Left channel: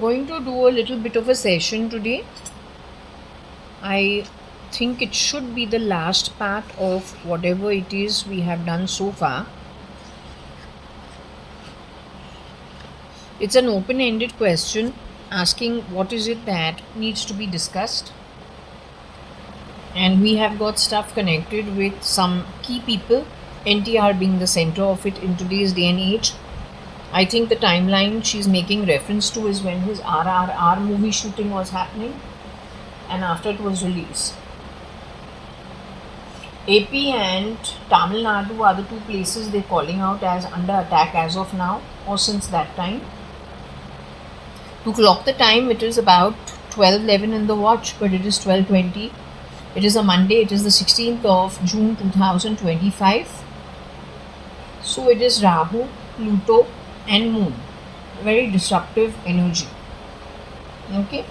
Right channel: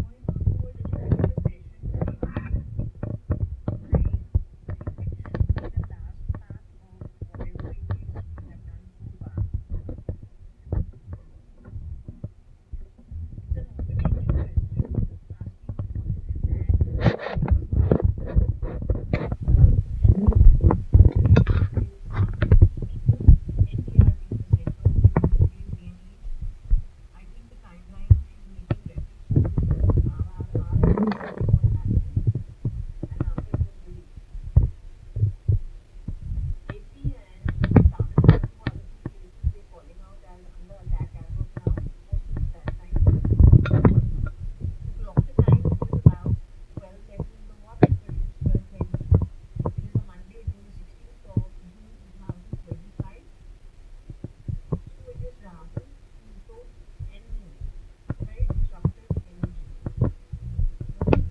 going to do a little bit of a session today. I think it should be the last part of whatever it is we have done so far. It's an open ended question asking what is it that needs to be discussed. And we have got stuff connected with some key people, NTR being the center of it in today's day and age. I think the timeline she's making reference to is when his RRR movie shooting was happening and after it was released. AP and Tamil Nadu are the two places they're calling out as under attack as of now or since that time. To clock the time, it is about 12:11 in the watch, but it is 12:20. It is a Monday, it is the 16th of June 2025. So it is Rahu, Pluto, and Moon. Very disruptive energy. Okay?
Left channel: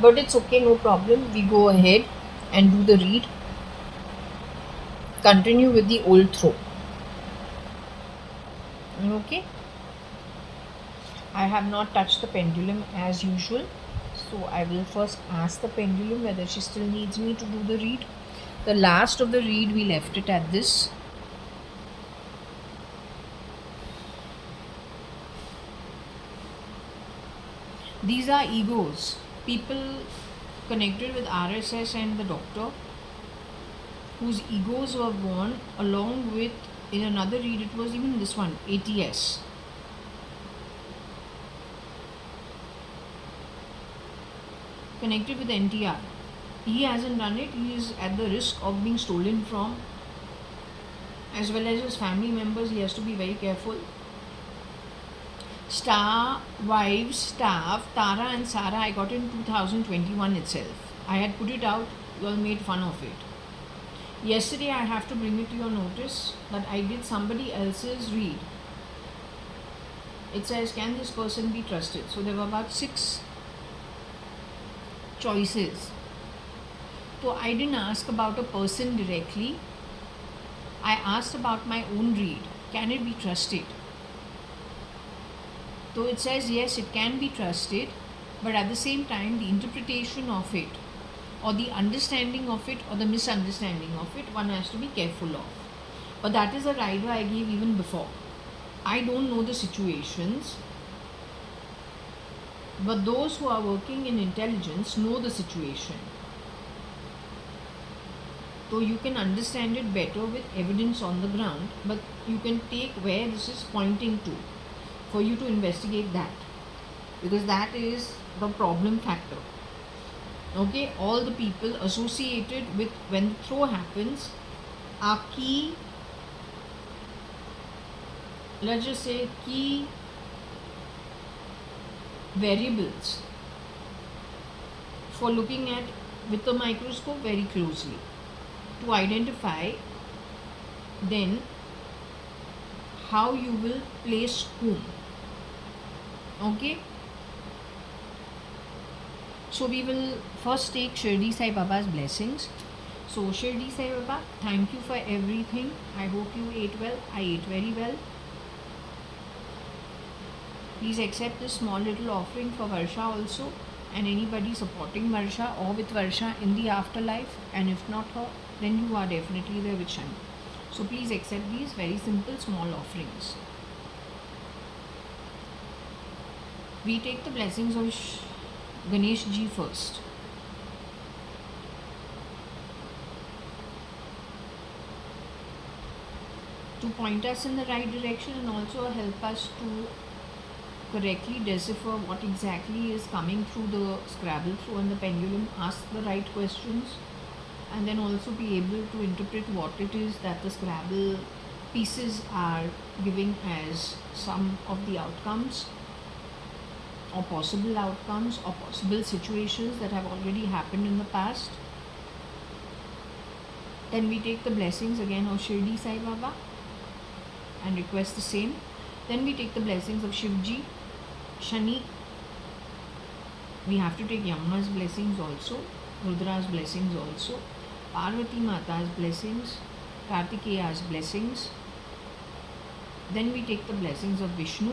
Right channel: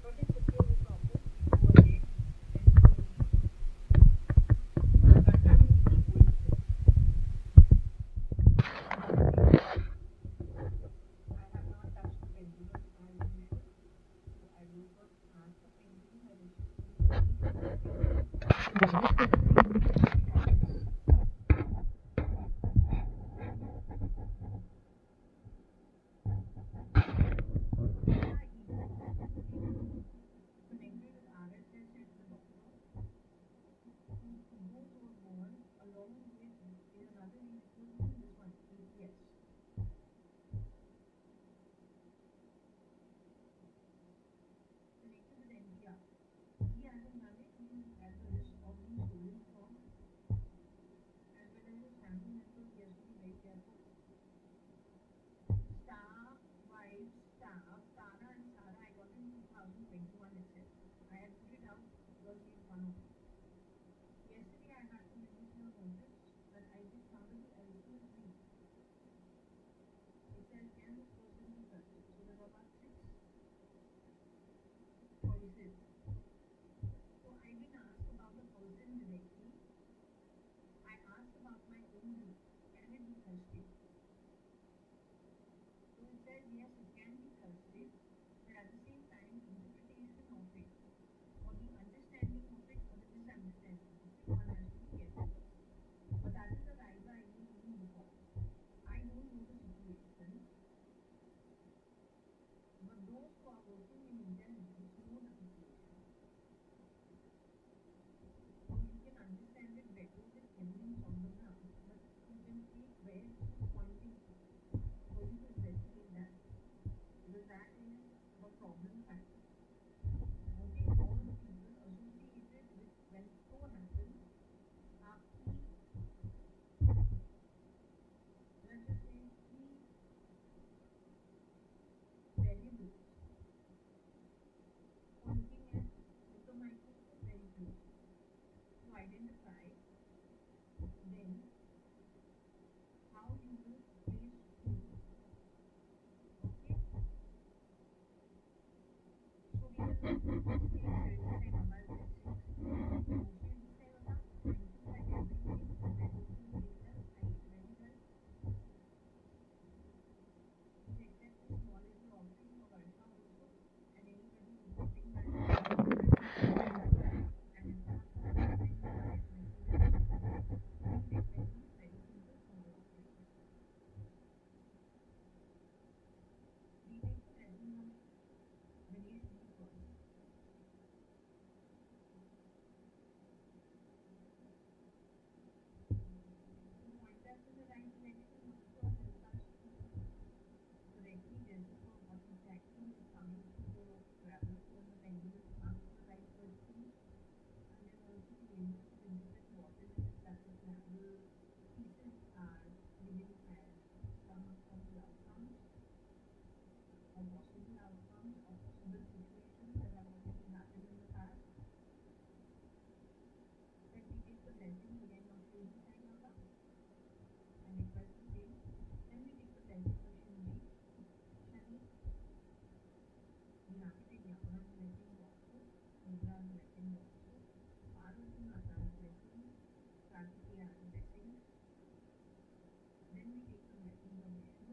But it's okay, no problem. We go ahead and do the read. Continue with the old throw. Okay? I have not touched the pendulum as usual. So I will first ask the pendulum whether she still needs me to do the read. The last of the read, we left it at this. These are egos. People connected with RSS and the doctor whose egos were born along with, in another read it was even this one, ATS. Connected with NTR. He hasn't done it. He is at the risk of being stolen from, as well as his family members. He has to be very careful. Star, wives, staff, Tara and Sarah, I got in 2021 itself. I had put it out, you all made fun of it. Yesterday I have to bring it to your notice that I did somebody else's read. It says, can this person be trusted? So there were about 6 choices. So I didn't ask about a person directly. I asked about my own read. Can it be trusted? So it says yes, it can be trusted, but at the same time the interpretation of it or the understanding of it or the misunderstanding of it, one has to be careful of. But that is a rider I gave even before. I don't know the situations, but those who are working in intelligence know the situation. So you can understand it better with evidence on the ground, but you can take where this is pointing to for you to investigate that, because that is the problem factor. Okay, all the people associated with when the throw happens are key, let's just say key variables for looking at with the microscope very closely to identify then how you will place whom. Okay, so we will first take Shirdi Sai Baba's blessings. So Shirdi Sai Baba, thank you for everything. I hope you ate well. I ate very well. Please accept this small little offering for Varsha also, and anybody supporting Varsha or with Varsha in the afterlife, and if not her, then you are definitely there with Shani. So please accept these very simple small offerings. We take the blessings of Ganesh ji first. To point us in the right direction and also help us to correctly decipher what exactly is coming through the Scrabble through and the pendulum, ask the right questions, and then also be able to interpret what it is that the Scrabble pieces are giving as some of the outcomes or possible outcomes or possible situations that have already happened in the past. Then we take the blessings again of Shirdi Sai Baba and request the same. Then we take the blessings of Shivji, Shani. We have to take Yamuna's blessings also, Rudra's blessings also, Parvati Mata's blessings, Kartikeya's blessings. Then we take the blessings of Vishnu,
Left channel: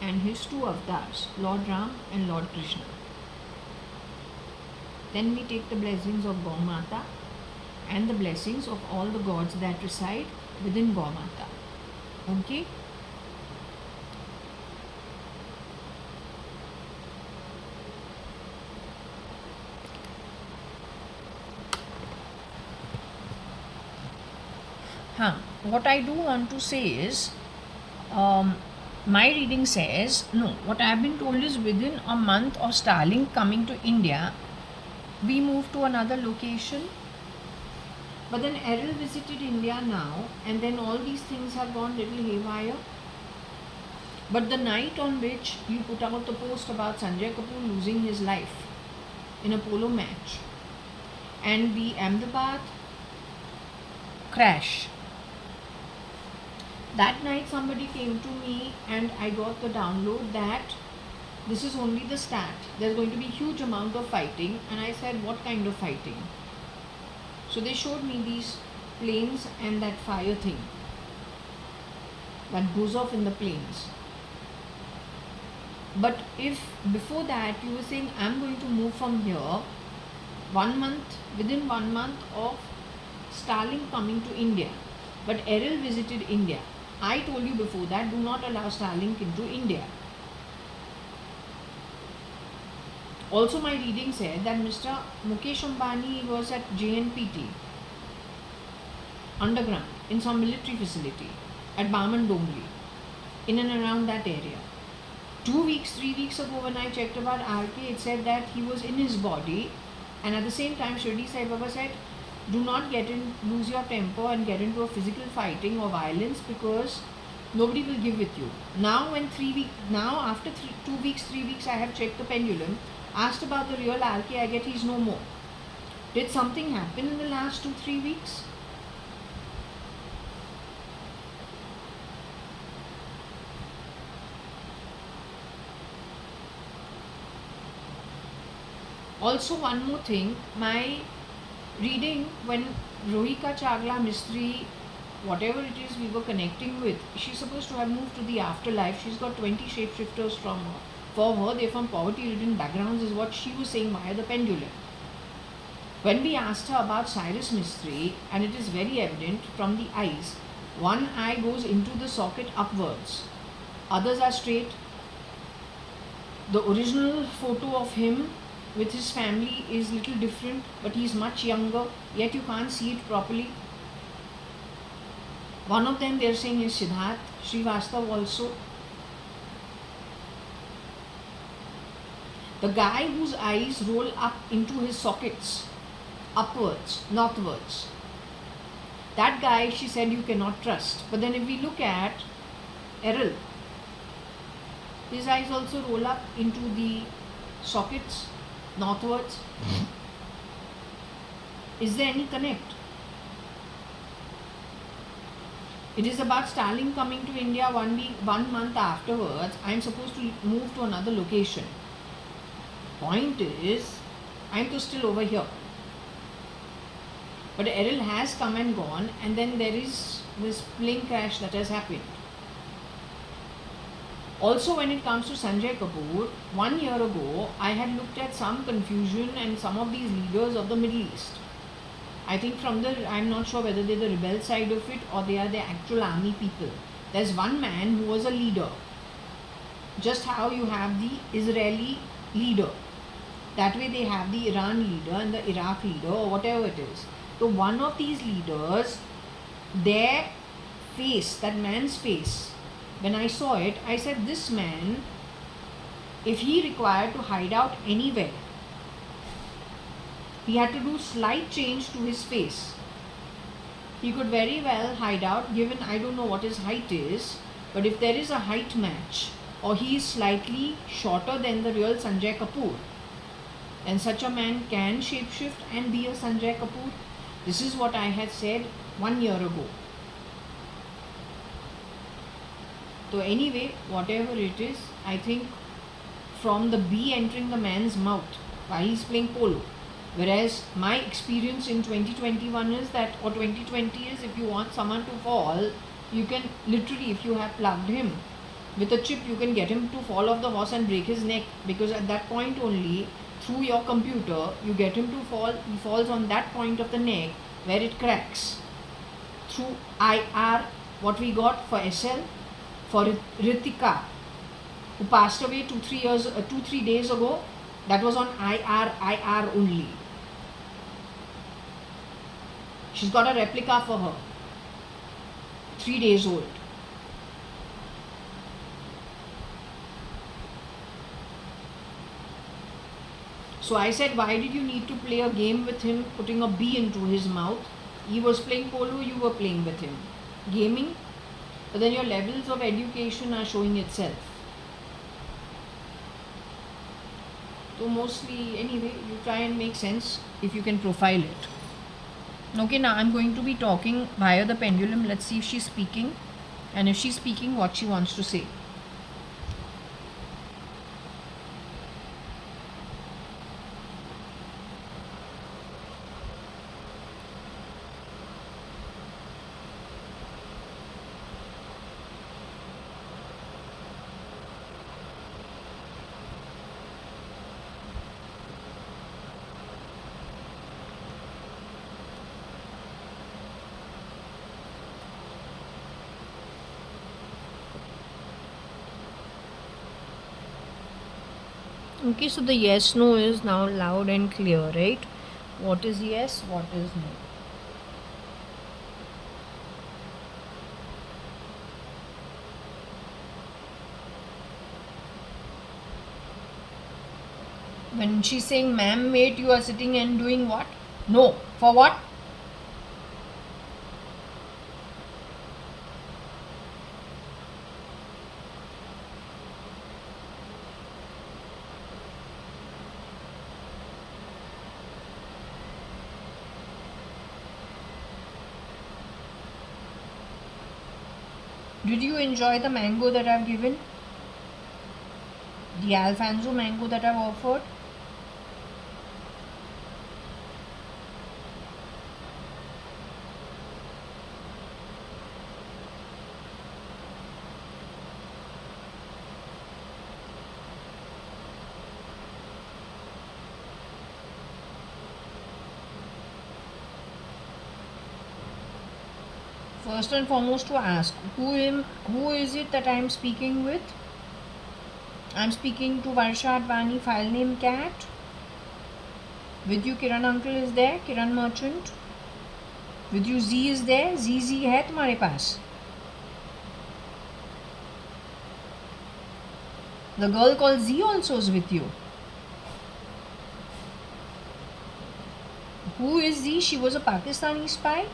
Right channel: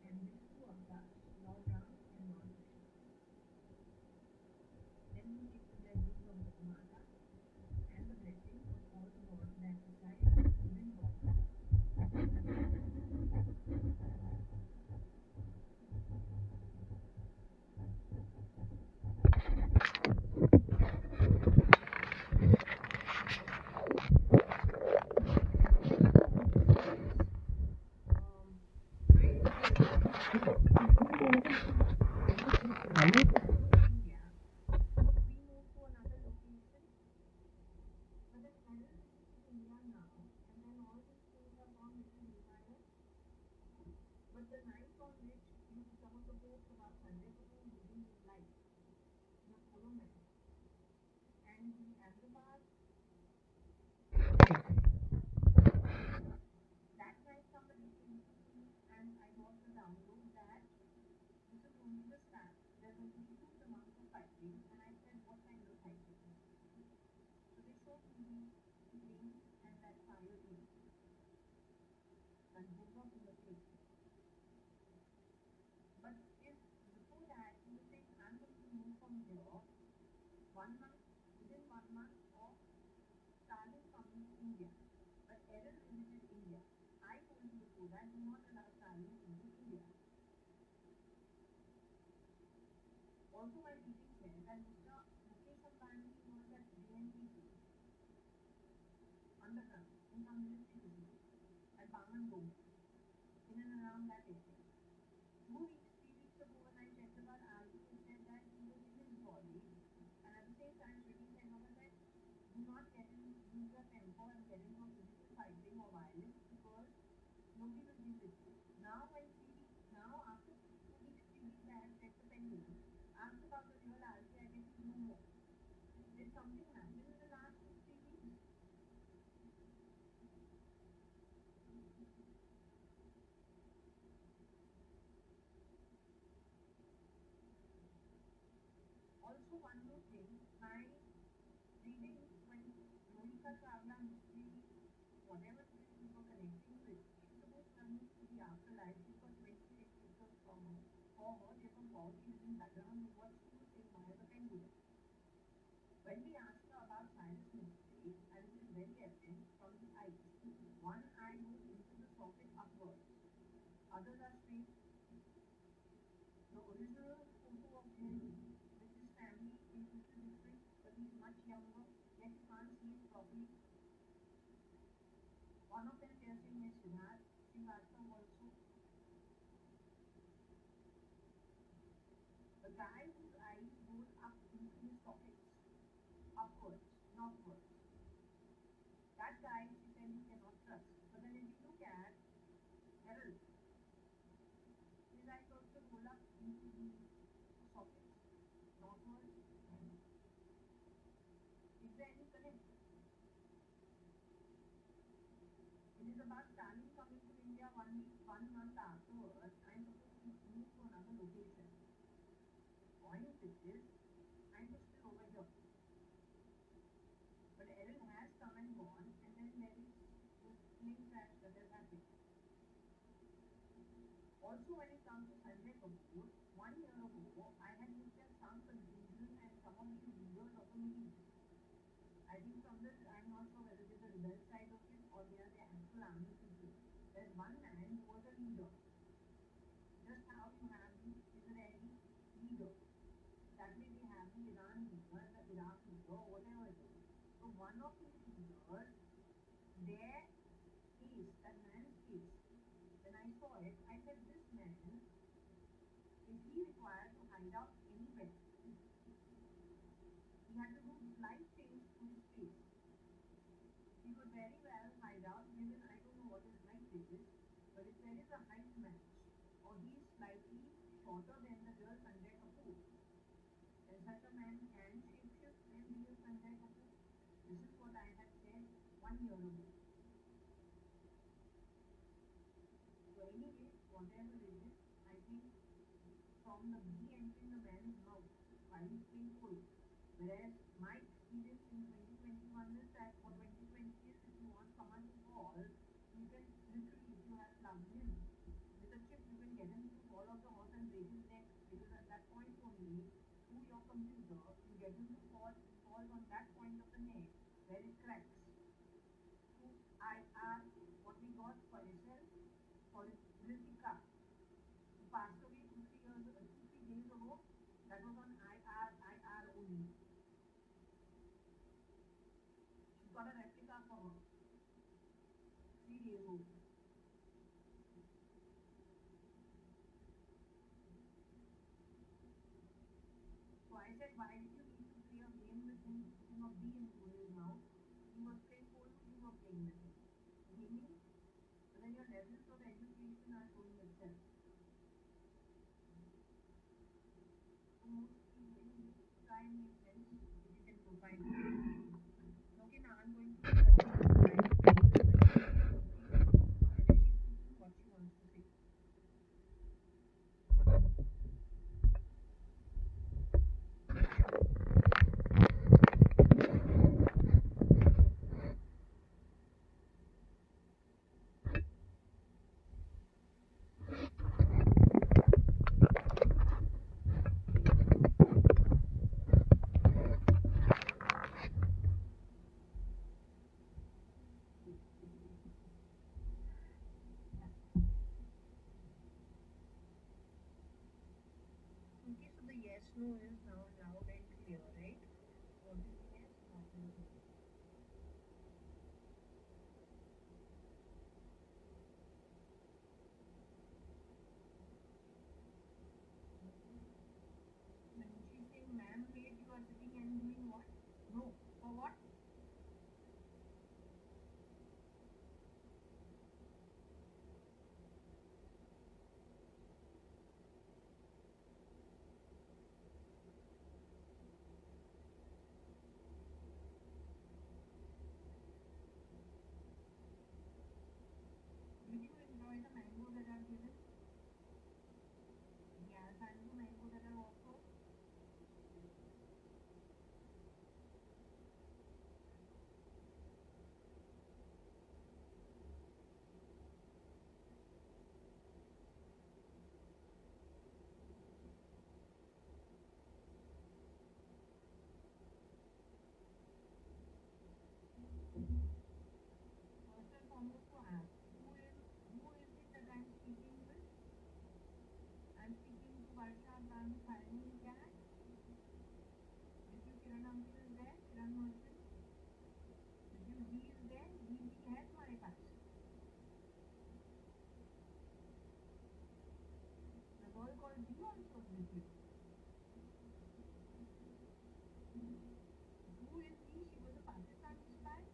and his two avatars, Lord Ram and Lord Krishna. Then we take the blessings of Gaumata and the blessings of all the gods that reside within Gaumata. Okay? What I do want to say is, my reading says, no, what I have been told is within a month of Starlink coming to India, we moved to another location. But then Errol visited India now, and then all these things have gone little haywire. But the night on which you put out the post about Sanjay Kapoor losing his life in a polo match and the Ahmedabad crash, that night somebody came to me and I got the download that this is only the start. There's going to be huge amount of fighting, and I said, what kind of fighting? So they showed me these planes and that fire thing that goes off in the planes. But if before that you were saying, I'm going to move from here, 1 month, within 1 month of Starlink coming to India, but Errol visited India. I told you before that, do not allow Starlink into India. Also, my reading said that Mr. Mukesh Ambani was at JNPT, underground, in some military facility at Barman Dongli, in and around that area. 2 weeks, 3 weeks ago when I checked about RK, it said that he was in his body, and at the same time Shirdi Sai Baba said, do not lose your temper and get into a physical fighting or violence, because nobody will give with you. Now after 2 weeks, 3 weeks, I have checked the pendulum, asked about the real RK, I get he's no more. Did something happen in the last 2-3 weeks? Also, one more thing, my reading, when Rohika Chagla Mistry, whatever it is we were connecting with, she's supposed to have moved to the afterlife. She's got 20 shapeshifters for her. They're from poverty-ridden backgrounds, is what she was saying via the pendulum. When we asked her about Cyrus Mistry, and it is very evident from the eyes, one eye goes into the socket upwards, others are straight. The original photo of him with his family is little different, but he's much younger, yet you can't see it properly. One of them they're saying is Siddharth Srivastav also. The guy whose eyes roll up into his sockets, upwards, northwards, that guy, she said, you cannot trust. But then if we look at Errol, his eyes also roll up into the sockets, northwards. Is there any connect? It is about Starlink coming to India 1 month afterwards. I am supposed to move to another location. Point is, I am still over here. But Errol has come and gone, and then there is this plane crash that has happened. Also, when it comes to Sanjay Kapoor, 1 year ago, I had looked at some confusion and some of these leaders of the Middle East. I think I'm not sure whether they're the rebel side of it or they are the actual army people. There's one man who was a leader. Just how you have the Israeli leader. That way they have the Iran leader and the Iraq leader or whatever it is. So one of these leaders, their face, that man's face, when I saw it, I said, this man, if he required to hide out anywhere, he had to do slight change to his face. He could very well hide out, given I don't know what his height is, but if there is a height match, or he is slightly shorter than the real Sanjay Kapoor, then such a man can shapeshift and be a Sanjay Kapoor. This is what I had said 1 year ago. So anyway, whatever it is, I think from the bee entering the man's mouth while he's playing polo, whereas my experience in 2021 is that, or 2020 is, if you want someone to fall, you can literally, if you have plugged him, With a chip, you can get him to fall off the horse and break his neck, because at that point only, through your computer, you get him to fall. He falls on that point of the neck where it cracks. Through IR, what we got for SL, for Ritika, who passed away 2-3 days ago, that was on IR only. She's got a replica for her, 3 days old. So I said, why did you need to play a game with him, putting a bee into his mouth? He was playing polo, you were playing with him. Gaming, but then your levels of education are showing itself. So mostly, anyway, you try and make sense if you can profile it. Okay, now I'm going to be talking via the pendulum. Let's see if she's speaking, and if she's speaking, what she wants to say. Okay, so the yes no is now loud and clear, right? What is yes, what is no? When she's saying, ma'am, wait, you are sitting and doing what? No. For what? Did you enjoy the mango that I've given? The Alfonso mango that I've offered? First and foremost, to ask, who is it that I am speaking with? I'm speaking to JAYA.ADVANI, file name cat. With you Kiran uncle is there, Kiran merchant. With you Z is there, ZZ है तुम्हारे पास. The girl called Z also is with you. Who is Z? She was a Pakistani spy.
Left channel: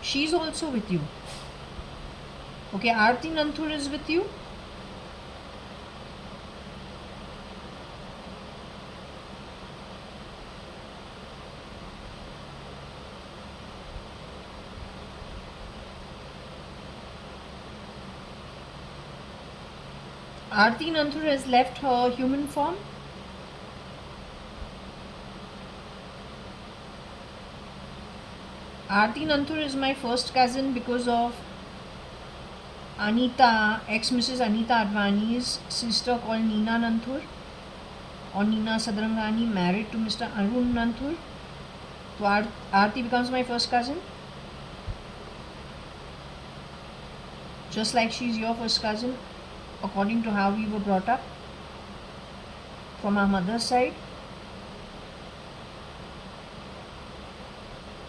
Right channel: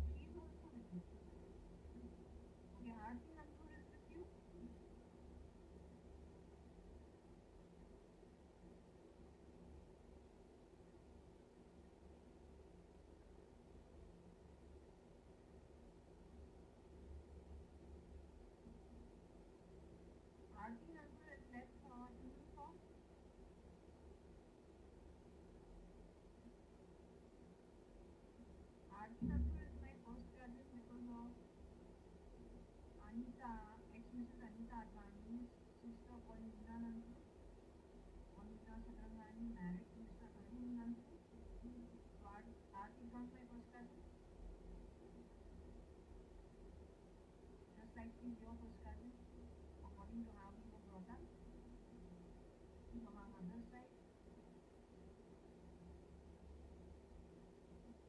She's also with you. Okay, Aarti Nanthur is with you. Aarti Nanthur has left her human form. Aarti Nanthur is my first cousin because of Anita, ex-Mrs. Anita Advani's sister called Neena Nanthur, or Neena Sadrangani, married to Mr. Arun Nanthur. So Aarti becomes my first cousin. Just like she's your first cousin, according to how we were brought up from our mother's side.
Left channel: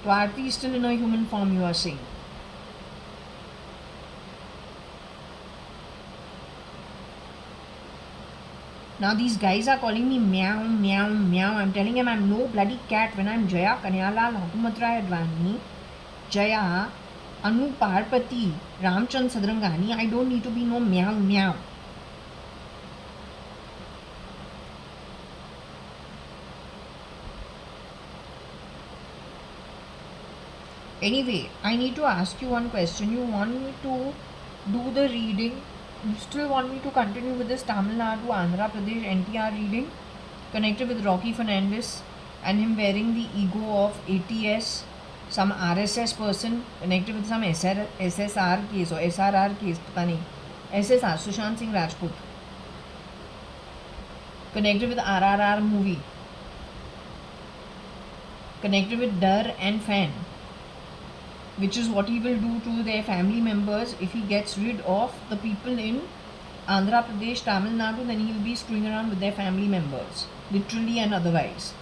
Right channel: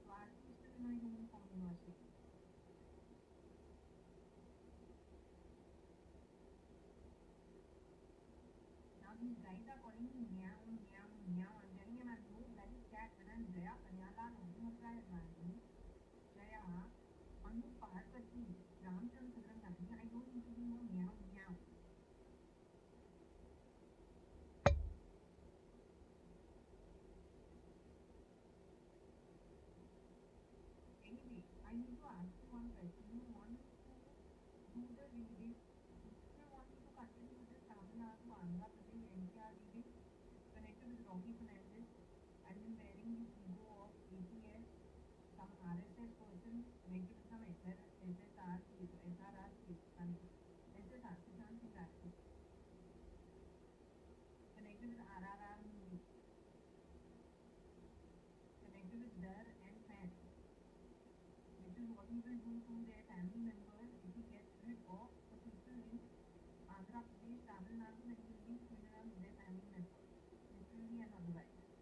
So Aarti is still in her human form, you are saying. Now these guys are calling me meow, meow, meow. I'm telling them I'm no bloody cat when I'm Jaya Kanyalal Advani, Jaya, Anu Parpati, Ramchand Sadrangani. I don't need to be no meow, meow. Anyway, I need to ask you one question. You want me to do the reading? You still want me to continue with this Tamil Nadu, Andhra Pradesh, NTR reading connected with Rocky Fernandez and him wearing the ego of ATS some RSS person connected with some SSR case or SRR case, पता नहीं, SSR, Sushant Singh Rajput, connected with RRR movie, connected with Dar and Fan, which is what he will do to their family members if he gets rid of the people in Andhra Pradesh, Tamil Nadu. Then he will be screwing around with their family members, literally and otherwise,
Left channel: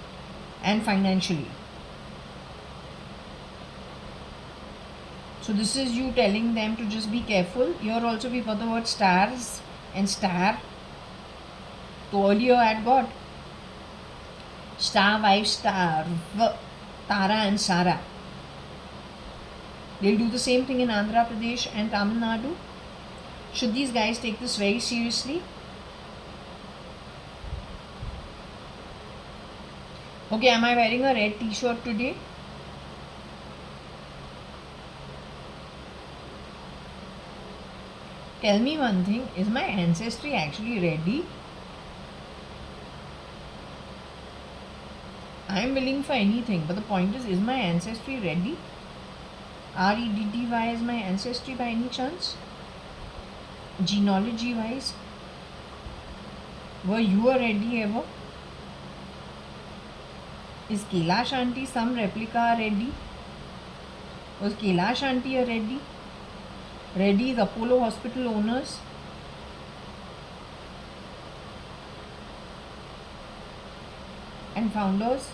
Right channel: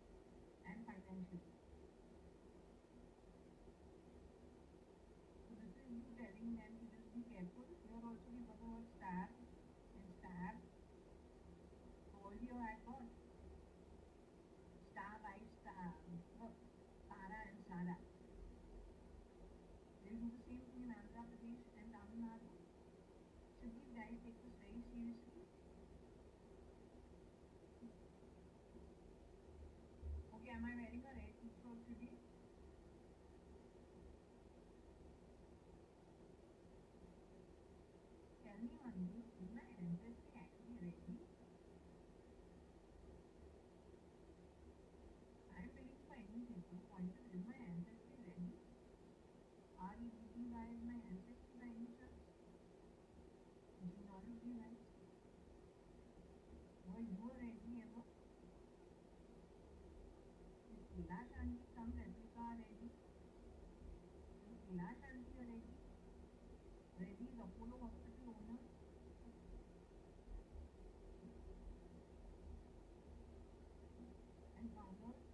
and financially. So this is you telling them to just be careful. Here also we got the word stars and star. So earlier I had got star, wife, star, Tara and Sara. They'll do the same thing in Andhra Pradesh and Tamil Nadu. Should these guys take this very seriously? Okay, am I wearing a red t-shirt today? Tell me one thing, is my ancestry actually ready? I am willing for anything, but the point is my ancestry ready? REDDY is my ancestry by any chance? Genealogy wise? Were you ready ever? Is Kailash Aunty some replica ready? Was Kailash Aunty ready? Ready is Apollo Hospital owners? And founders?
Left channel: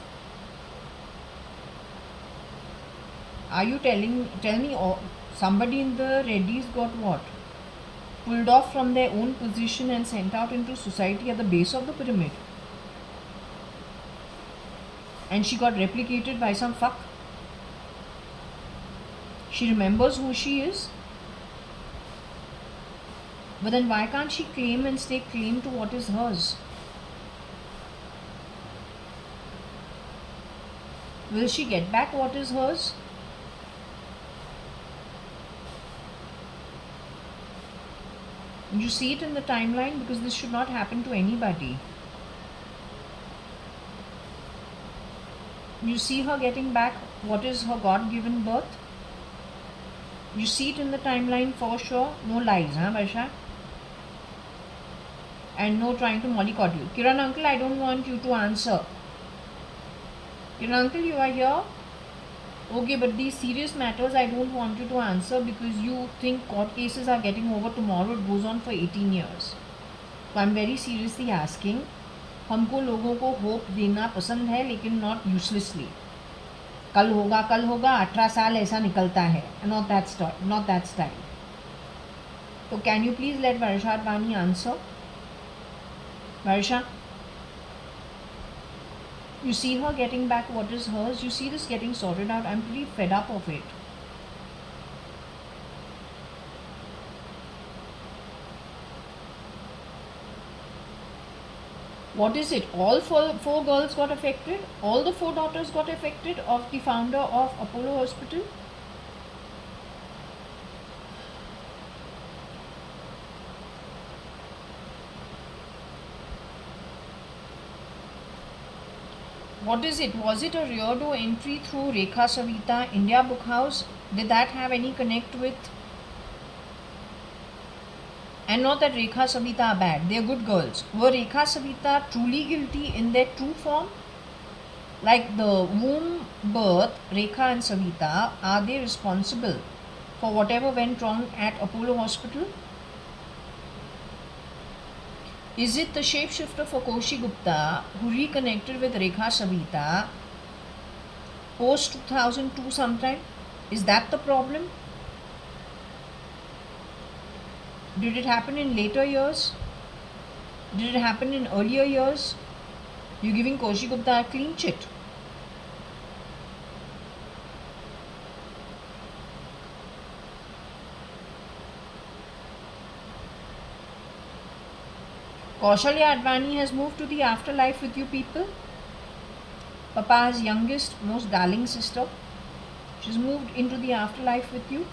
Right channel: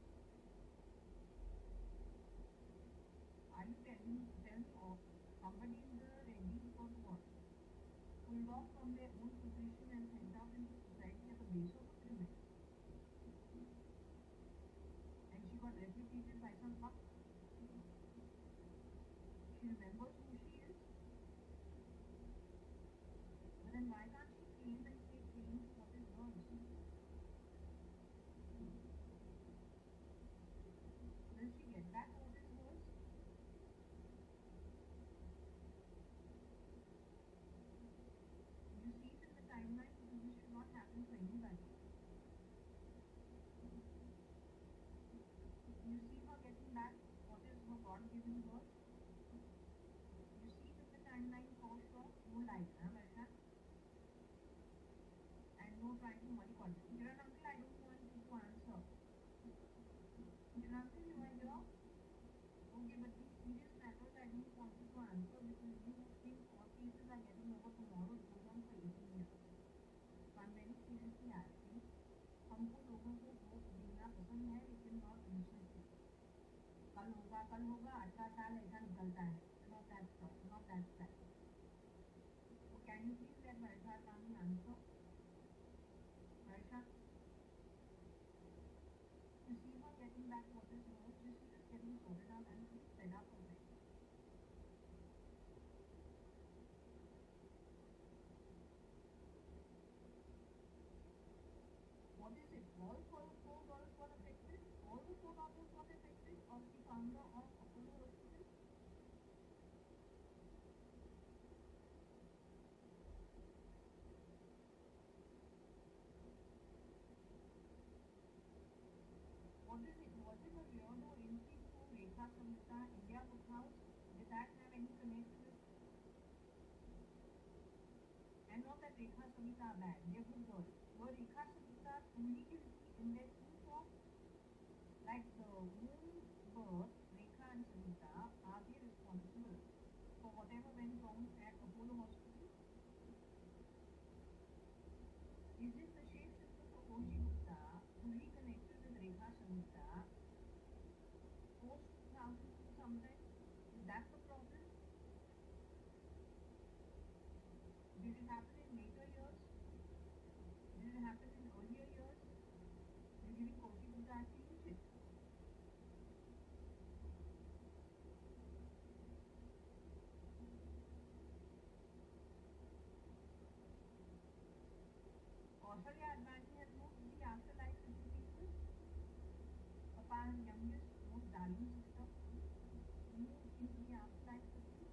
Are you tell me somebody in the Reddy's got what? Pulled off from their own position and sent out into society at the base of the pyramid. And she got replicated by some fuck. She remembers who she is. But then why can't she claim and stake claim to what is hers? Will she get back what is hers? You see it in the timeline, because this should not happen to anybody. You see her getting back what is her God-given birth. You see it in the timeline for sure. No lies, huh, Varsha? And no trying to mollycoddle you. Kiran uncle, I don't want you to answer. Kiran uncle, you are here? Okay, but these serious matters I don't want you to answer, because you think court cases are getting over tomorrow. It goes on for 18 years. So I'm very seriously asking. हमको लोगों को hope देना पसंद है, लेकिन not uselessly. कल होगा 18 साल ऐसा निकलता है. Not that style. So can you please let JAYA.ADVANI answer? Varsha, you see her getting back what is hers. You see this getting sorted out. I'm pretty fed up of it. What is it? All four girls got affected? All the 4 daughters got affected of the founder of Apollo Hospital? What is it? Was it a rear door entry through Rekha Savita, India Book House? Did that have any connect with? And not that Rekha Savita are bad, they are good girls. Were Rekha Savita truly guilty in their true form? Like the womb birth, Rekha and Savita, are they responsible for whatever went wrong at Apollo Hospital? Is it the shapeshifter for Koshi Gupta who reconnected with Rekha Savita post 2002 sometime? Is that the problem? Did it happen in later years? Did it happen in earlier years? You're giving Koshi Gupta a clean chit. JAYA.ADVANI has moved to the afterlife with you people. Papa's youngest, most darling sister. She's moved into the afterlife with you.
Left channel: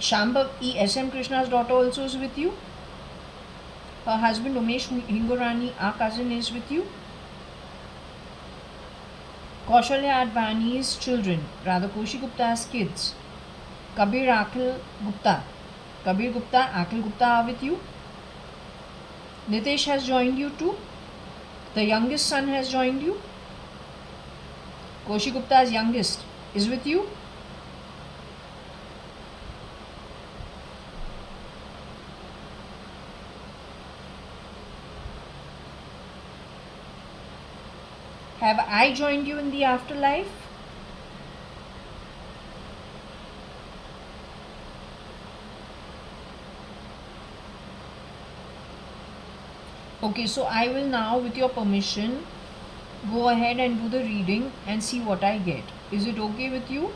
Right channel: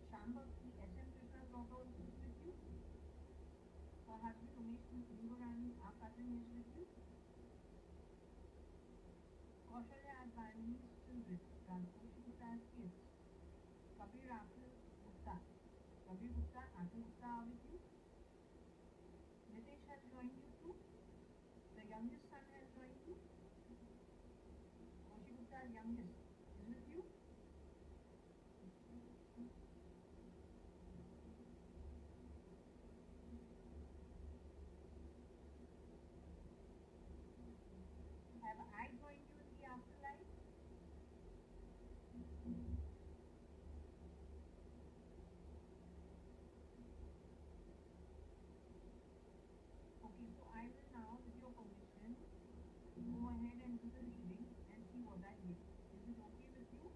Shambhavi, SM Krishna's daughter, also is with you. Her husband Umesh Hingorani, our cousin, is with you. Kaushalya.ADVANI's children, rather Koshi Gupta's kids, Kabir Gupta, Akhil Gupta are with you. Nitesh has joined you too. The youngest son has joined you. Koshi Gupta's youngest is with you. Have I joined you in the afterlife? Okay, so I will now, with your permission, go ahead and do the reading and see what I get. Is it okay with you?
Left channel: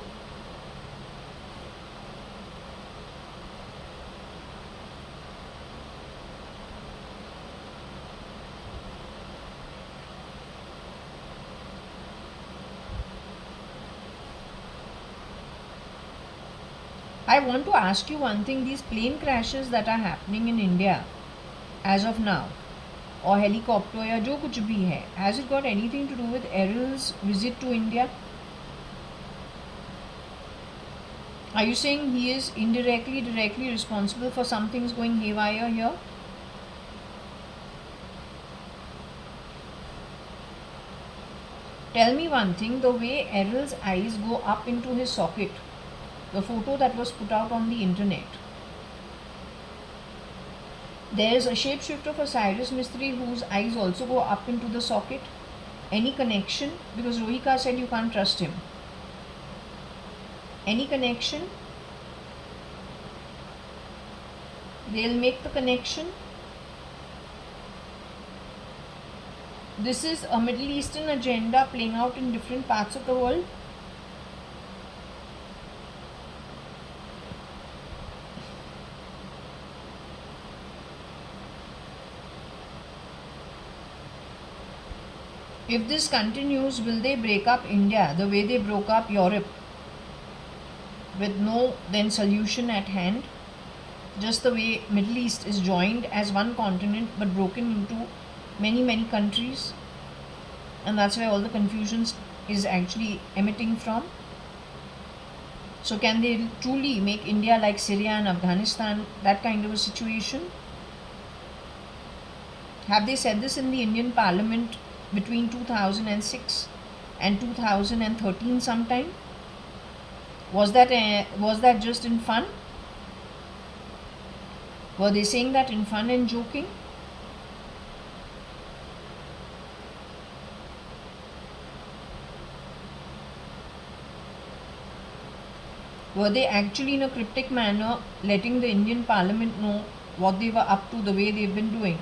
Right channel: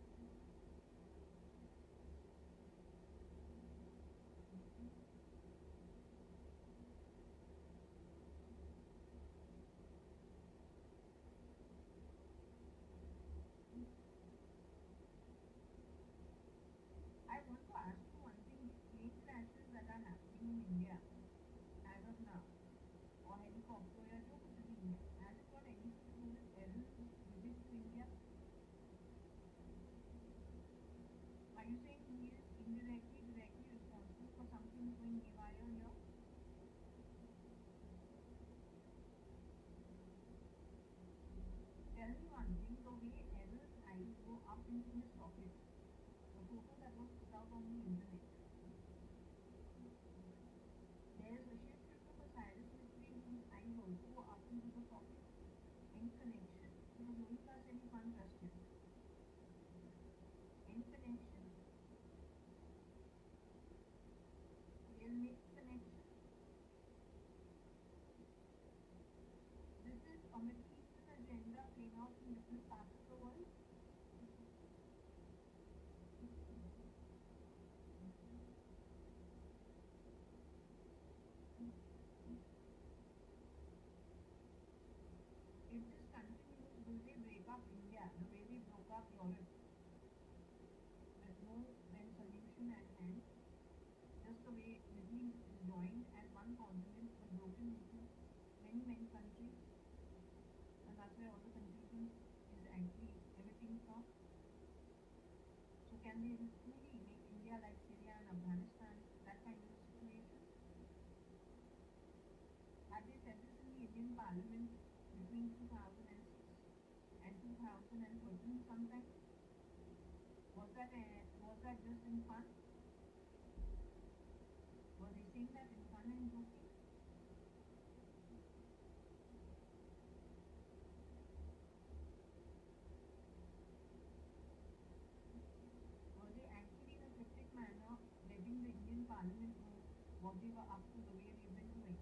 I want to ask you one thing. These plane crashes that are happening in India as of now, or helicopter या जो कुछ भी है, has it got anything to do with Errol's visit to India? Are you saying he is indirectly, directly responsible for some things going haywire here? Tell me one thing, the way Errol's eyes go up into his socket, the photo that was put out on the internet, there is a shapeshifter for Cyrus Mistry whose eyes also go up into the socket. Any connection? Because Rohika said you can't trust him. Any connection? They'll make the connection. This is a Middle Eastern agenda playing out in different parts of the world. If this continues, will they break up India the way they broke up Europe, with no then solution at hand? Just the way Middle East is joined as one continent but broken into many countries, and that's where all the confusion is actually emitting from. So can they truly make India like Syria and Afghanistan, that kind of a situation? Have they said this in the Indian Parliament between 2006 and 2013 sometime? Was that just in fun? Were they saying that in fun and joking? Were they actually in a cryptic manner letting the Indian Parliament know what they were up to, the way they've been doing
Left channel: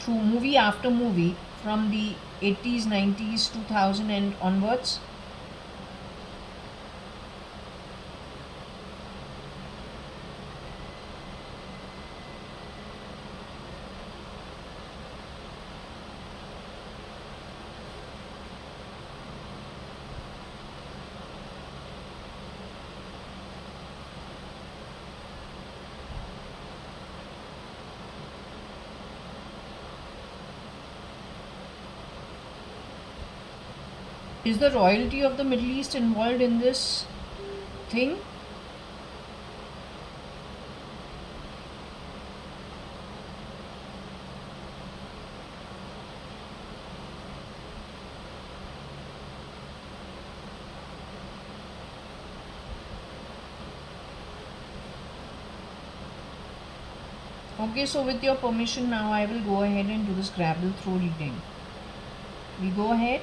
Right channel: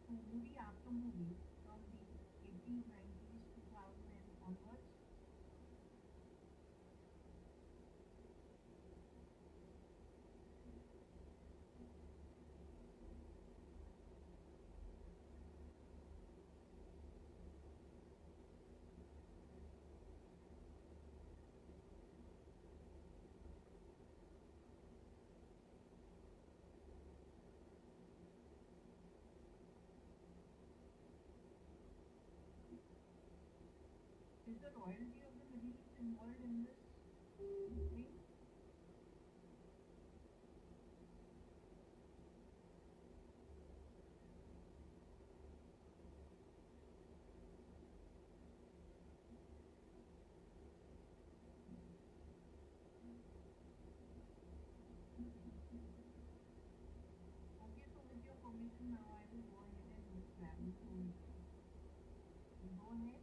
through movie after movie from the 80s, 90s, 2000 and onwards? Is the royalty of the Middle East involved in this thing? Okay, so with your permission now I will go ahead and do the Scrabble throw reading. We go ahead.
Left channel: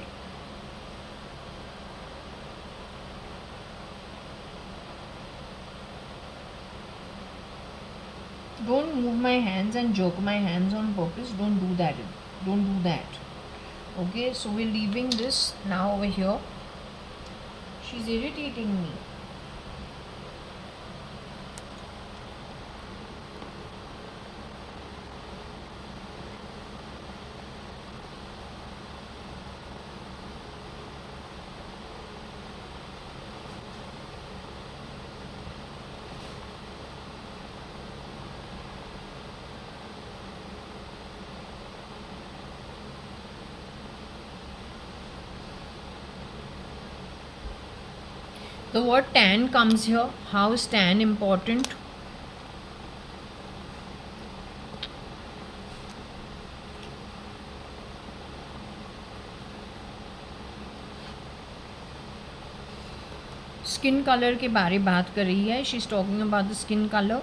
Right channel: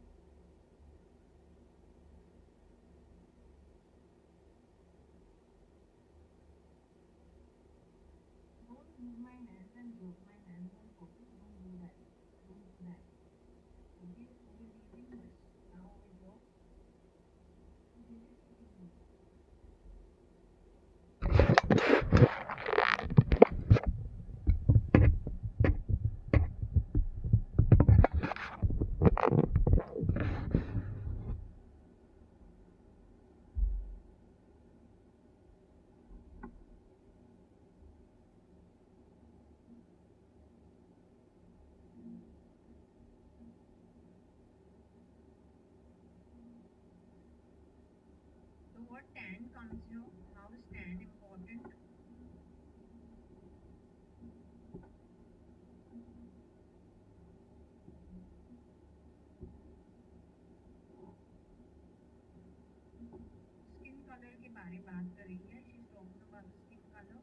Don't move my hands and jerk my hands on purpose. Don't do that. Don't do that. Okay, so we're leaving this now over here. She's irritating me. The word tan comes here. How is tan important? Skin colour के बारे बात कर रही है. She is talking about the skin colour.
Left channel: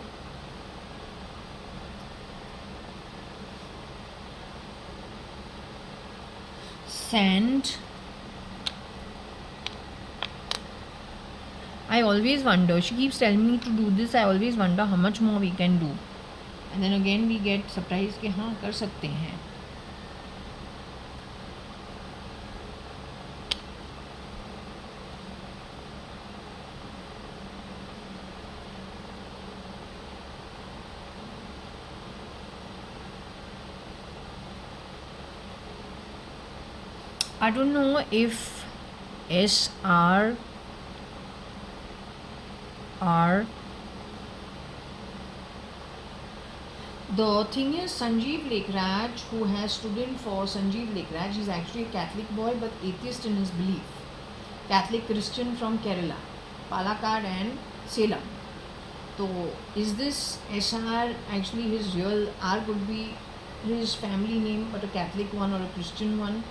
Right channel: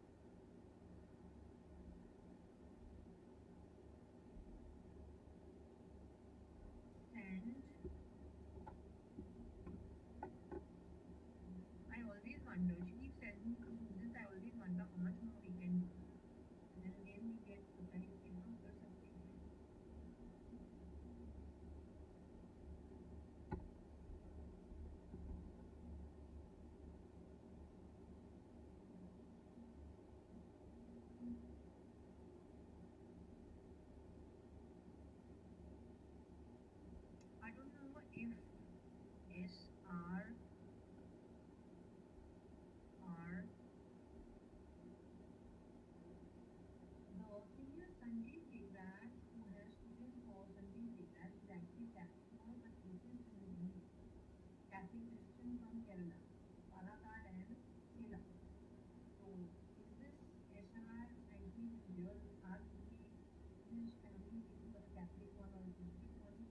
Sand. I always wonder, she keeps telling me to do this, I always wonder how much more we can do. And then again we get surprised कि हाँ कर सकते हैं. I don't know if SR R. The thing is, Sanjeev Lekhraj, who has stood in for Sanjeev Lekhraj, is actually a Catholic boy but atheist in his belief. Catholic Christian from Kerala, Palakkad and Salem. So, is this SR actually his real R? Could be his family name but a Catholic one or a Christian one?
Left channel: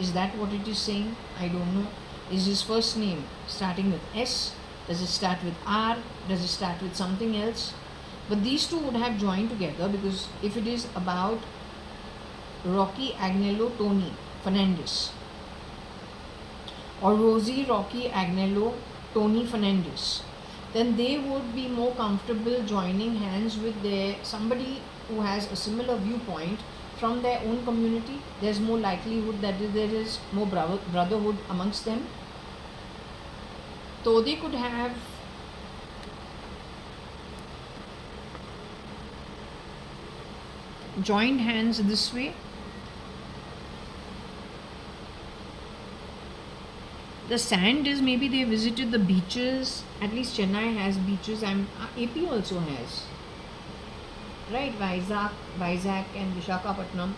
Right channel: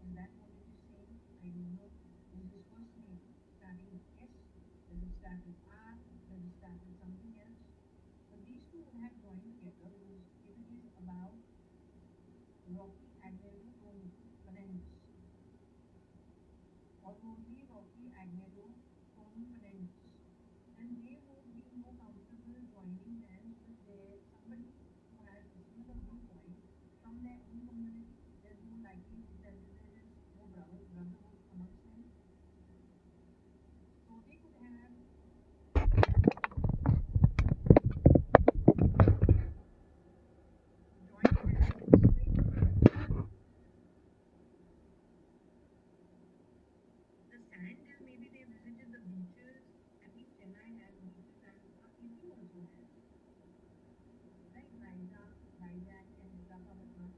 Is that what it is saying? I don't know. Is his first name starting with S? Does it start with R? Does it start with something else? But these two would have joined together, because if it is about Rocky Agnello Tony Fernandez or Rosie Rocky Agnello Tony Fernandez, then they would be more comfortable joining hands with somebody who has a similar viewpoint from their own community. There's more likelihood that there is more brotherhood amongst them. So they could have joined hands this way. The sand is, maybe they visited the beaches. At least Chennai has beaches, and AP also has, right? Vizag and Visakhapatnam,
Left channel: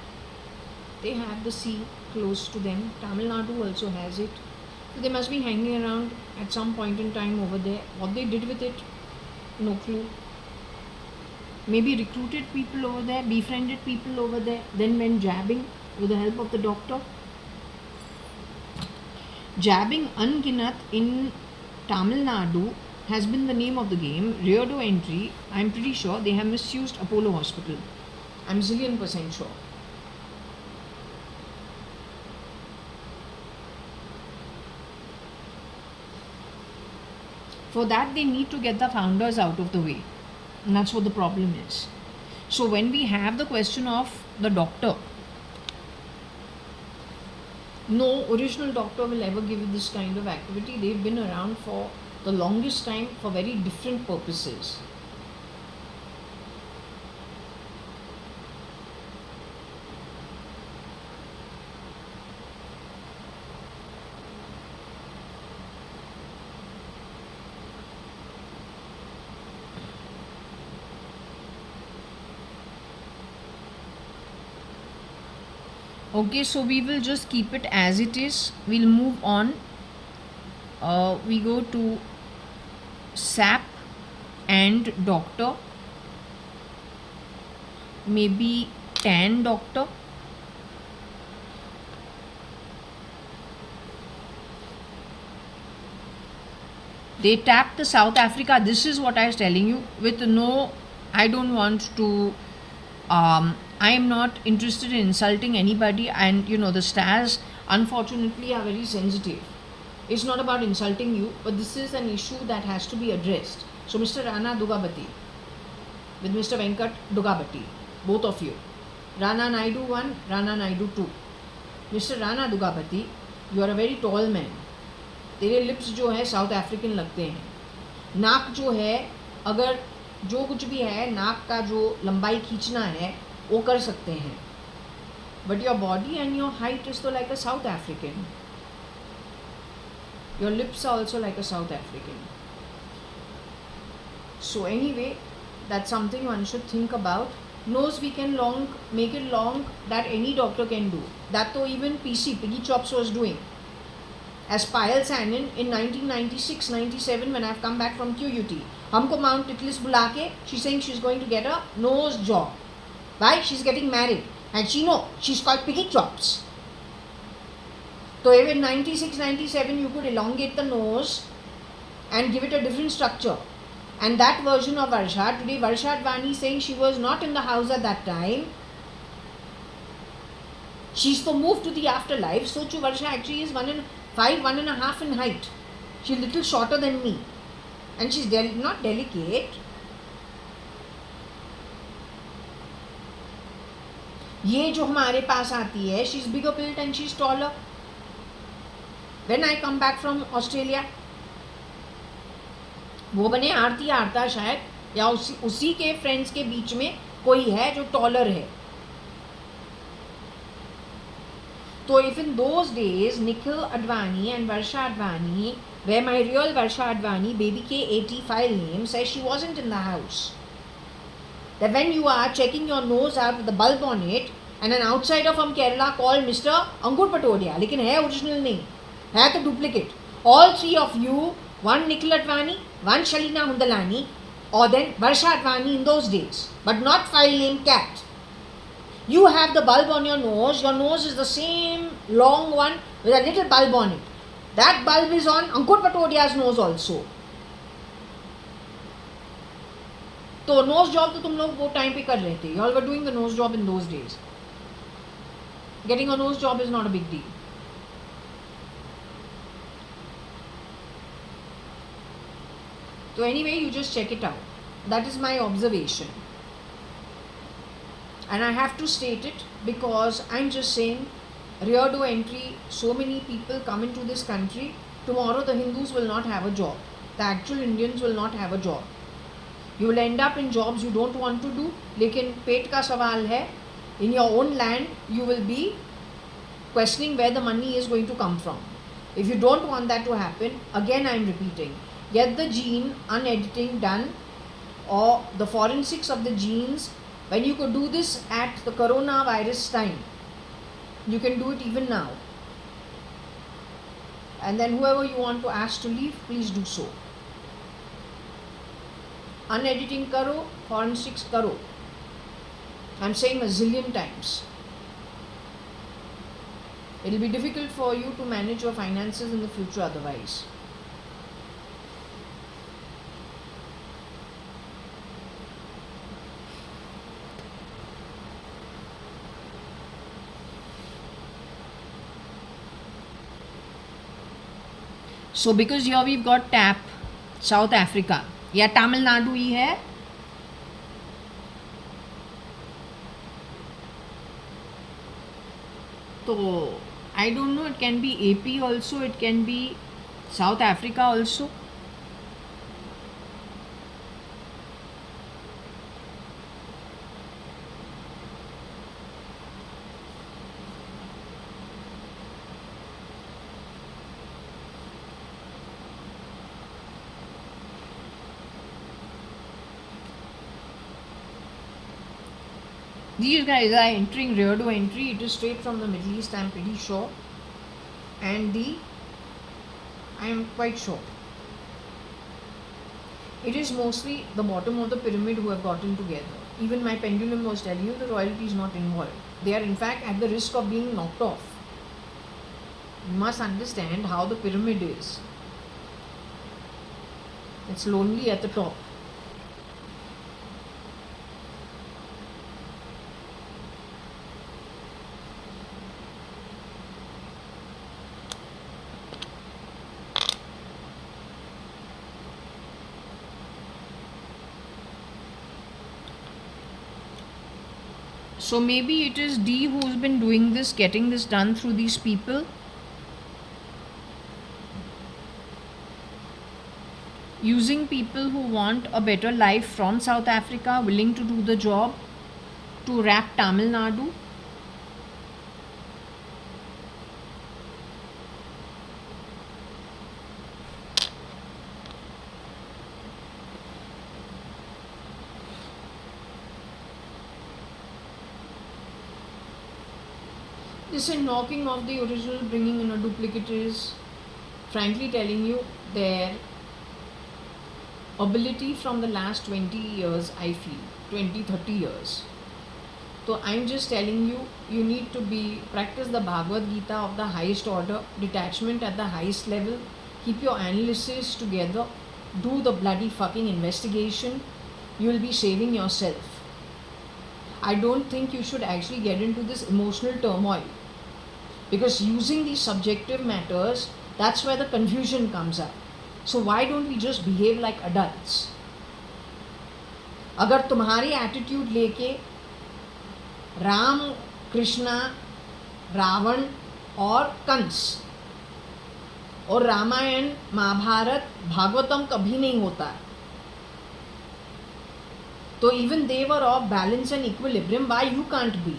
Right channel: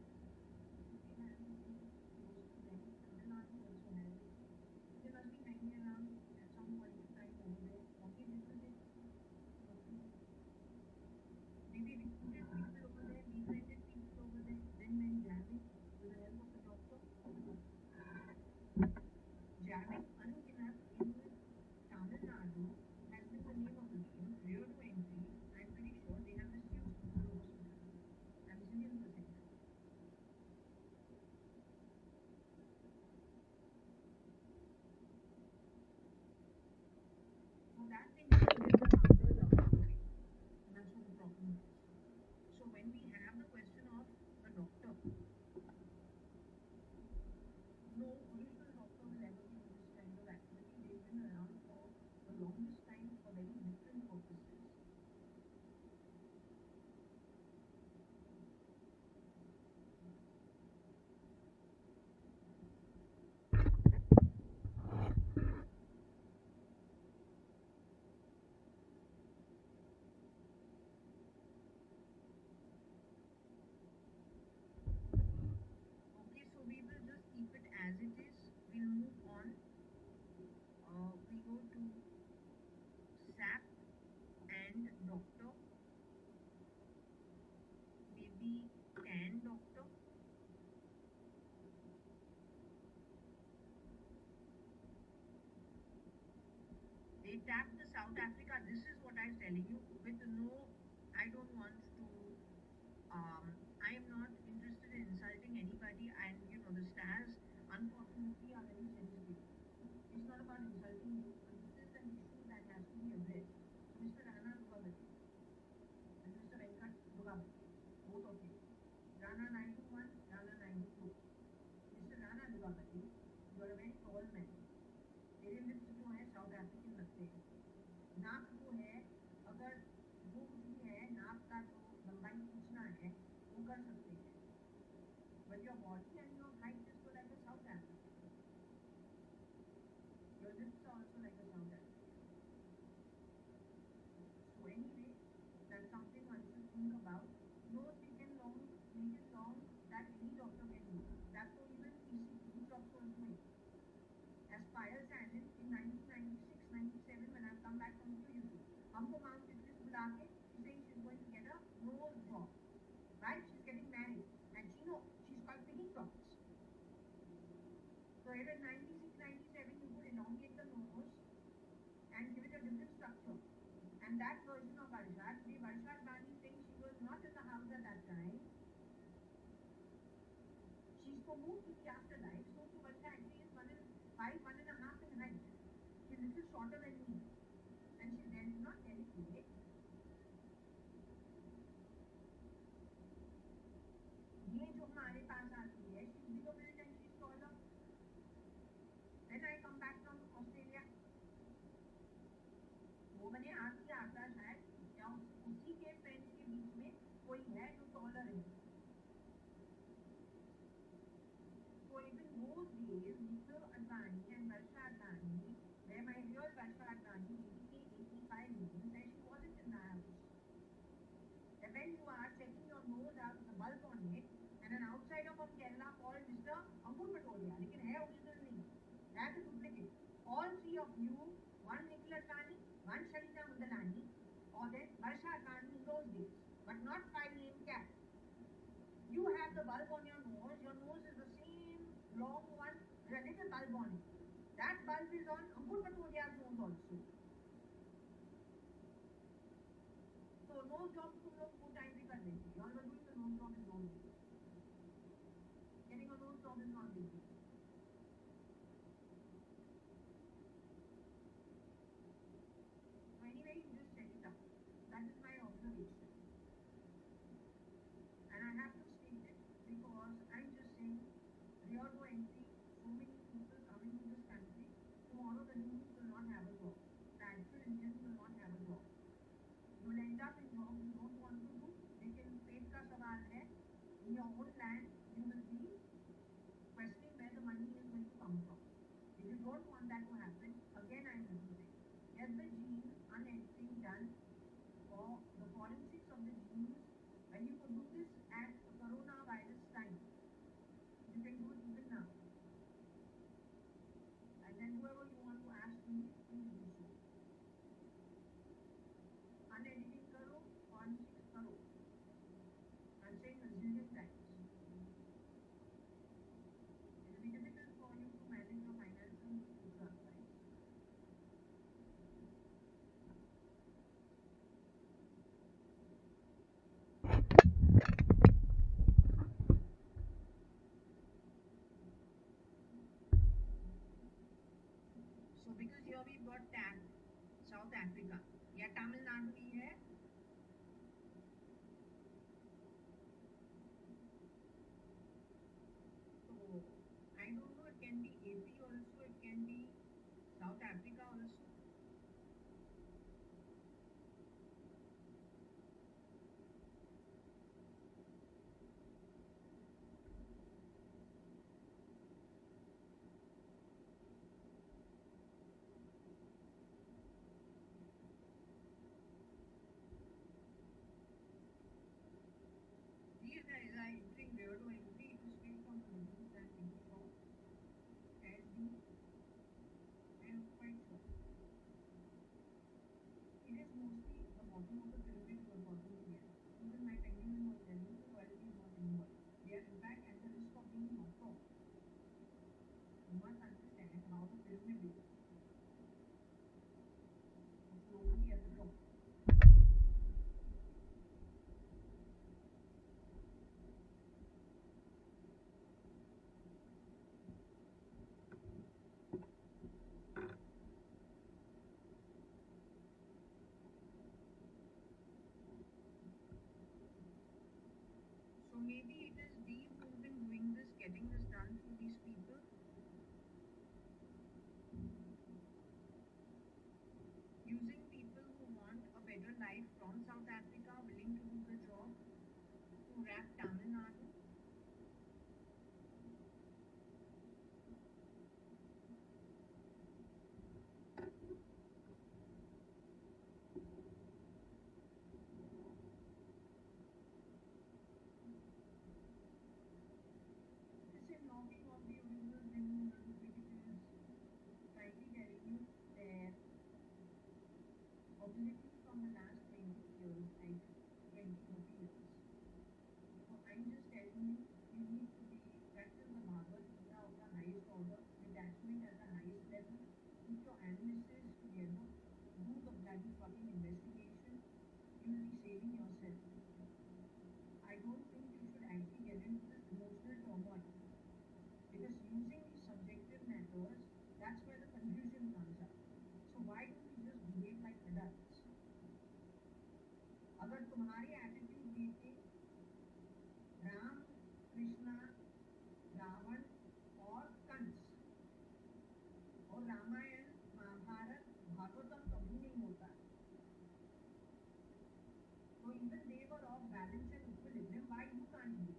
they have the sea close to them. Tamil Nadu also has it. So they must be hanging around at some point in time over there. What they did with it, no clue. Maybe recruited people over there, befriended people over there, then went jabbing with the help of the doctor. Jabbing Unginat in Tamil Nadu has been the name of the game. Reardo entry, I'm pretty sure they have misused Apollo Hospital. I'm zillion% sure. For that, they need to get the founders out of the way. And that's what the problem is. So when we have the question of the doctor, no original doctor will ever give you this kind of activity. They've been around for the longest time for very different purposes. Okay, so we will just keep it as it is. We'll move on. We go to SAP and doctor. Maybe tan doctor. They tapped the South Africa. This is what I was telling you. With no, I don't want to. I am not interested in insulting anybody, and the stars unfortunately are very sensitive. It's not about insulting you, but this is an issue that has to be addressed. So Mr. Rana Dugabati with Mr. Venkat Dugabati, both of you. Rana Naidu 1, Rana Naidu 2. Mr. Rana Dugabati, you are a very tall man. तेरे lips जो है south African लगते हैं. नाक जो है, अगर जो कुछ भी है, नाक का जो लंबाई खींचना है वो कर सकते हैं, but your body and your height is too like a South African. Your lips are also like a South African. So anyway, that's something one should think about. Nose we can make it long, that any doctor can do. That तो even PC Piggy Chops was doing. as Payal Sanin in 1996-97 when I've come back from QUT. हमको Mount Titlis बुला के, she's saying she's going to get a nose job. Why? She's getting married. And she know, she's called piggy chops. So if in 96-97 you could elongate the nose and give it a different structure. And that version of Varsha, today Varsha.ADVANI saying she was not in the house at that time. She's so moved to the afterlife. So to Varsha actually is 1.5 in height. She's a little shorter than me. And she's not delicate. ये जो हमारे पास आती है, she's bigger built and she's taller. When I come back from Australia, वो बने आरती आरता शायद, या उसी के फ्रेंड्स के बीच में कोई है जो टॉलर है. So if in those days Nikhil Advani and Varsha Advani, where my real Varsha Advani, baby K80 file name, says she wasn't in the house, that when you are checking your nose out with the bulb on it, and an outsider from Kerala called Mr. Ankur Patodia, लेकिन है original नहीं, है तो duplicate. All three of you, one Nikhil Advani, one Shalina Hundalani, or then Varsha Advani in those days, but not file name cat. You have the bulb on your nose is the same long one with a little bulb on it. That bulb is on Ankur Patodia's nose also. तो nose job तो तुम लोग वो time पे कर रहे थे. You all were doing the nose job in those days. Getting a nose job is not a big deal. So anyway, you just check it out. That is my observation. And I have to state it because I'm just saying, rear door entry, so many people come into this country. Tomorrow the Hindus will not have a job. The actual Indians will not have a job. You will end up in jobs you don't want to do. लेकिन पेट का सवाल है. In your own land, you will be questioning where the money is going to come from. If you don't want that to happen, again I'm repeating, get the gene unediting done, or the forensics of the genes. When you could do this at the coronavirus time, you can do it even now. And then whoever you want to ask to leave, please do so. Unediting karo, forensics karo. I'm saying a zillion times. It will be difficult for you to manage your finances in the future otherwise. So because here we've got TAP, South Africa, या Tamil Nadu ही है. So I don't know, it can be AP also, it can be South Africa also. These guys are entering rear door entry. It is straight from the Middle East, I'm pretty sure. And I am quite sure. It is mostly the bottom of the pyramid who have gotten together. Even my pendulum was telling you the royalty is not involved. They are in fact at the risk of being knocked off. You must understand how the pyramid is. It's lonely at the top. So maybe it is D who's been doing this, getting this done through these people. Using people who want a better life from South Africa, willing to do the job, to wrap Tamil Nadu. This is knocking off the original, bringing in a duplicate is frankly telling you, their ability from the last 20 years, I feel 20, 30 years. So I'm just telling you, you need to practice the Bhagavad Gita of the highest order, detachment at the highest level, keep your analysis together, do the bloody fucking investigation. You will be saving yourself. I don't think you should actually get into this emotional turmoil, because using these subjective matters, that's where the confusion comes up. So why don't we just behave like adults? अगर तुम्हारी attitude लेके राम, कृष्णा, रावण और कंस और रामायण, महाभारत, भागवतम कभी नहीं होता, तो even they were of balance and equilibrium, why you can't be?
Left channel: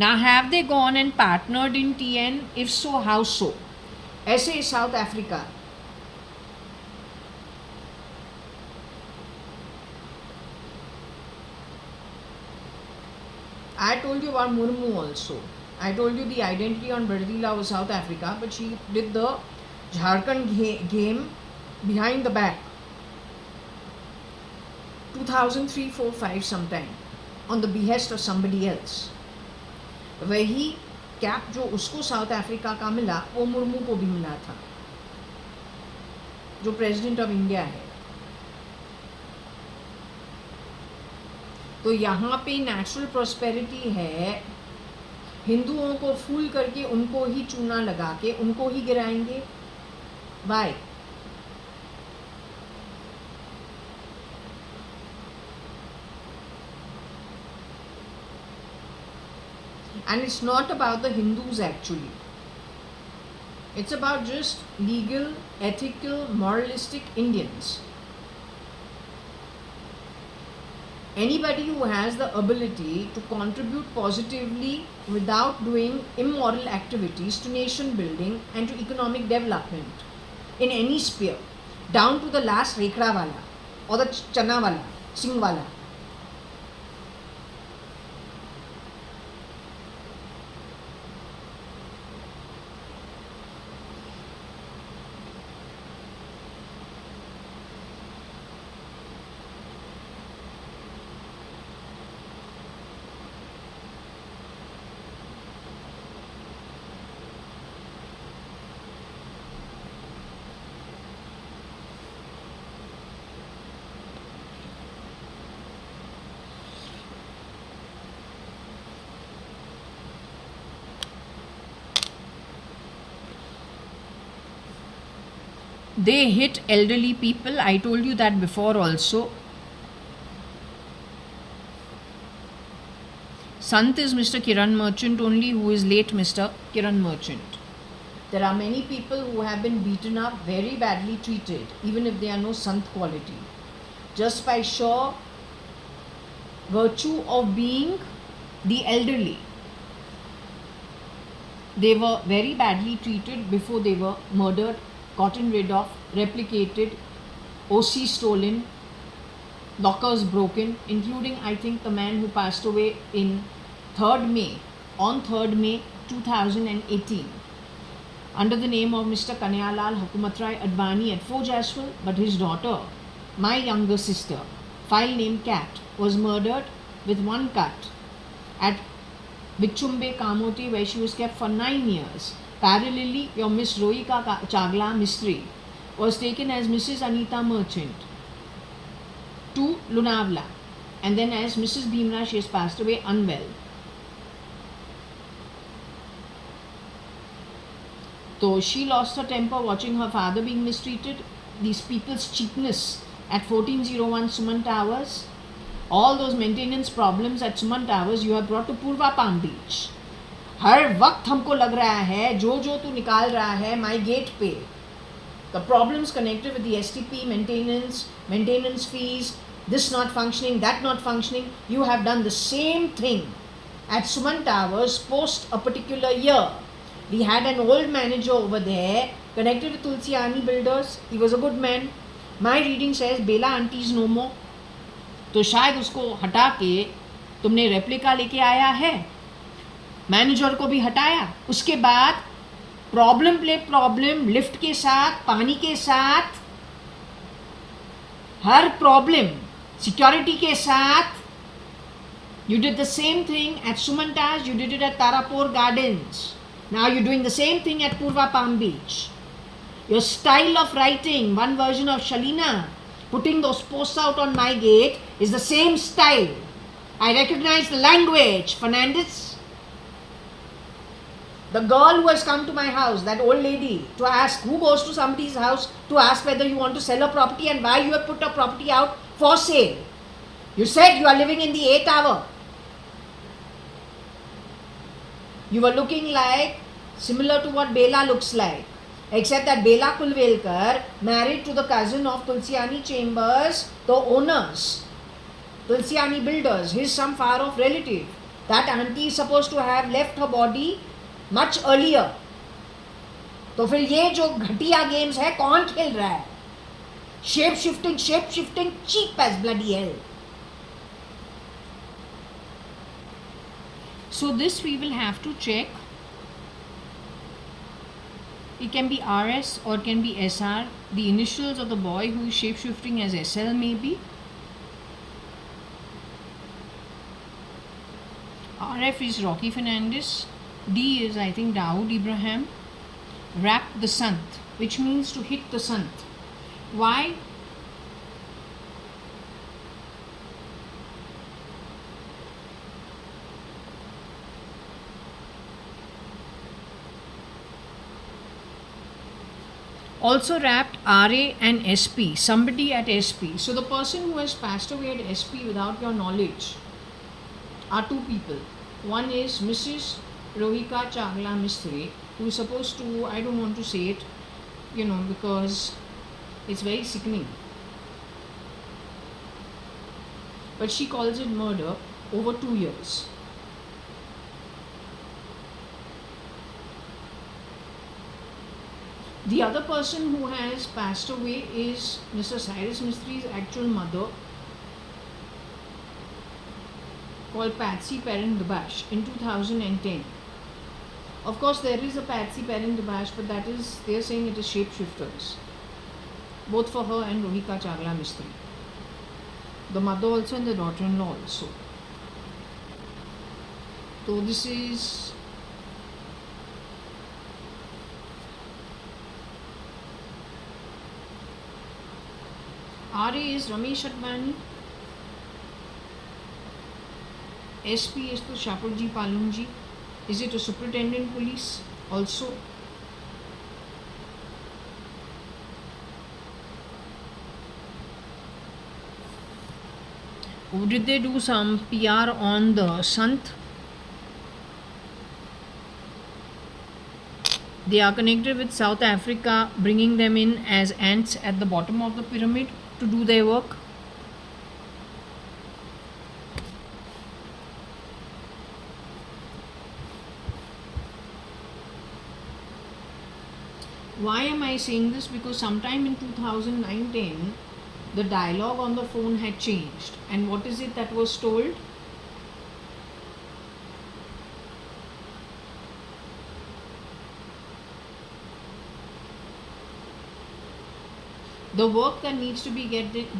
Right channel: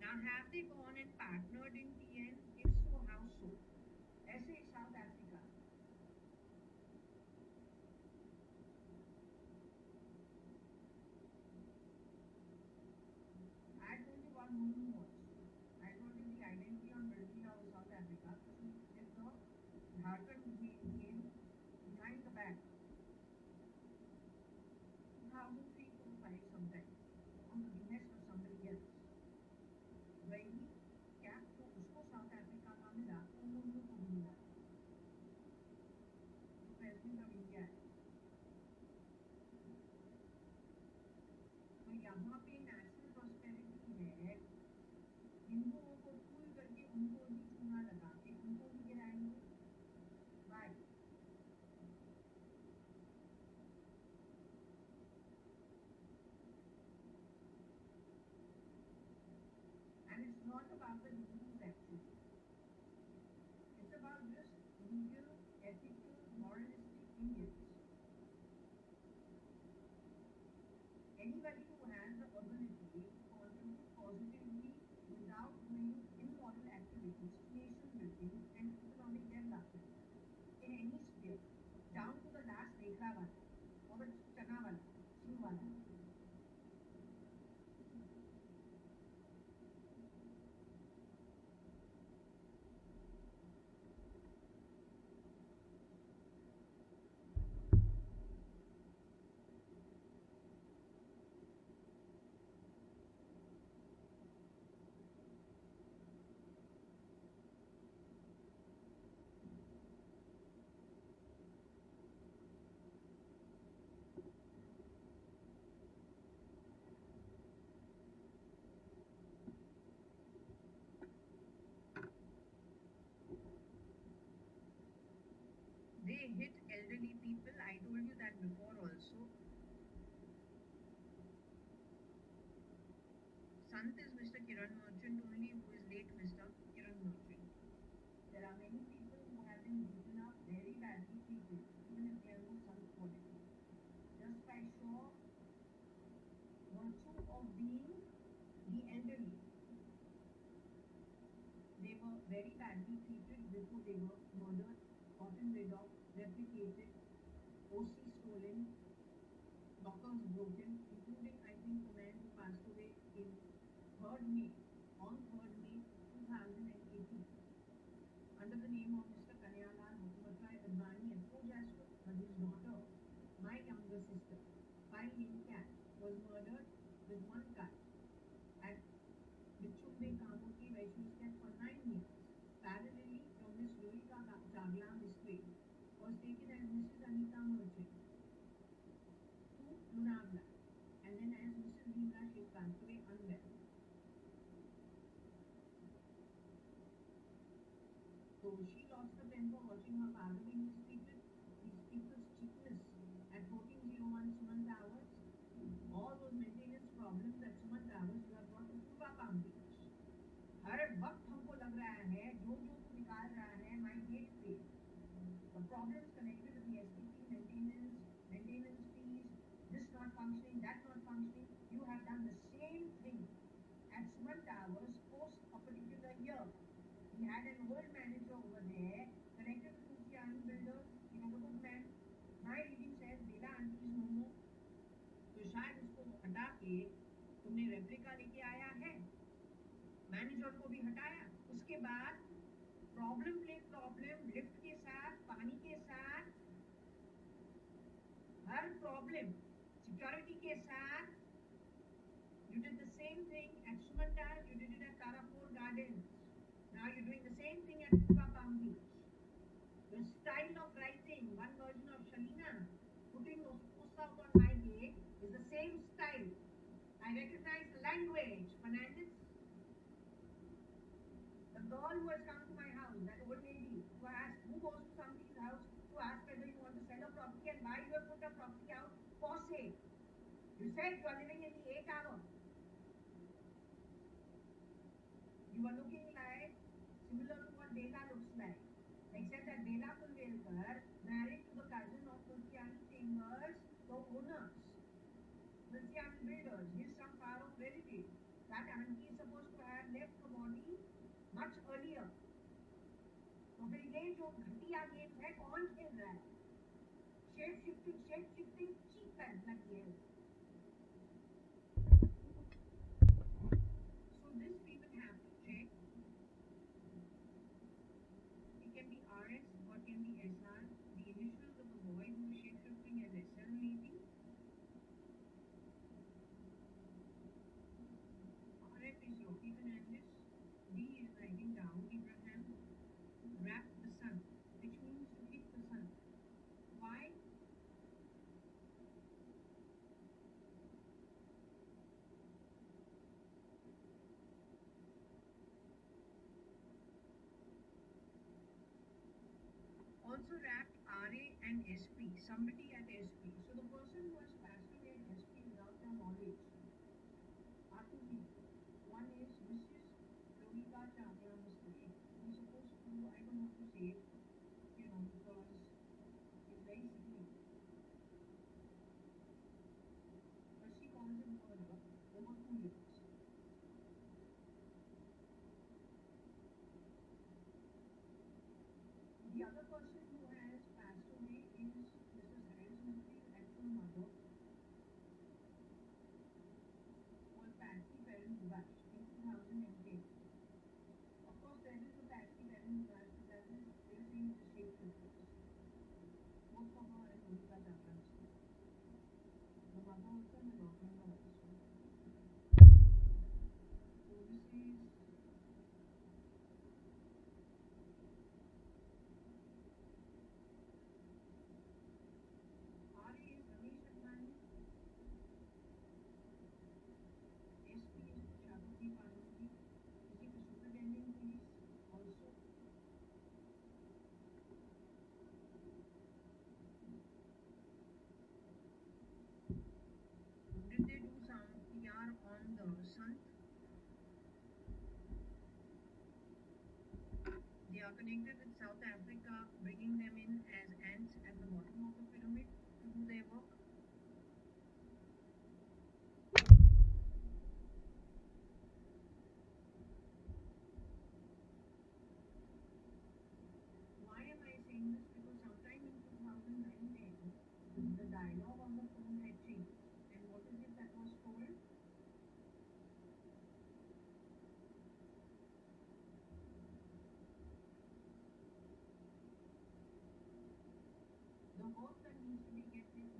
Now, have they gone and partnered in TN? If so, how so? ऐसे South Africa. I told you about Murmu also. I told you the identity on Brazil was South Africa, but she did the Jharkhand game behind the back. 2003, 4, 5 sometime, on the behest of somebody else. वही cap जो उसको south Africa का मिला, वो मुर्मू को भी मिला था, जो प्रेसिडेंट ऑफ इंडिया है. तो यहाँ पे नेचुरल प्रॉस्पेरिटी है. हिंदुओं को फूल करके उनको ही चूना लगा के उनको ही गिराएंगे. Bye. And it's not about the Hindus actually. It's about just legal, ethical, moralistic Indians. Anybody who has the ability to contribute positively without doing immoral activities to nation building and to economic development in any sphere, down to the last Rekhra wala or the Chana wala, Singh wala. They hit elderly people. I told you that before also. Sant is Mr. Kiran Merchant only, who is late Mr. Kiran Merchant. There are many people who have been beaten up, very badly treated, even if they are no Sant quality, just by sheer virtue of being the elderly. They were very badly treated before they were murdered, gotten rid of, replicated, OC stolen, lockers broken, including I think the man who passed away in 3rd May, on 3rd May 2018, under the name of Mr. Kanyalal JAYA.ADVANI at Fort Jaswal, but his daughter, my younger sister, file name Cat, was murdered with one cut at Bichumbe Kamoti, where she was kept for 9 years. Parallelly, your Miss Rohika Chagla Mistry was taken as Mrs. Anita Merchant to Lunavla, and then as Mrs. Bhimra, she has passed away unwell. So she lost her temper watching her father being mistreated. These people's cheapness at 1401 Suman Towers, all those maintenance problems at Suman Towers, you have brought to Purva Palm Beach. हर वक्त हमको लग रहा है जो तू निकाल रहा है माई गेट पे, the problems connected with the STP maintenance fees, this not functioning, that not functioning, you have done the same thing at Suman Towers post a particular year. We had an old manager over there Connected with Tulsiani builders. He was a good man. My reading says Bela auntie is no more. तो शायद उसको हटा के तुमने replica लेके आया है, manager को भी हटाया, उसके बाद प्रॉब्लम प्ले प्रॉब्लम, लिफ्ट के साथ, पानी के साथ, हर प्रॉब्लम, सिक्योरिटी के साथ. You did the same thing at Sumantaj, you did it at Tarapur Gardens. Now you're doing the same thing at Purva Palm Beach. Your style of writing, one version of Shalina, putting those posts out on my gate, is the same style. I recognize the language, Fernandez. The girl who has come to my house, that old lady, to ask, who goes to somebody's house to ask whether you want to sell a property and why you have put a property out for sale. You said you are living in the A Tower. You were looking like, similar to what Bela looks like. Except that Bela Kulvelkar married to the cousin of Tulsiani Chambers, the owners, Tulsiani builders, his some far off relative. That auntie is supposed to have left her body much earlier. तो फिर ये जो घटिया games है कौन खेल रहा है? Shape shifting, cheap as bloody hell. So this we will have to check. It can be RS or it can be SR. The initials of the boy who is shape-shifting as SL maybe. RF is Rocky Fernandez. D is I think Dawood Ibrahim. Rap the Sant, which means to hit the Sant. Why? Also wrapped RA and SP, somebody at SP. So the person who has passed away at SP without your knowledge are two people. One is Mrs. Rohika Chagla Mistry, who is supposed to, I don't want to say it, because it's very sickening. But she calls it murder over 2 years. The other person who has passed away is Mr. Cyrus Mistry's actual mother, called Patsy Perrin-Dabash in 2010. Of course, there is a Patsy Perrin-Dabash, but that is, they are saying it is shapeshifters, both for her and Rohika Chagla Mistry. The mother also and the daughter-in-law also. So this is RA is Ramesh Advani. SP is to Shapurji Palunji. Is it a superintendent police also? Or did they do some PR on the Sant? They are connected with South Africa, bringing them in as ants at the bottom of the pyramid to do their work. Why am I saying this? Because sometime in 2009-10, the dialogue on the phone had changed. And what is it that was told? The work that needs to be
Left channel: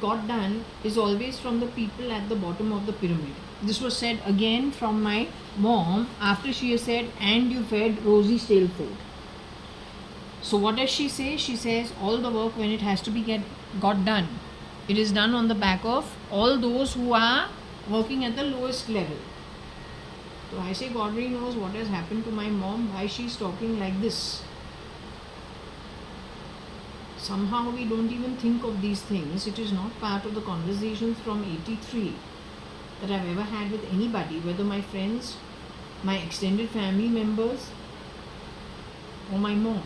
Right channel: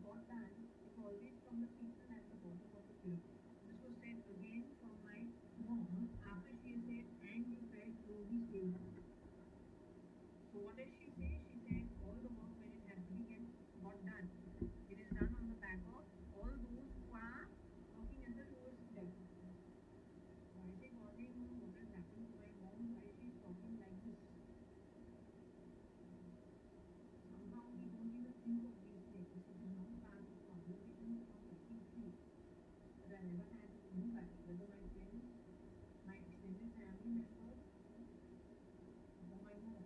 got done is always from the people at the bottom of the pyramid. This was said again from my mom after she has said, and you fed Rosie stale food. So what does she say? She says all the work when it has to be got done, it is done on the back of all those who are working at the lowest level. So I say God really knows what has happened to my mom, why she is talking like this. Somehow we don't even think of these things. It is not part of the conversations from 83 that I've ever had with anybody, whether my friends, my extended family members, or my mom.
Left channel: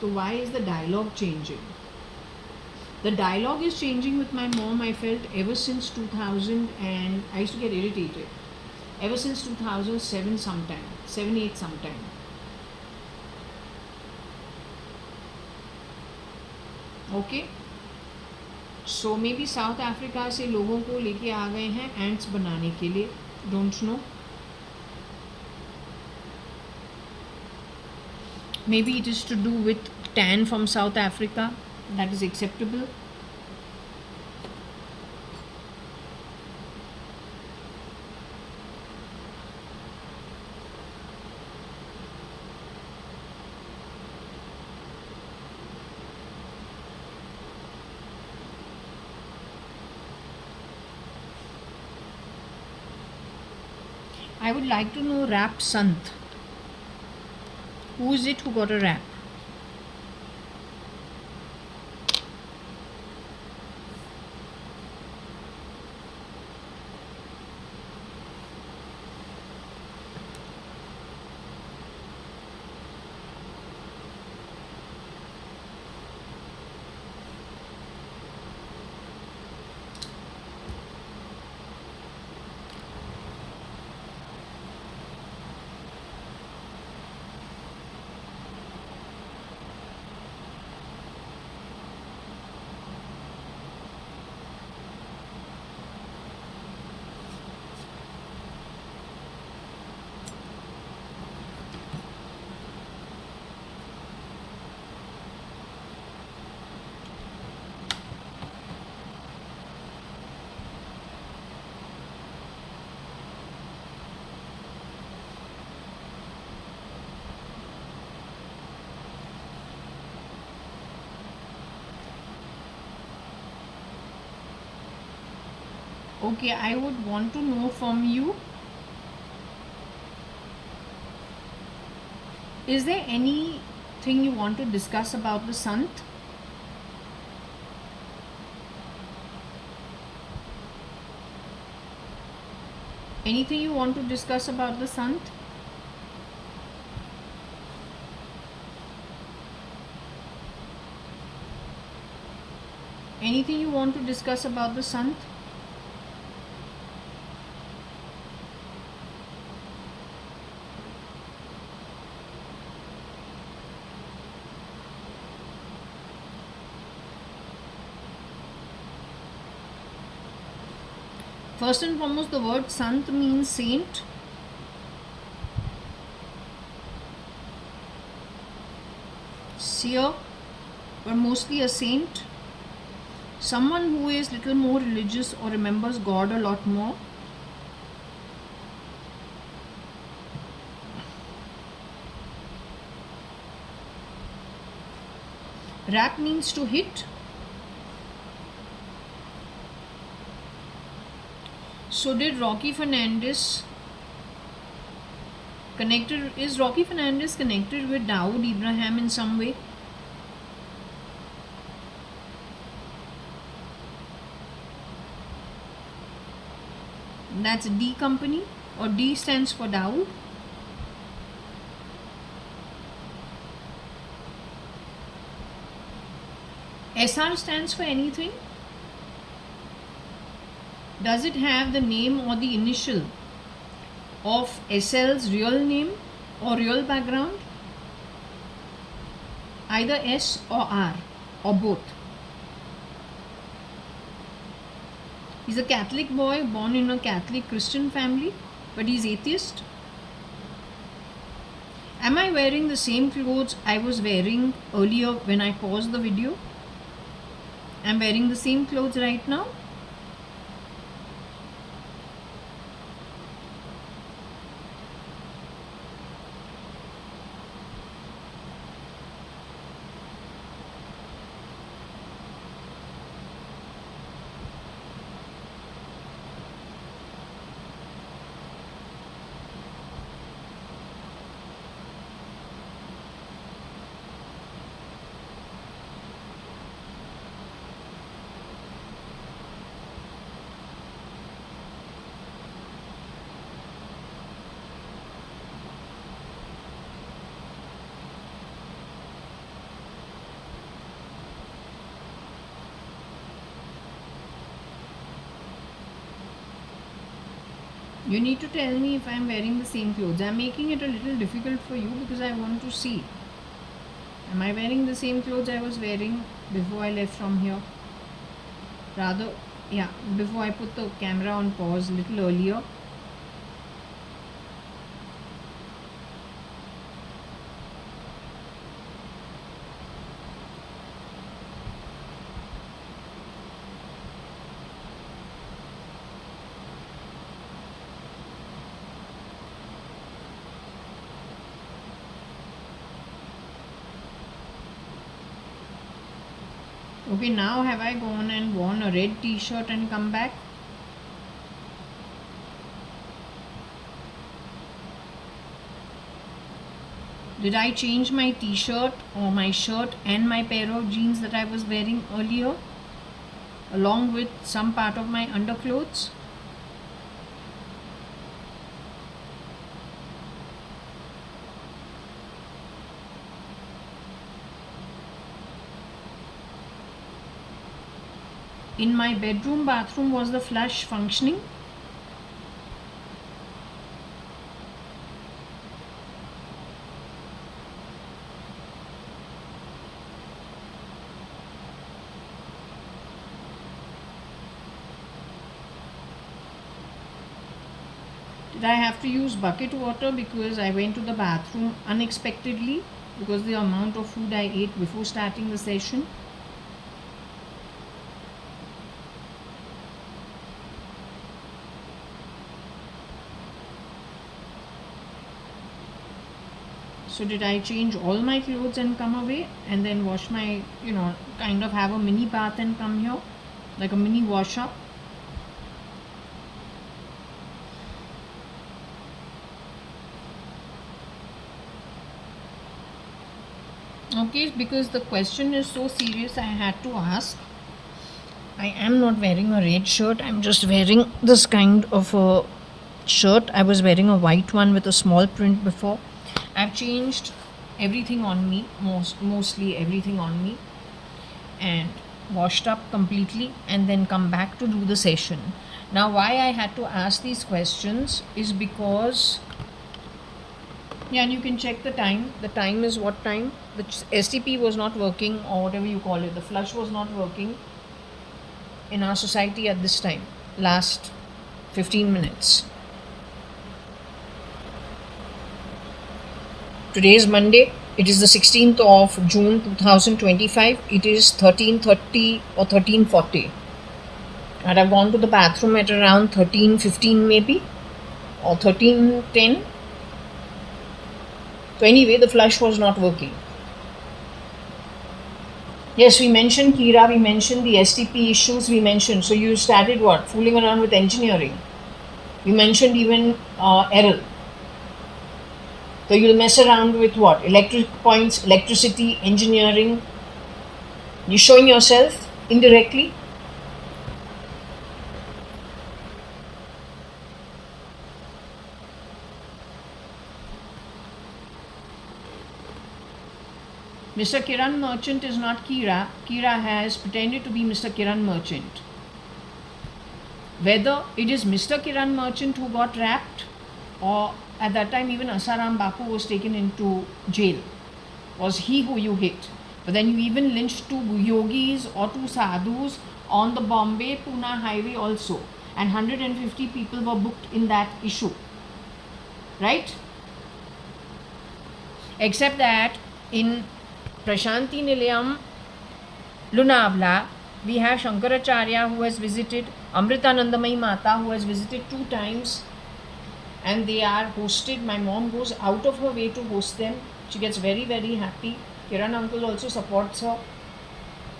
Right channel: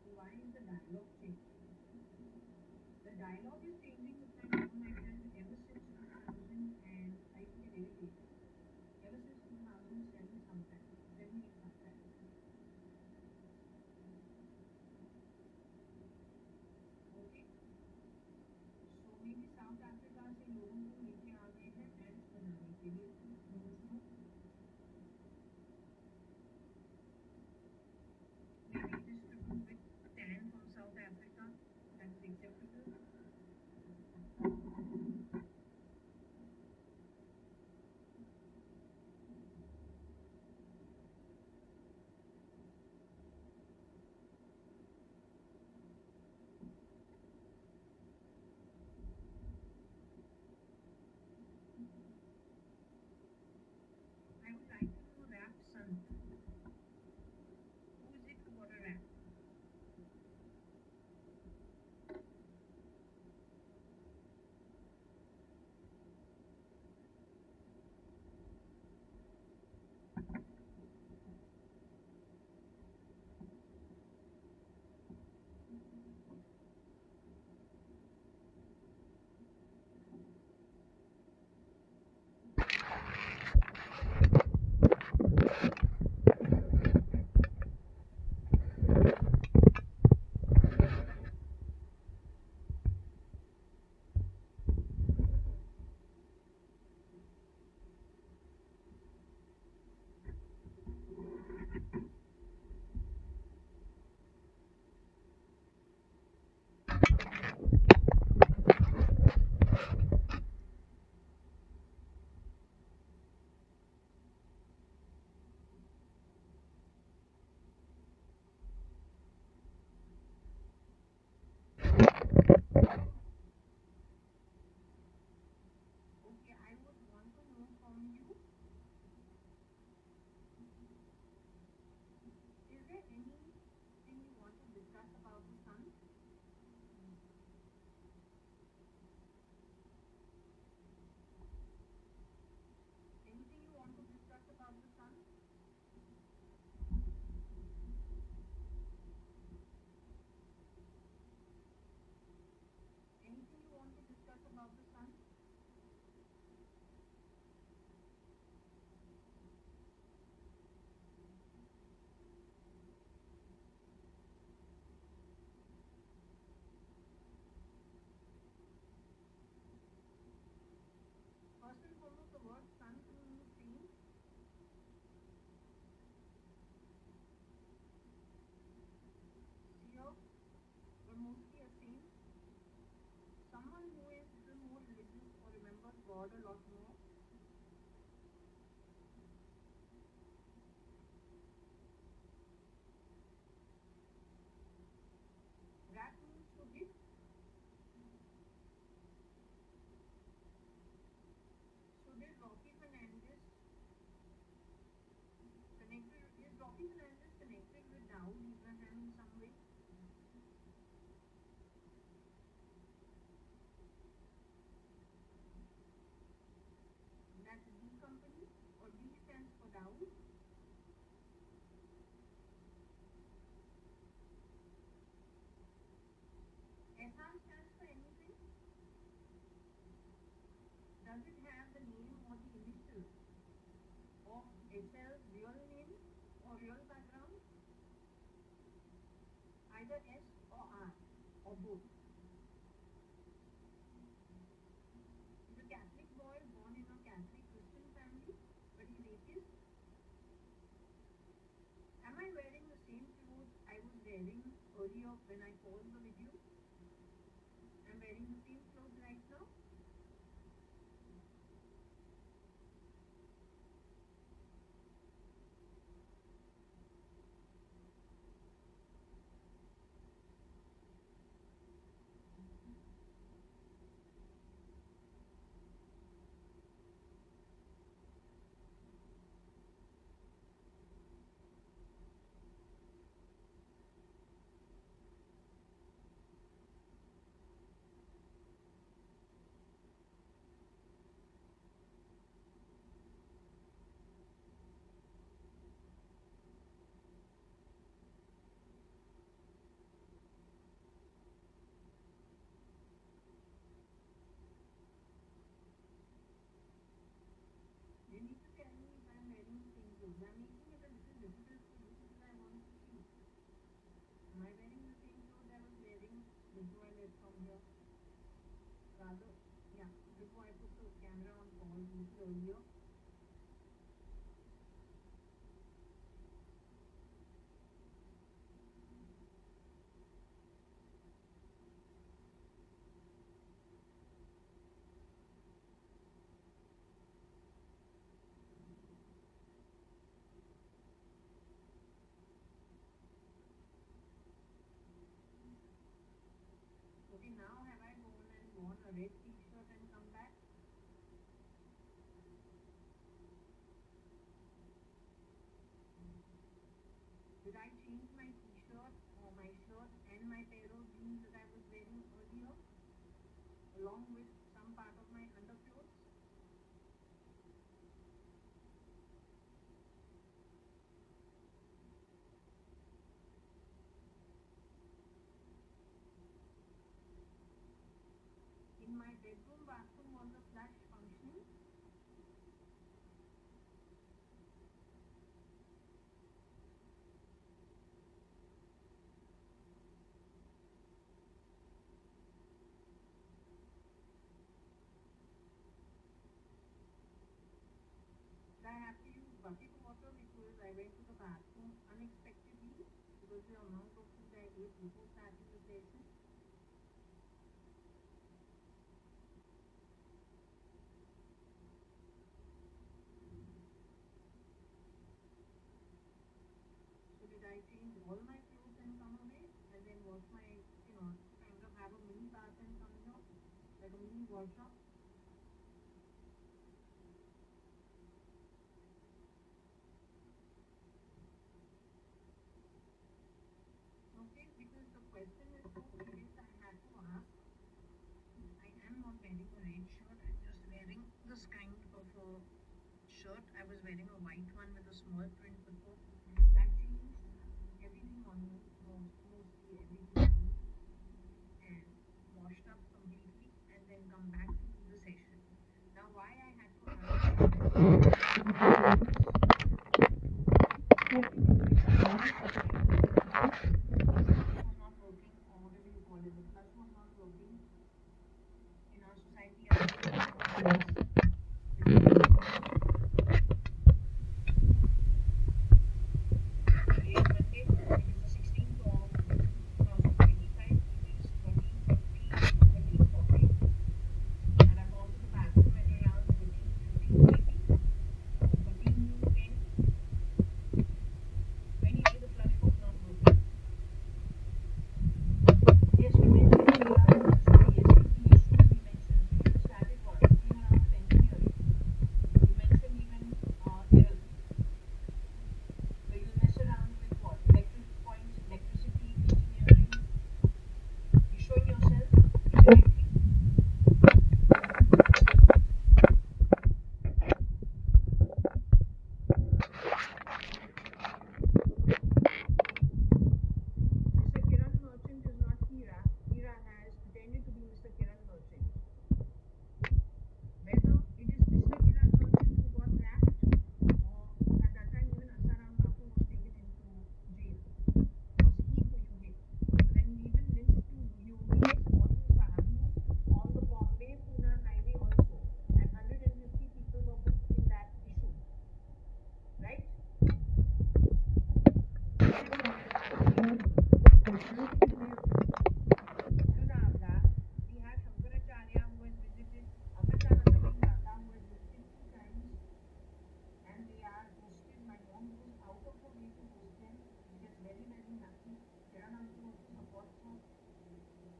So why is the dialogue changing? The dialogue is changing with my mom, I felt, ever since 2000, and I used to get irritated. Ever since 2007 sometime, 7-8 sometime. Okay, so may be south Africa से लोगों को लेके आ गए हैं ants बनाने के लिए, don't know. Maybe it is to do with tan from South Africa, that is acceptable. I would like to know rap Sant. Who is it who got a rap? Okay, I would want to know from you, is there anything you want to discuss about the Sant? Anything you want to discuss about the Sant? Anything you want to discuss about the Sant? First and foremost, the word Sant means saint. Seer, but mostly a saint. Someone who is little more religious or remembers God a lot more. Rap means to hit. So did Rocky Fernandez is Rocky Fernandez connected with Dawood Ibrahim in some way? That's D company, or D stands for Dawood. SR stands for anything? Does it have the name or the initial of SL's real name or real background? Either S or R or both. He's a Catholic boy born in a Catholic Christian family, but he's atheist. Am I wearing the same clothes I was wearing earlier when I paused the video? I'm wearing the same clothes right now. You need to tell me if I'm wearing the same clothes. I'm making it a little difficult for you because I want to see. Am I wearing the same clothes I was wearing before I left from here? Rather, yeah, before I put the camera on pause a little earlier. Okay, now have I gone and worn a red t-shirt and come back? Did I change my t-shirt or my shirt and my pair of jeans that I was wearing earlier, along with some part of my underclothes? In my bathroom, was the flush functioning? Did I have to use bucket water because I went to the bathroom unexpectedly because the amount of food I ate before starting the session? So did I change all my clothes and come away and then wash my, kind of have a mini bath and come here, like a mini wash up? Okay, because the question is so serious, I had to ask. I am not wearing a red shirt. I'm just wearing this kind of a shirt. I was wearing a white one with a small print before. I've changed everything on me, mostly everything on me, and washed up completely and then come back to do the session. Now, why I had to ask these questions is because, yeah, and you can check the time. The time is what time? The STP was not working, or whatever you call it. The flush was not working in our society at this time, last 15 minutes. Today is Monday. It is the 16th of June 2025. It is 13:30 or 13:40. And I've gone to the bathroom at around 13:15 maybe, or 13:10. So anyway, the flush was not working. Yes, we mentioned Kira, we mentioned the STP issues, we mentioned. So you started what? Fooling around with engineering. We mentioned even Errol. So you'll mess around with what? Electric points, electricity, engineering. You're showing yourself indirectly. Mr. Kiran Merchant is not Kira. Kira has pretended to be Mr. Kiran Merchant. Whether it is Mr. Kiran Merchant who got trapped, or at that time even Asaram Bapu was taken into jail, was he who you hit. But then you even lynched two yogis or two sadhus on the Bombay-Pune highway also, and 150 people were booked in that issue, right? Except that in Prashanti Nilayam, Lunavla, we have Shankaracharya who has visited, Amritanandamayi Mata who has visited 2 times, and they are hosted. My mom goes out of her way to host them. She gets very, very happy. Kiran uncle also supports her.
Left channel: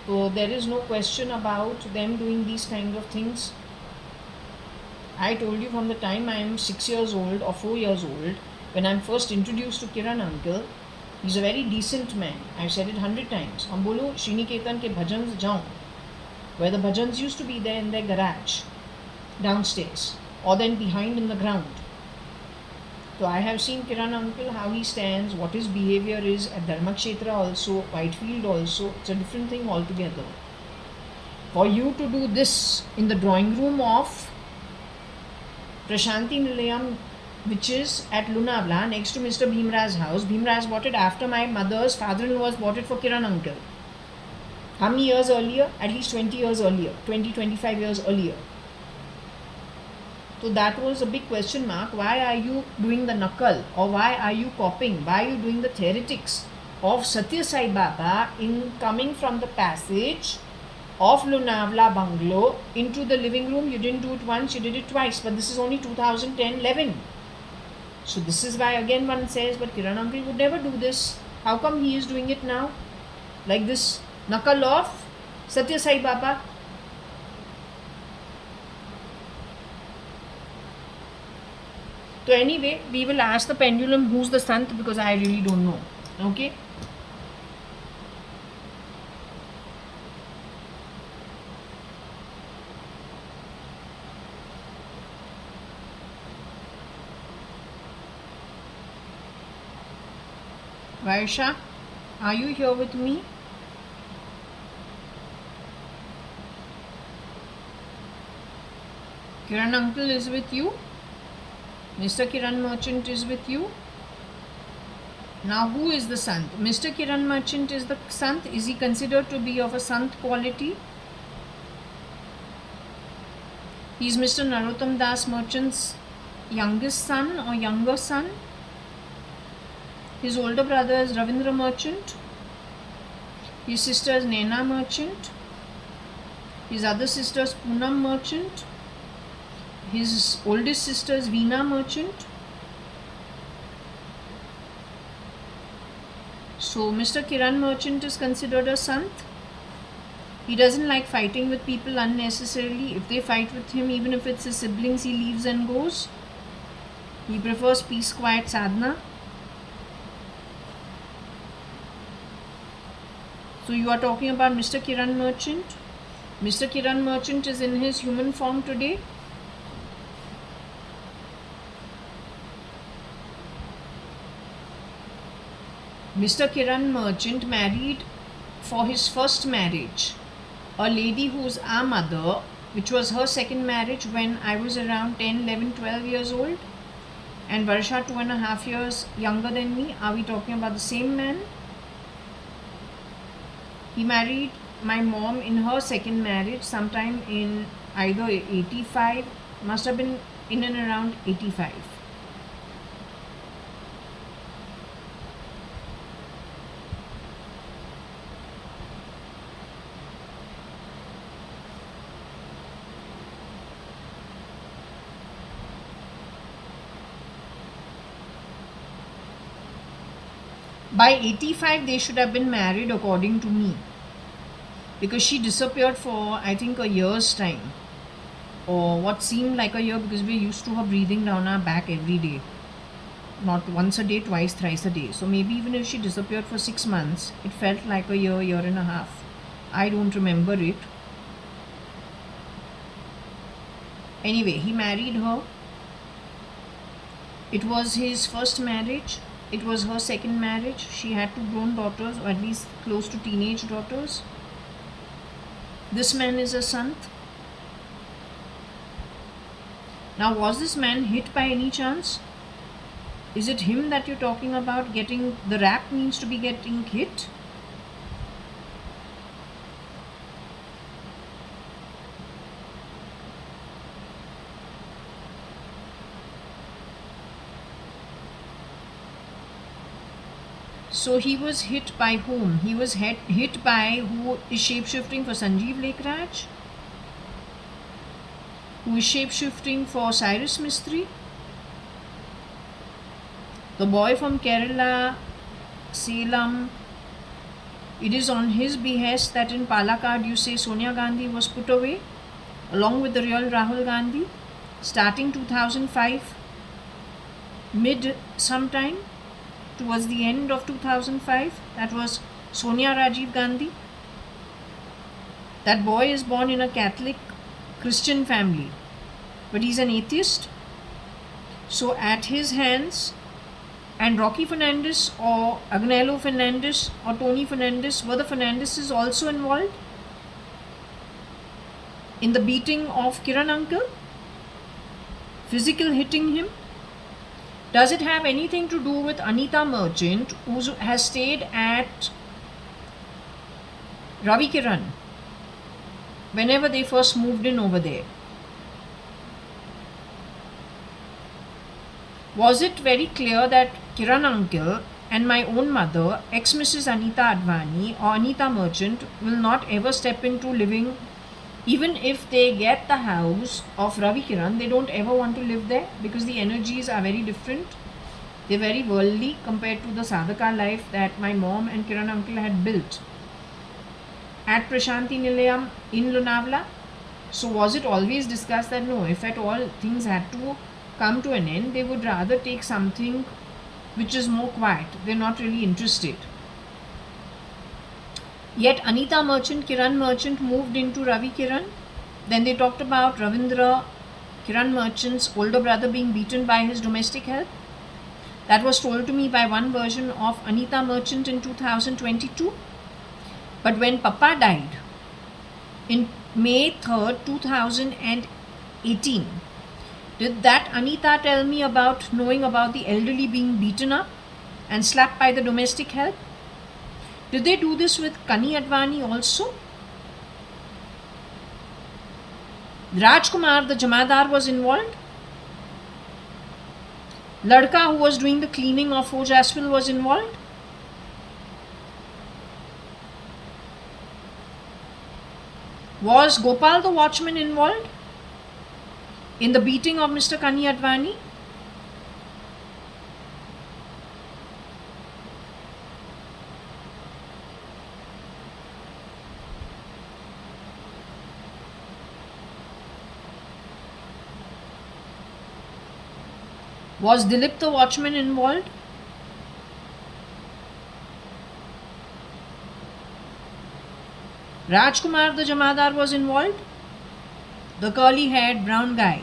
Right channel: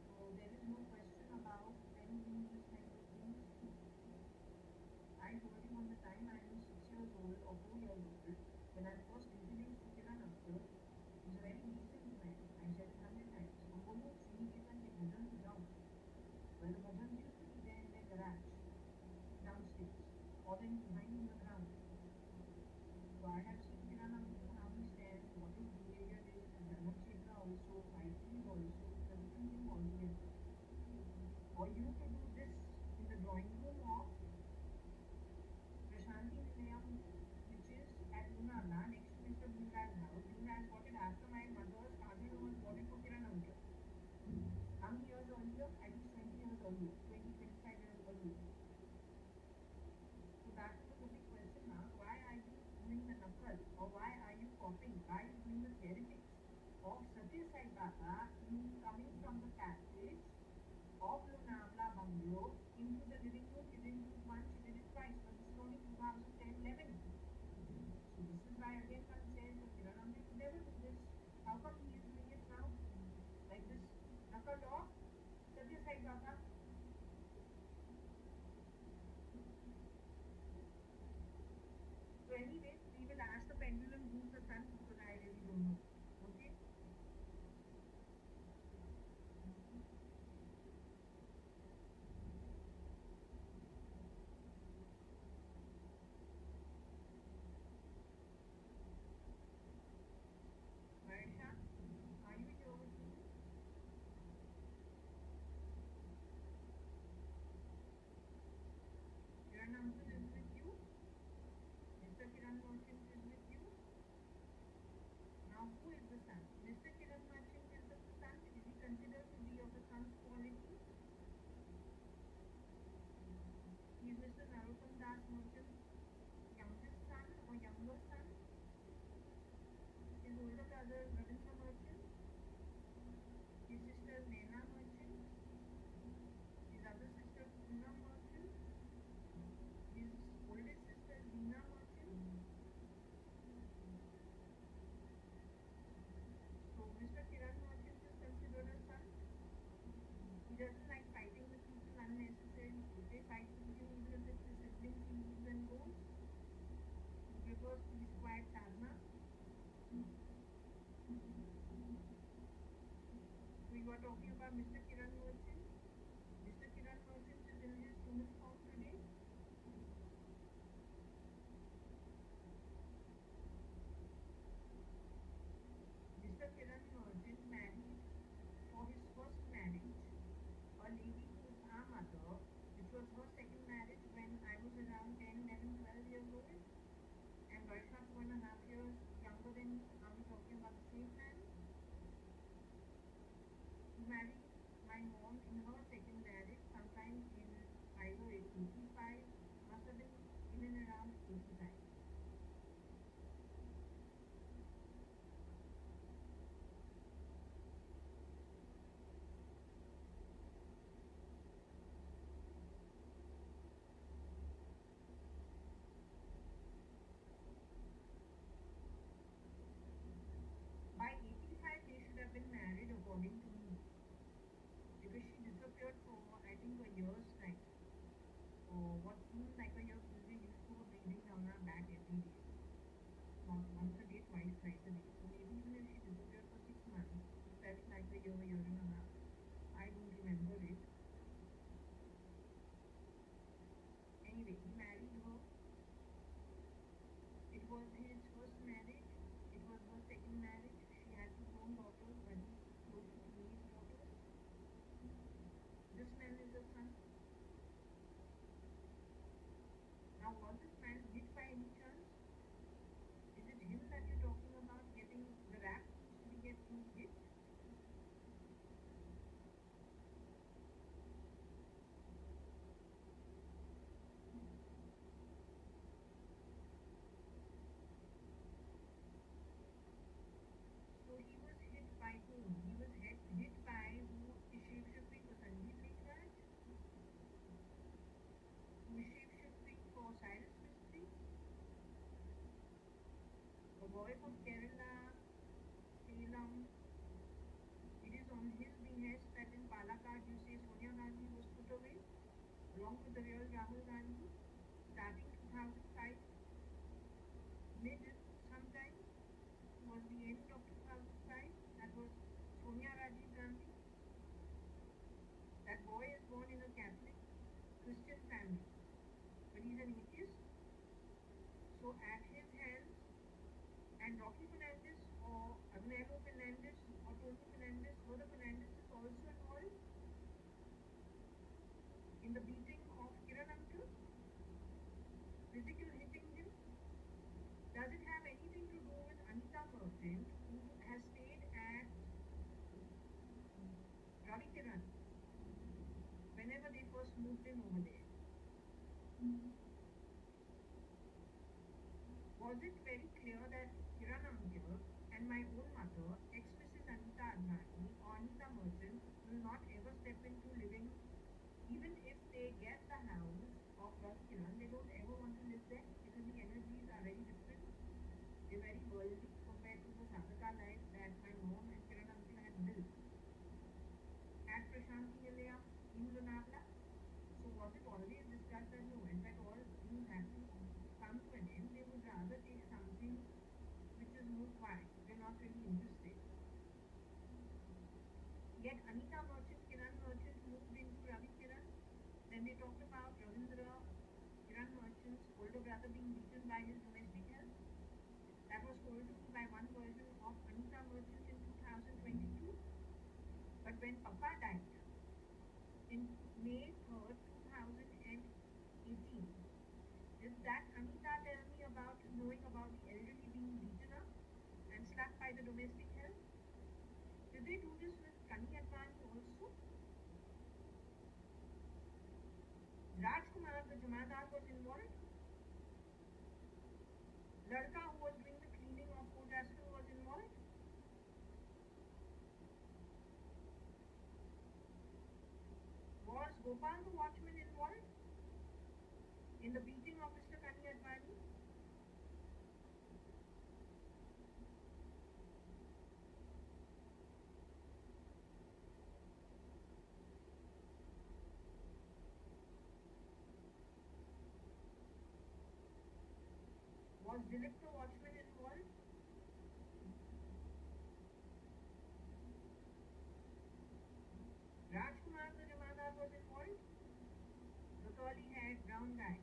So there is no question about them doing these kind of things. I told you from the time I am 6 years old or 4 years old, when I am first introduced to Kiran uncle, he's a very decent man. I've said it 100 times. हम बोलो श्रीनिकेतन के भजन जाऊं, where the bhajans used to be there in their garage, downstairs, or then behind in the ground. So I have seen Kiran uncle, how he stands, what his behavior is at Dharmakshetra also, Whitefield also. It's a different thing altogether. For you to do this in the drawing room of Prashanti Nilayam which is at Lunavla next to Mr. Bhimraj's house. Bhimraj bought it after my mother's father-in-law bought it for Kiran uncle. How many years earlier? At least 20 years earlier, 20-25 years earlier. So that was a big question mark. Why are you doing the nakal, or why are you copying? Why are you doing the theoretics of Satya Sai Baba in coming from the passage of Lunavla bungalow into the living room? You didn't do it once, you did it twice, but this is only 2010-11. So this is why again one says, but Kiran uncle would never do this. How come he is doing it now? Like this nakal of Satya Sai Baba. So anyway, we will ask the pendulum who's the Sant, because I really don't know. Okay. Varsha, are you here with me? Kiran uncle is with you. Mr. Kiran Merchant is with you. Now who is the Sant? Mr. Kiran Merchant is the Sant. Is he considered to be of a Sant quality? He is Mr. Narottam Das Merchant's youngest son or younger son. His older brother is Ravindra Merchant. His sister is Naina Merchant. His other sister is Poonam Merchant. His oldest sister is Veena Merchant. So Mr. Kiran Merchant is considered a Sant. He doesn't like fighting with people unnecessarily. If they fight with him, even if it's his siblings, he leaves and goes. He prefers peace, quiet, sadhana. So you are talking about Mr. Kiran Merchant. Mr. Kiran Merchant is in his human form today. Mr. Kiran Merchant married for his first marriage a lady who's our mother, which was her second marriage when I was around 10, 11, 12 years old, and Varsha 2.5 years younger than me. Are we talking about the same man? He married my mom in her second marriage sometime in either 85, must have been in and around 85. By 85 they should have been married according to me, because she disappeared for I think a year's time, or what seemed like a year, because we used to have breathing down our back every day, not once a day, twice, thrice a day. So maybe even if she disappeared for 6 months, it felt like a year, year and a half. I don't remember it. Anyway, he married her. It was his first marriage. It was her second marriage. She had 2 grown daughters, or at least close to teenage daughters. This man is a Sant. Now, was this man hit by any chance? Is it him that you're talking about? Getting the rap means to be getting hit? So he was hit by whom? He was hit by who is shape-shifting for Sanjeev Lekraj? Who is shape-shifting for Cyrus Mistry? The boy from Kerala, Salem. It is on his behest that in Palakkad you say Sonia Gandhi was put away along with the real Rahul Gandhi starting 2005 mid sometime towards the end of 2005. That was Sonia Rajiv Gandhi. That boy is born in a Catholic Christian family, but he's an atheist. So at his hands, and Rocky Fernandez or Agnello Fernandez or Tony Fernandez, were the Fernandezes also involved in the beating of Kiran uncle, physical hitting him? Does it have anything to do with Anita Merchant, who has stayed at Ravi Kiran whenever they first moved in over there? Was it very clear that Kiran uncle and my own mother, ex-Mrs. Anita Advani or Anita Merchant, will not ever step into living, even if they get the house of Ravi Kiran, they don't ever want to live there because the energies are very different. They're very worldly compared to the sadhaka life that my mom and Kiran uncle had built at Prashanti Nilayam in Lonavala. So was it always discussed that no, if at all things had to come to an end, they would rather take something which is more quiet. They're not really interested. Yet Anita Merchant, Kiran Merchant moved into Ravi Kiran. Then they talked about Ravindra, Kiran Merchant's older brother, being beaten by his domestic help. That was told to me by one version of Anita Merchant in 2022. But when Papa died in May 3rd, 2018, did that Anita tell me about knowing about the elderly being beaten up and slapped by the domestic help? Did they do this with Kani Advani also? Rajkumar, the Jamadar, was involved. Ladka, who was doing the cleaning of Foj Aswil, was involved. Was Gopal the watchman involved in the beating of Mr. Kani Advani? Was Dilip the watchman involved? Rajkumar the Jamadar was involved? The curly haired brown guy.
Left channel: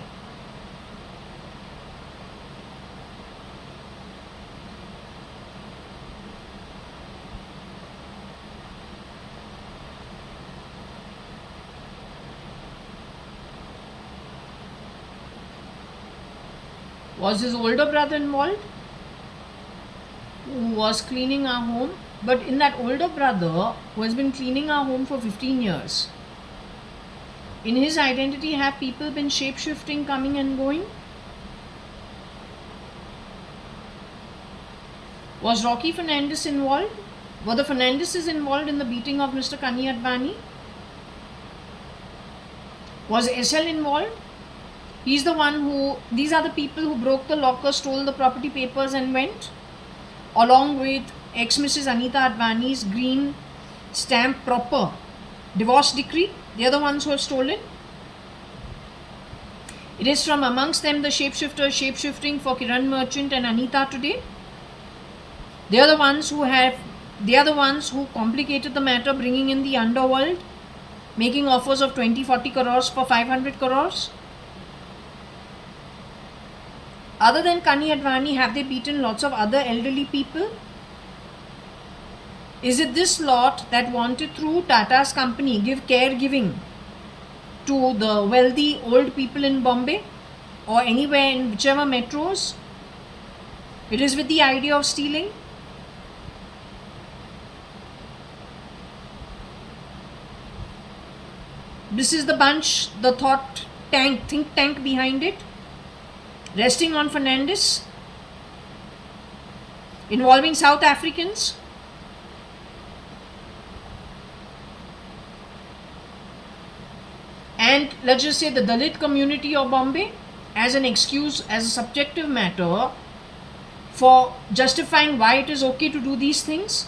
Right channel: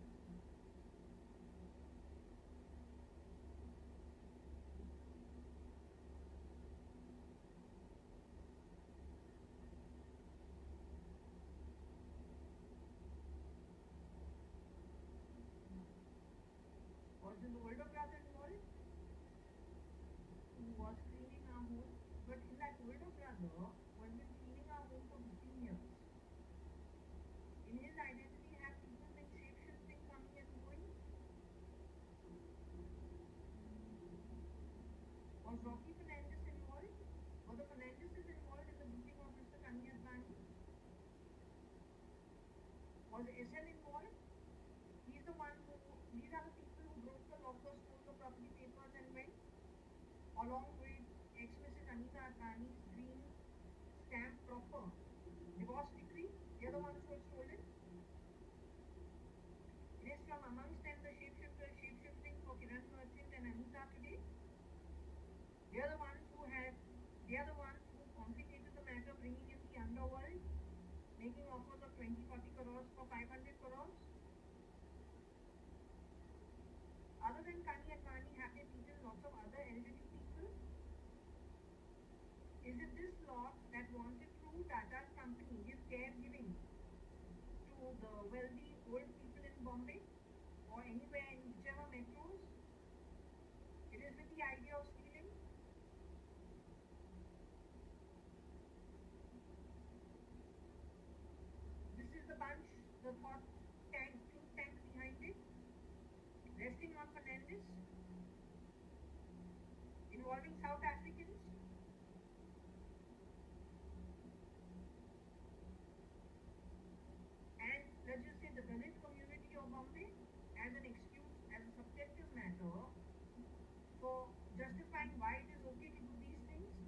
Was his older brother involved, who was cleaning our home? But in that older brother, who has been cleaning our home for 15 years, in his identity, have people been shape-shifting, coming and going? Was Rocky Fernandez involved? Were the Fernandezes involved in the beating of Mr. Kani Advani? Was SL involved? He's the one who, these are the people who broke the locker, stole the property papers and went, along with ex-Mrs. Anita Advani's green stamp proper divorce decree. They are the ones who have stolen. It is from amongst them the shapeshifters shapeshifting for Kiran Merchant and Anita today. They are the ones who complicated the matter, bringing in the underworld, making offers of 20-40 crores for 500 crores. Other than Kani Advani, have they beaten lots of other elderly people? Is it this lot that wanted through Tata's company give caregiving to the wealthy old people in Bombay or anywhere in whichever metros? It is with the idea of stealing. This is the bunch, the think tank behind it, resting on Fernandez, involving South Africans. And let's just say the Dalit community of Bombay as an excuse, as a subjective matter for justifying why it is okay to do these things.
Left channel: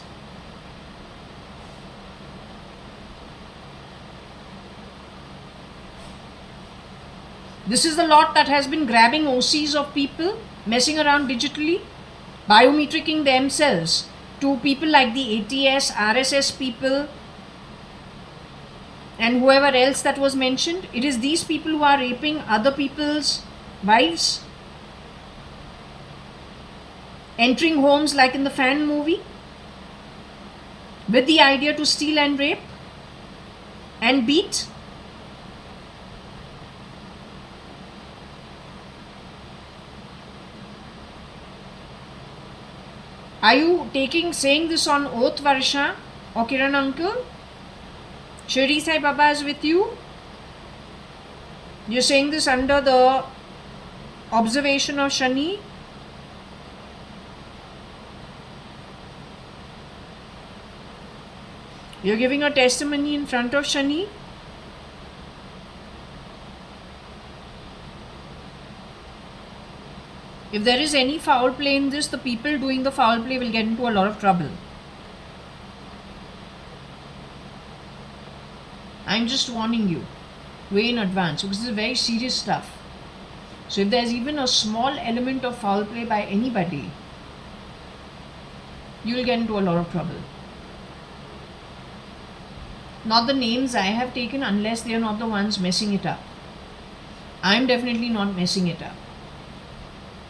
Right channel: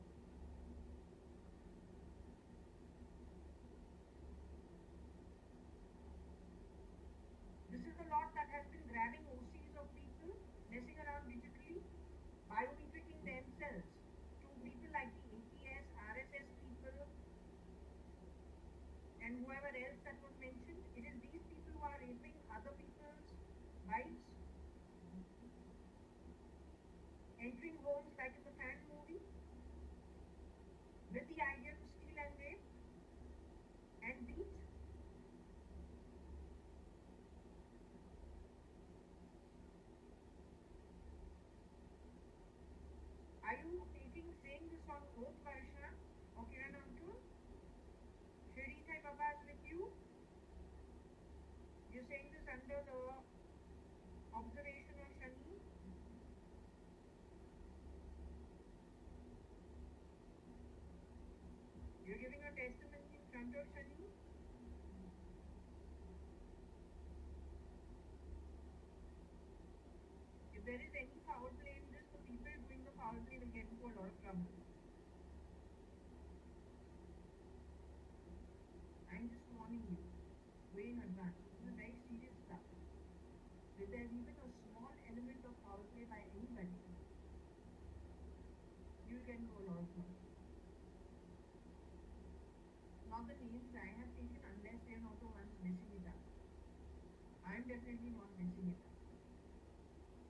This is the lot that has been grabbing OCs of people, messing around digitally, biometricking themselves to people like the ATS, RSS people, and whoever else that was mentioned. It is these people who are raping other people's wives, entering homes like in the Fan movie, with the idea to steal and rape and beat. Are you saying this on oath, Varsha or Kiran uncle? Shirdi Sai Baba is with you? You're saying this under the observation of Shani? You're giving a testimony in front of Shani? If there is any foul play in this, the people doing the foul play will get into a lot of trouble. I'm just warning you way in advance, because this is very serious stuff. So if there's even a small element of foul play by anybody, you will get into a lot of trouble. Not the names I have taken, unless they are not the ones messing it up. I'm definitely not messing it up.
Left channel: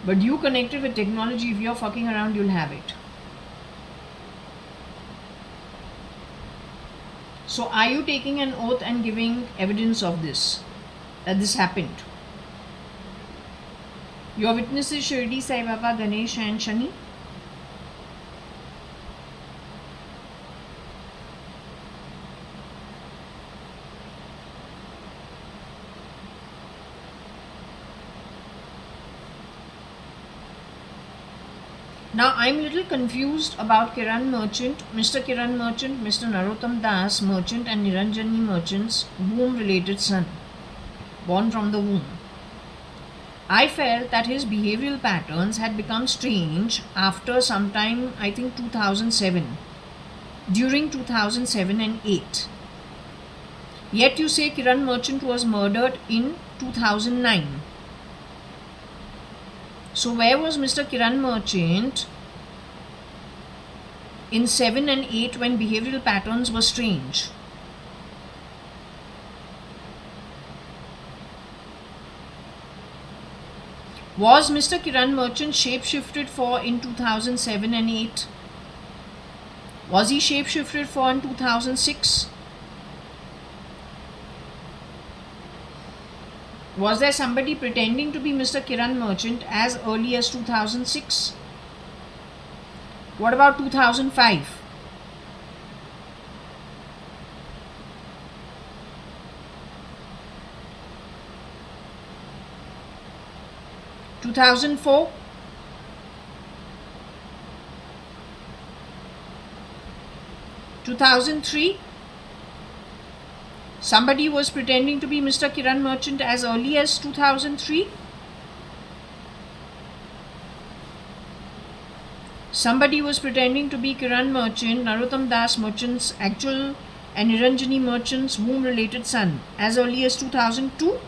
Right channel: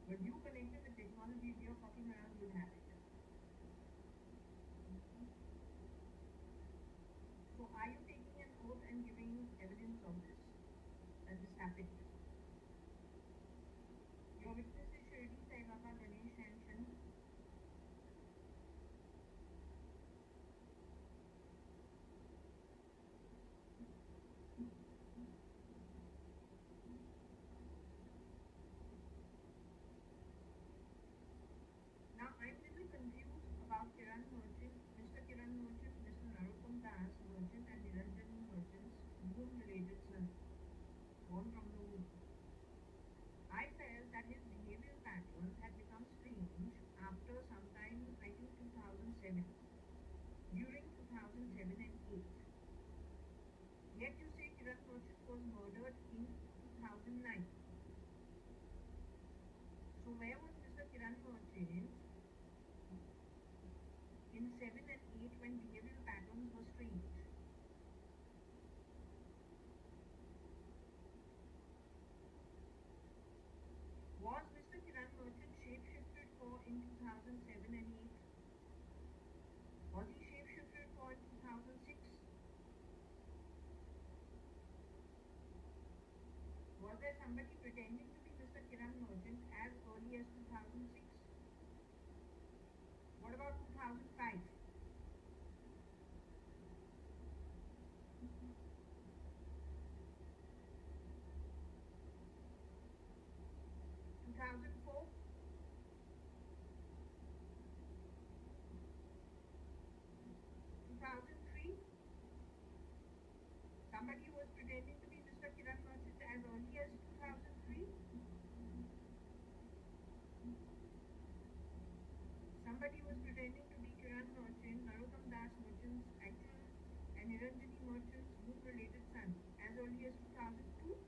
But you connected with technology, if you're fucking around, you'll have it. So are you taking an oath and giving evidence of this, that this happened? Your witnesses Shirdi Sai Baba, Ganesh and Shani? Now I'm a little confused about Kiran Merchant, Mr. Kiran Merchant, Mr. Narottam Das Merchant and Niranjani Merchant's womb-related son, born from the womb. I felt that his behavioral patterns had become strange after sometime, I think 2007, during 2007 and 8. Yet you say Kiran Merchant was murdered in 2009. So where was Mr. Kiran Merchant in 7 and 8 when behavioral patterns were strange? Was Mr. Kiran Merchant shape-shifted for in 2007 and 8? Was he shape-shifted for in 2006? Was there somebody pretending to be Mr. Kiran Merchant as early as 2006? What about 2005? Two 2004? 2003? Somebody was pretending to be Mr. Kiran Merchant as early as 2003. Somebody was pretending to be Kiran Merchant, Narottam Das Merchant's actual and Niranjani Merchant's womb-related son as early as 2002.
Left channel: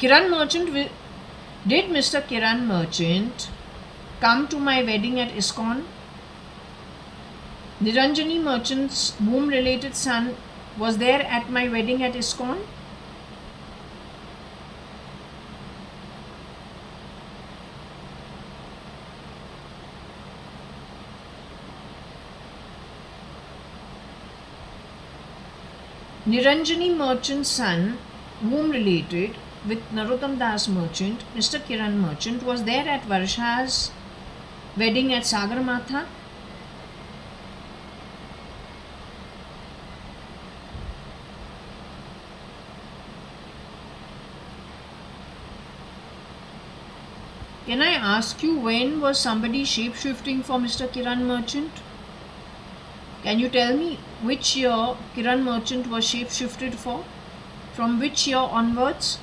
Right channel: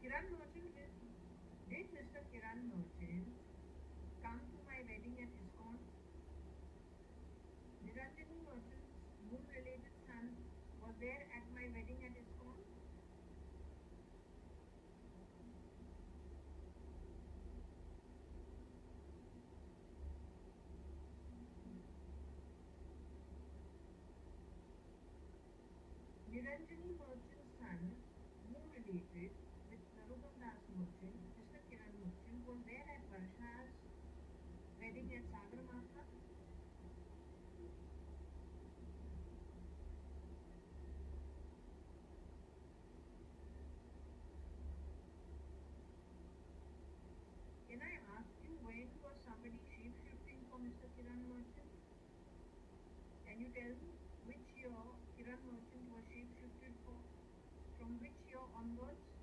Kiran Merchant, did Mr. Kiran Merchant come to my wedding at ISKCON? Niranjani Merchant's womb-related son was there at my wedding at ISKCON? Niranjani Merchant's son, womb related with Narottam Das Merchant, Mr. Kiran Merchant, was there at Varsha's wedding at Sagarmatha. Can I ask you, when was somebody shape-shifting for Mr. Kiran Merchant? Can you tell me which year Kiran Merchant was shape-shifted for? From which year onwards?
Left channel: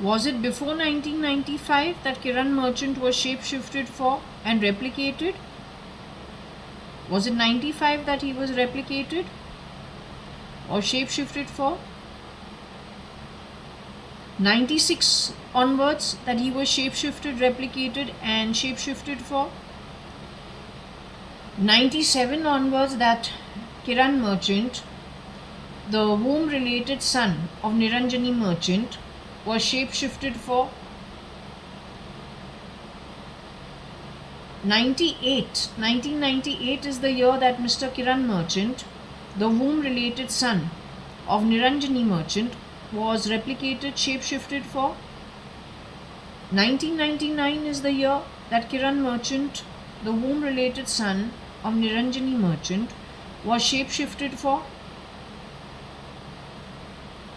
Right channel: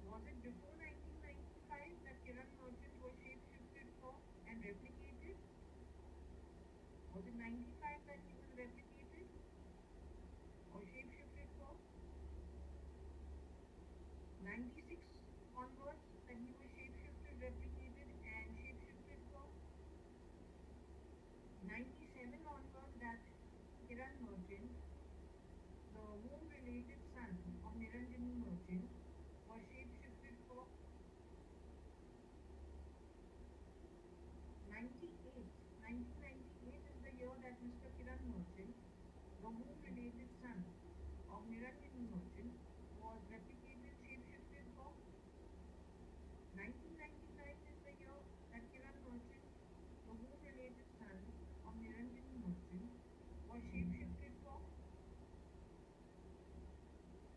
Was it before 1995 that Kiran Merchant was shape-shifted for and replicated? Was it 95 that he was replicated or shape-shifted for? 96 onwards that he was shapeshifted, replicated and shapeshifted for. 97 onwards that Kiran Merchant, the womb related son of Niranjani Merchant, was shapeshifted for. 1998 is the year that Mr. Kiran Merchant, the womb related son of Niranjani Merchant, was replicated, shapeshifted for. 1999 is the year that Kiran Merchant, the womb related son of Niranjani Merchant, was shapeshifted for.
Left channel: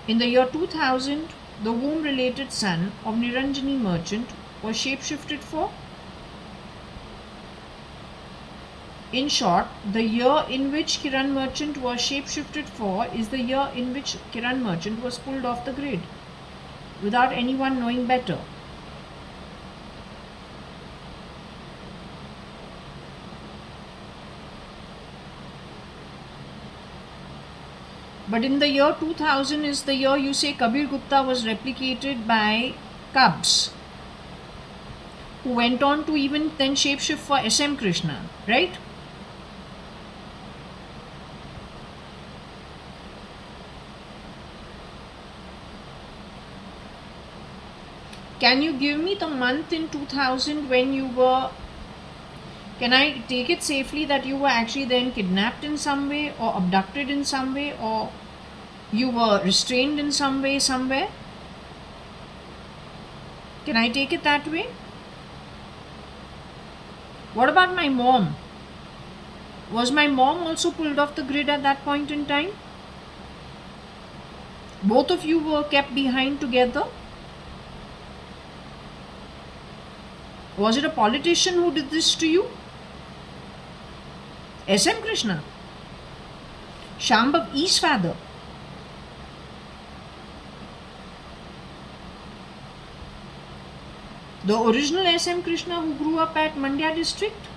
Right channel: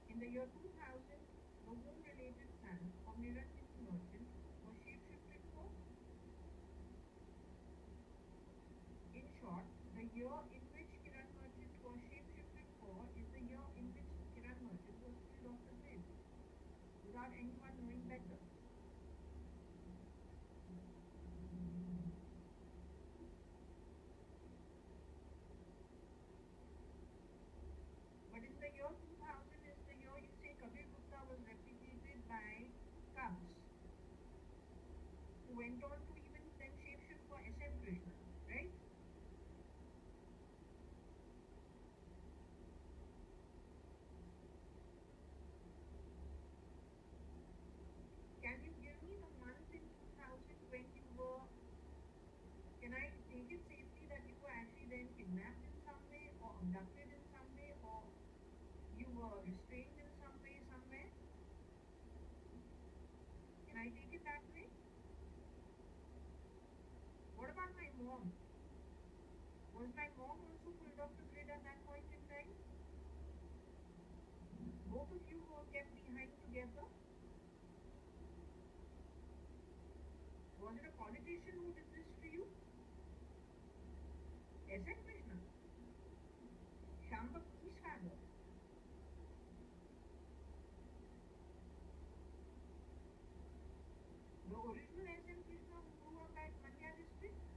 In the year 2000, the womb related son of Niranjani Merchant was shapeshifted for. In short, the year in which Kiran Merchant was shapeshifted for is the year in which Kiran Merchant was pulled off the grid without anyone knowing better. But in the year 2000 is the year you say Kabir Gupta was replicated by Cubs, who went on to even then shapeshift for SM Krishna, right? Can you give me the month in 2000 when you were, can I take it safely that you were actually then kidnapped in some way or abducted in some way or you were restrained in some way somewhere? Can I take it that way? What about my mom? Was my mom also pulled off the grid at that point in time? Both of you were kept behind together? Was it a politician who did this to you? SM Krishna, Shambhav E's father. The original SM Krishna who grew up at Mandya district?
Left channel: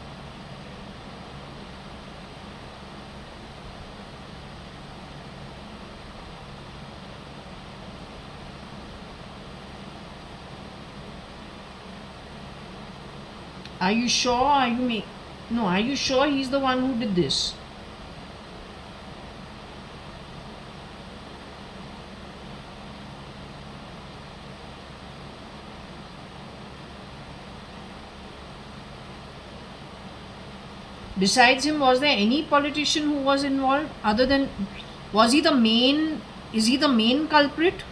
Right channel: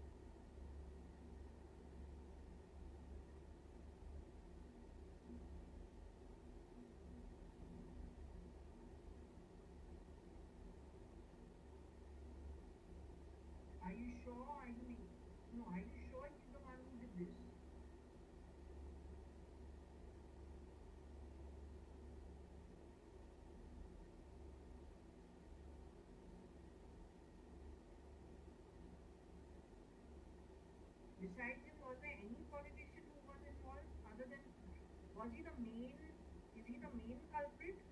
Are you sure? Are you sure he's the one who did this? Besides him, was there any politician who was involved other than, is he the main culprit?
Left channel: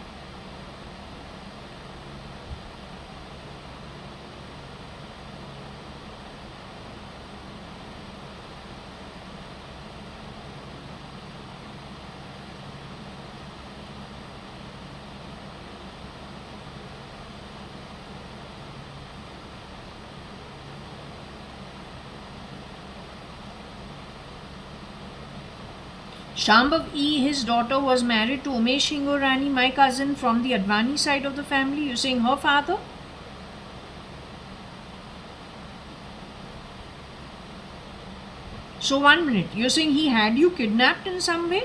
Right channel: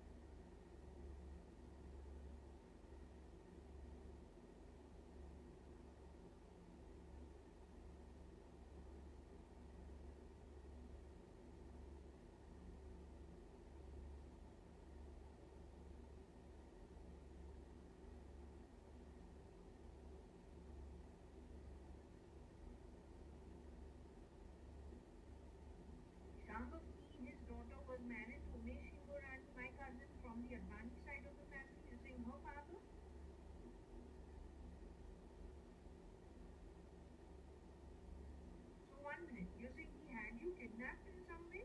Shambhav E, his daughter, was married to Umesh Hingorani, my cousin from the Advani side of the family. You're saying her father? So 1 minute, you're saying he had you kidnapped in some way?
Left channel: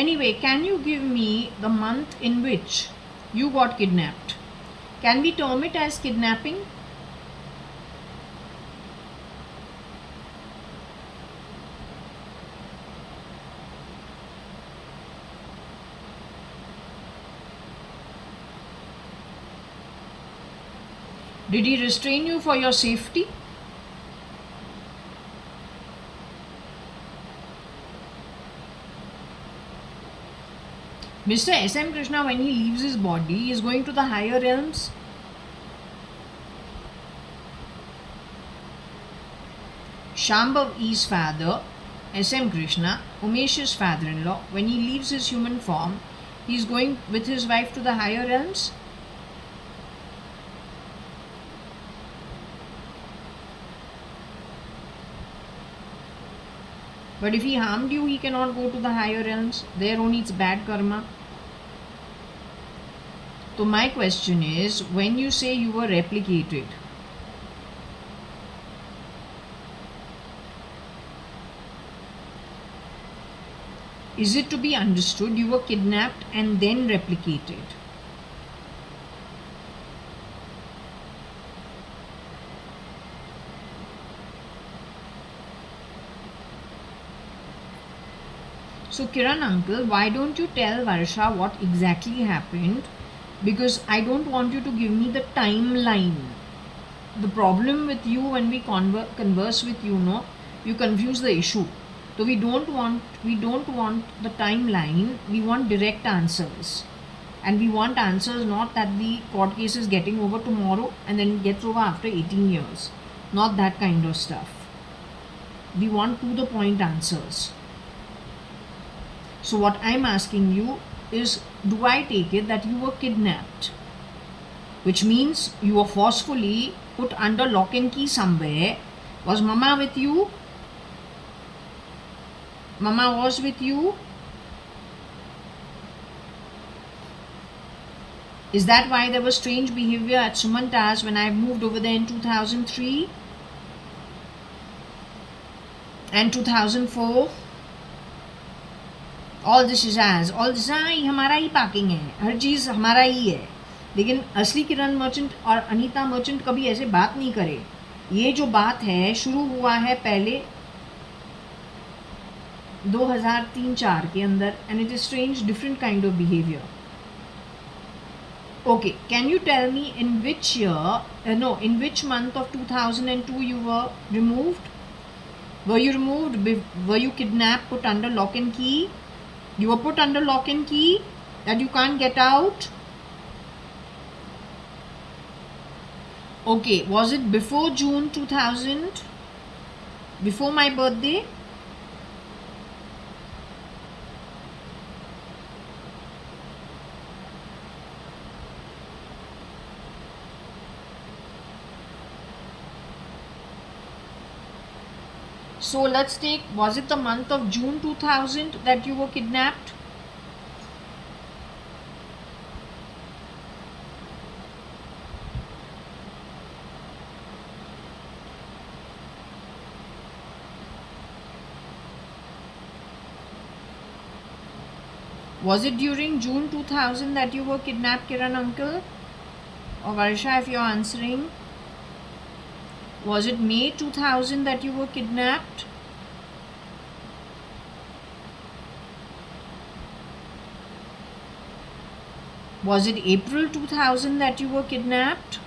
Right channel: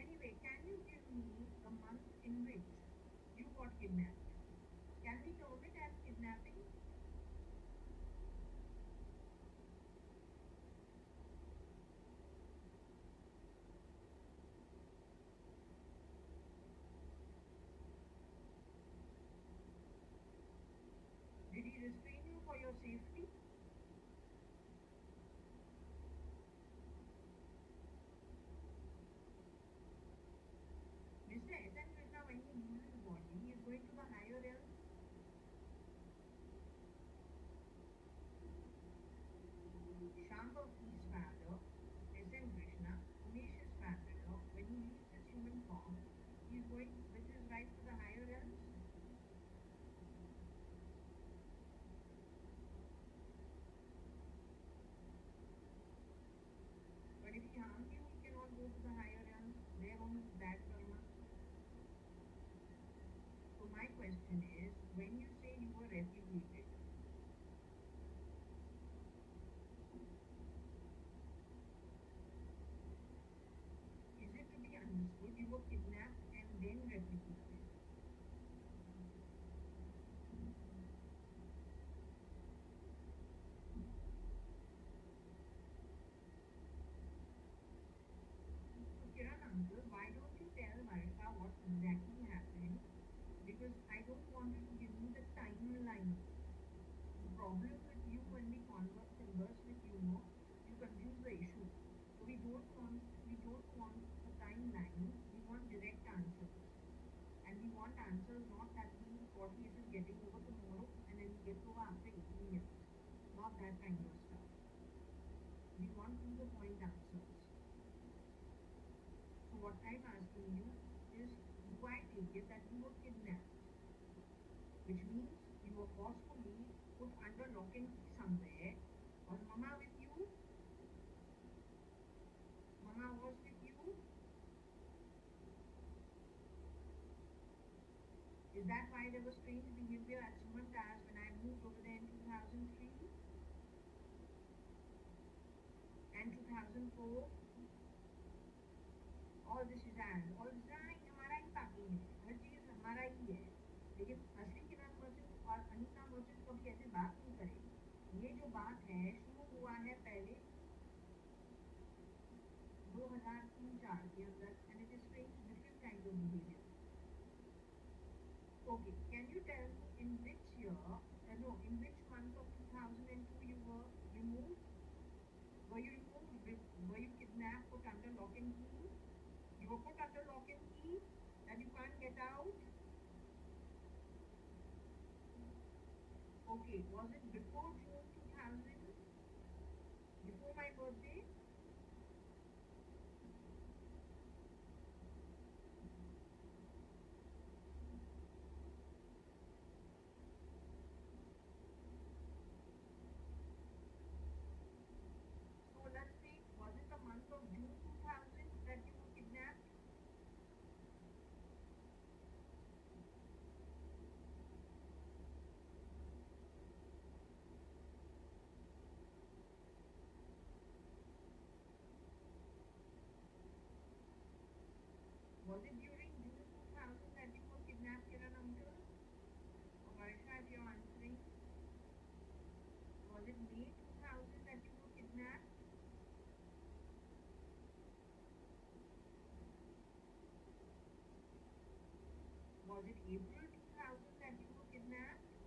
Anyway, can you give me the month in which you got kidnapped? Can we term it as kidnapping? Did he restrain you for your safety? Mr. SM Krishna, when he leaves his body, is going to the higher realms. Shambhav E's father, SM Krishna, Umesh's father-in-law, when he leaves his human form, he is going with his wife to the higher realms. But if he harmed you, he cannot go to the higher realms. There only it's bad karma. So my question is, when you say you were replicated, is it to be understood you were kidnapped and then replicated? So Kiran uncle, why don't you tell Varsha what exactly happened? Because I don't want you to give me the timeline. The problem with you when we converse with you, no, you confuse the issue. So we don't want the timeline. We want direct answers, and we want answers not that the court case is getting over tomorrow and then gets over after 18 years. Not that kind of stuff. We want to the point answers. So what I'm asking you is, do I take it that you were kidnapped? Which means you were forcefully put under lock and key somewhere. Was Mama with you? Mama was with you? Is that why there was strange behavior at Sumanta's when I moved over there in 2003 and 2004? All this is as, all this हमारा ही parking है, हर चीज़ हमारा ही है. लेकिन असली किरण merchant और Anita merchant कभी ऐसे बात नहीं करे. ये जो बात है शुरू हुआ है पहले 2003-4 के अंदर, and it is strange, different kind of behavior. Okay, can you tell me in which year, in which month of 2002 you were removed? Were you removed? Were you kidnapped, put under lock and key? You were put under lock and key that you can't get out? Okay, was it before June 2000? Before my birthday? So let's take, was it the month of June 2000 that you were kidnapped? Was it during June 2000 that you were kidnapped, Kiran uncle? Or Varsha, if you're answering? Was it May 2000 that you were kidnapped? Was it April 2000 that you were kidnapped?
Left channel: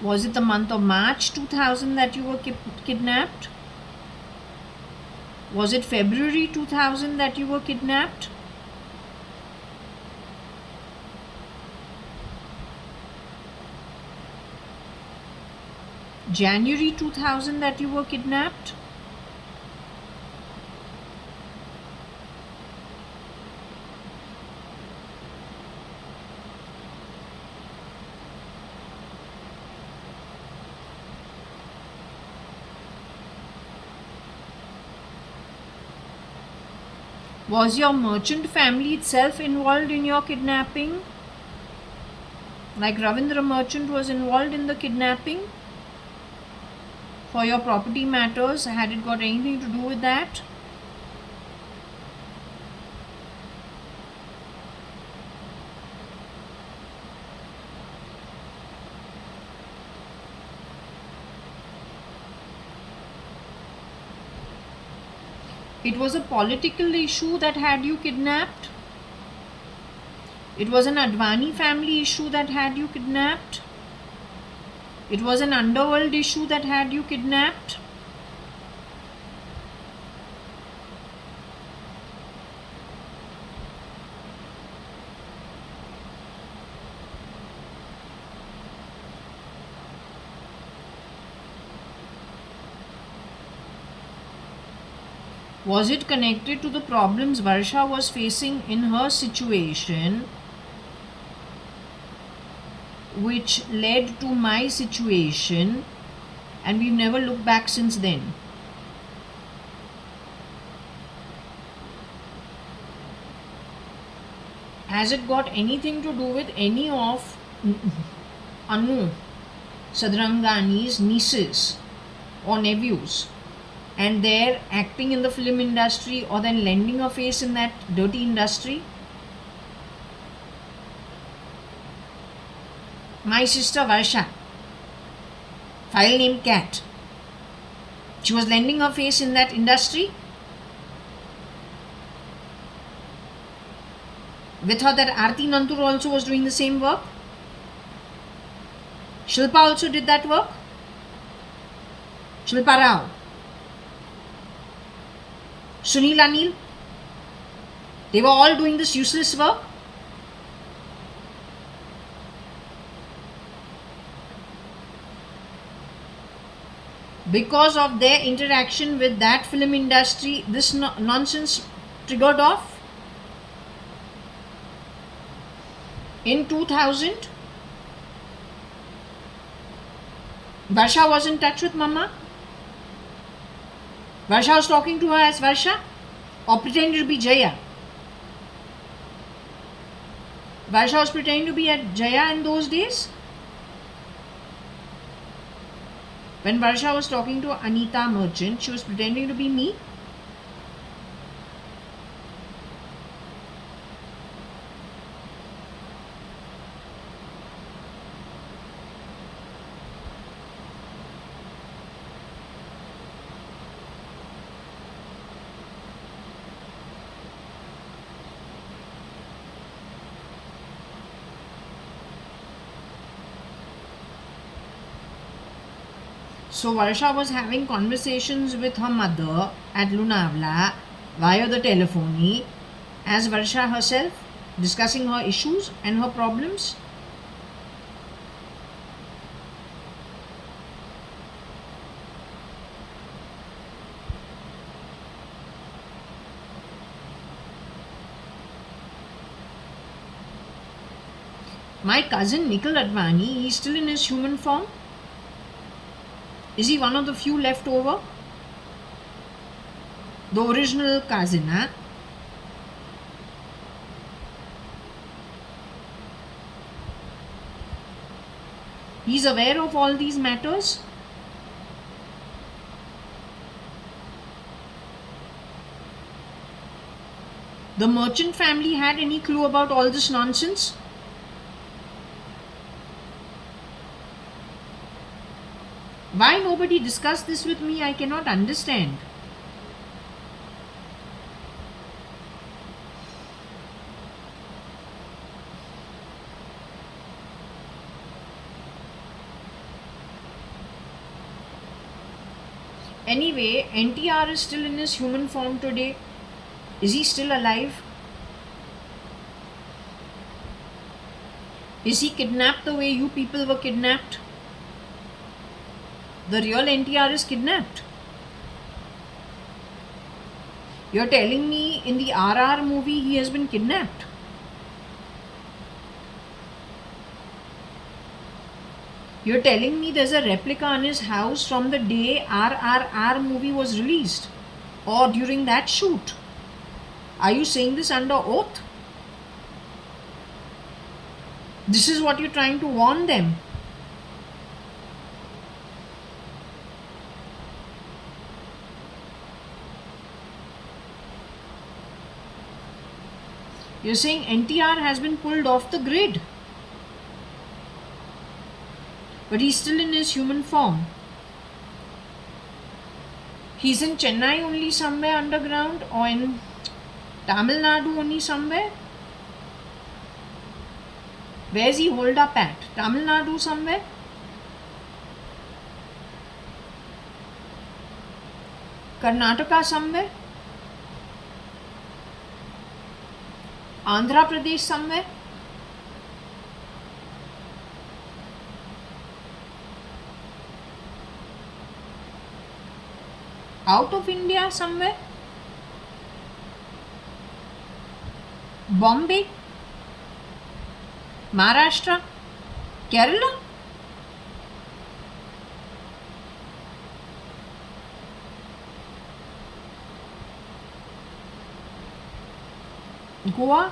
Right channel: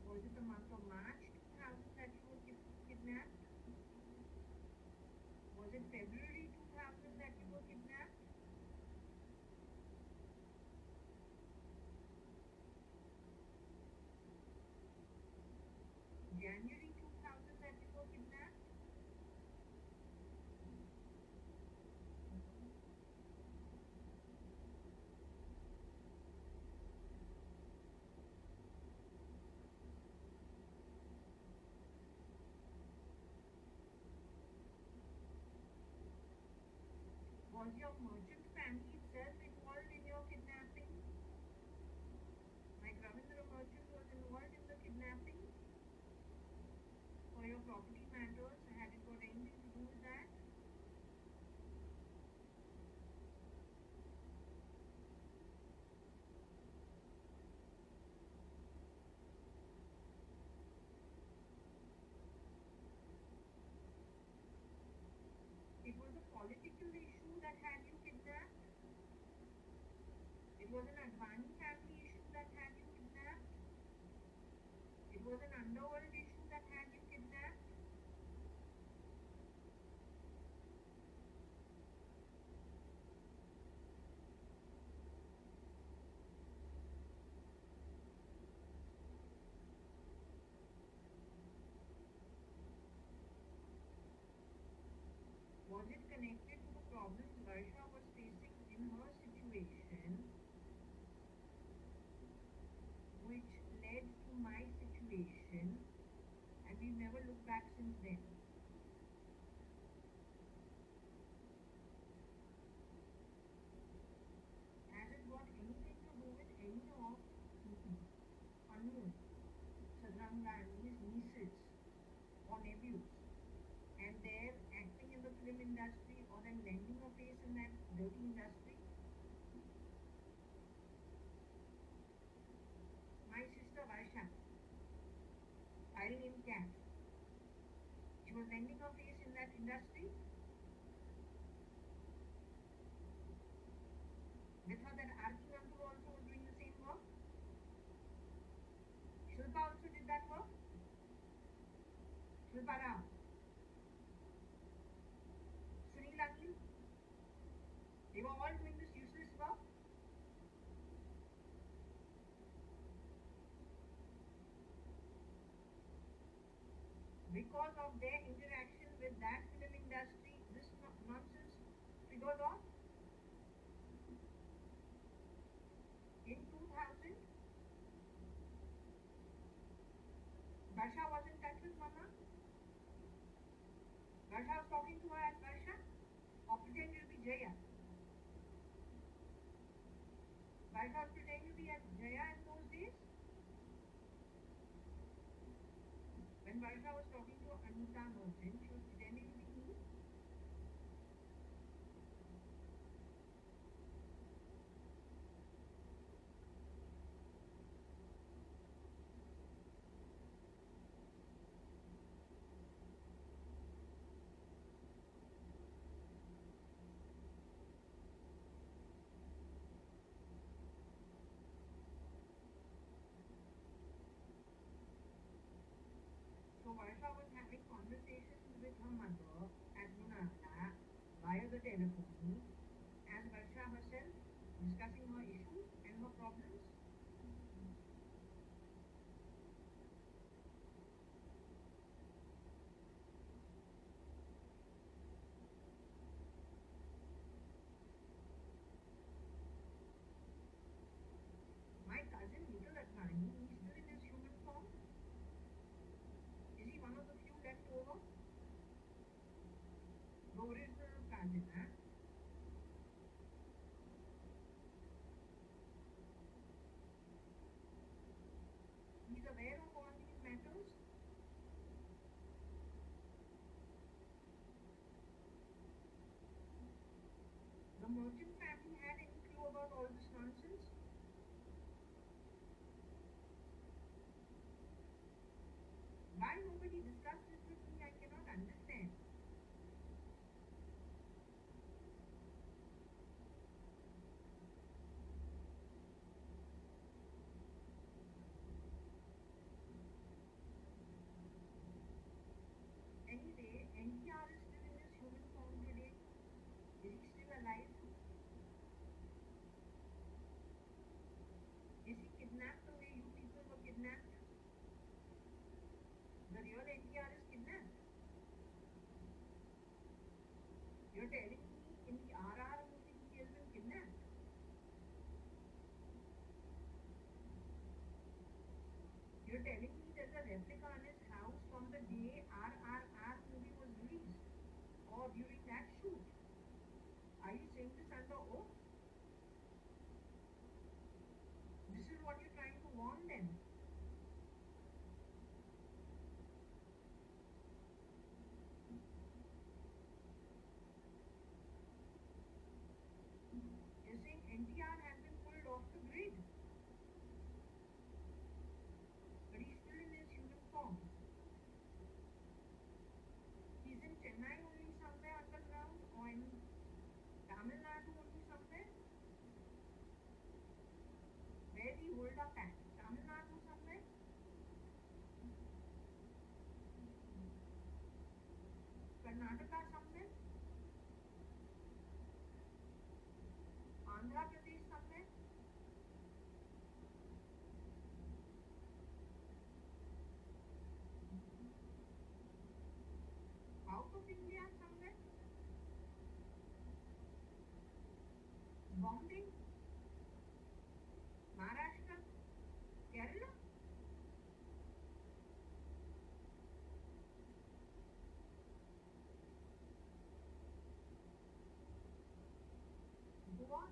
Was it the month of March 2000 that you were kidnapped? Was it February 2000 that you were kidnapped? January 2000 that you were kidnapped? Was your merchant family itself involved in your kidnapping? Like Ravindra merchant was involved in the kidnapping? For your property matters, had it got anything to do with that? It was a political issue that had you kidnapped? It was an Advani family issue that had you kidnapped? It was an underworld issue that had you kidnapped? Was it connected to the problems Varsha was facing in her situation, which led to my situation, and we've never looked back since then? Has it got anything to do with any of Anu Sadrangani's nieces or nephews, and they're acting in the film industry or then lending a face in that dirty industry? My sister Varsha, file name Cat, she was lending her face in that industry. With her, that Aarti Nantur also was doing the same work. Shilpa also did that work. Shilpa Rao, Sunil Anil, they were all doing this useless work. Because of their interaction with that film industry, this nonsense triggered off. In 2000, Varsha was in touch with Mama. Varsha was talking to her as Varsha, or pretending to be Jaya. Varsha was pretending to be at Jaya in those days. When Varsha was talking to Anita Merchant, she was pretending to be me. So Varsha was having conversations with her mother at Lonavala via the telephony as Varsha herself, discussing her issues and her problems. My cousin Nikhil Advani, he's still in his human form. Is he one of the few left over? The original cousin, huh? He's aware of all these matters. The Merchant family had any clue about all this nonsense? Why nobody discussed this with me, I cannot understand. Anyway, NTR is still in his human form today. Is he still alive? Is he kidnapped the way you people were kidnapped? The real NTR is kidnapped. You're telling me in the RR movie he has been kidnapped? You're telling me there's a replica in his house from the day RRR movie was released, or during that shoot? Are you saying this under oath? This is what you're trying to warn them. You're saying NTR has been pulled off the grid. But he's still in his human form. He's in Chennai only somewhere underground, or in Tamil Nadu only somewhere. Where's he holed up at? Tamil Nadu somewhere? Karnataka somewhere? Andhra Pradesh somewhere? Out of India somewhere? Bombay? Maharashtra? Kerala? Goa?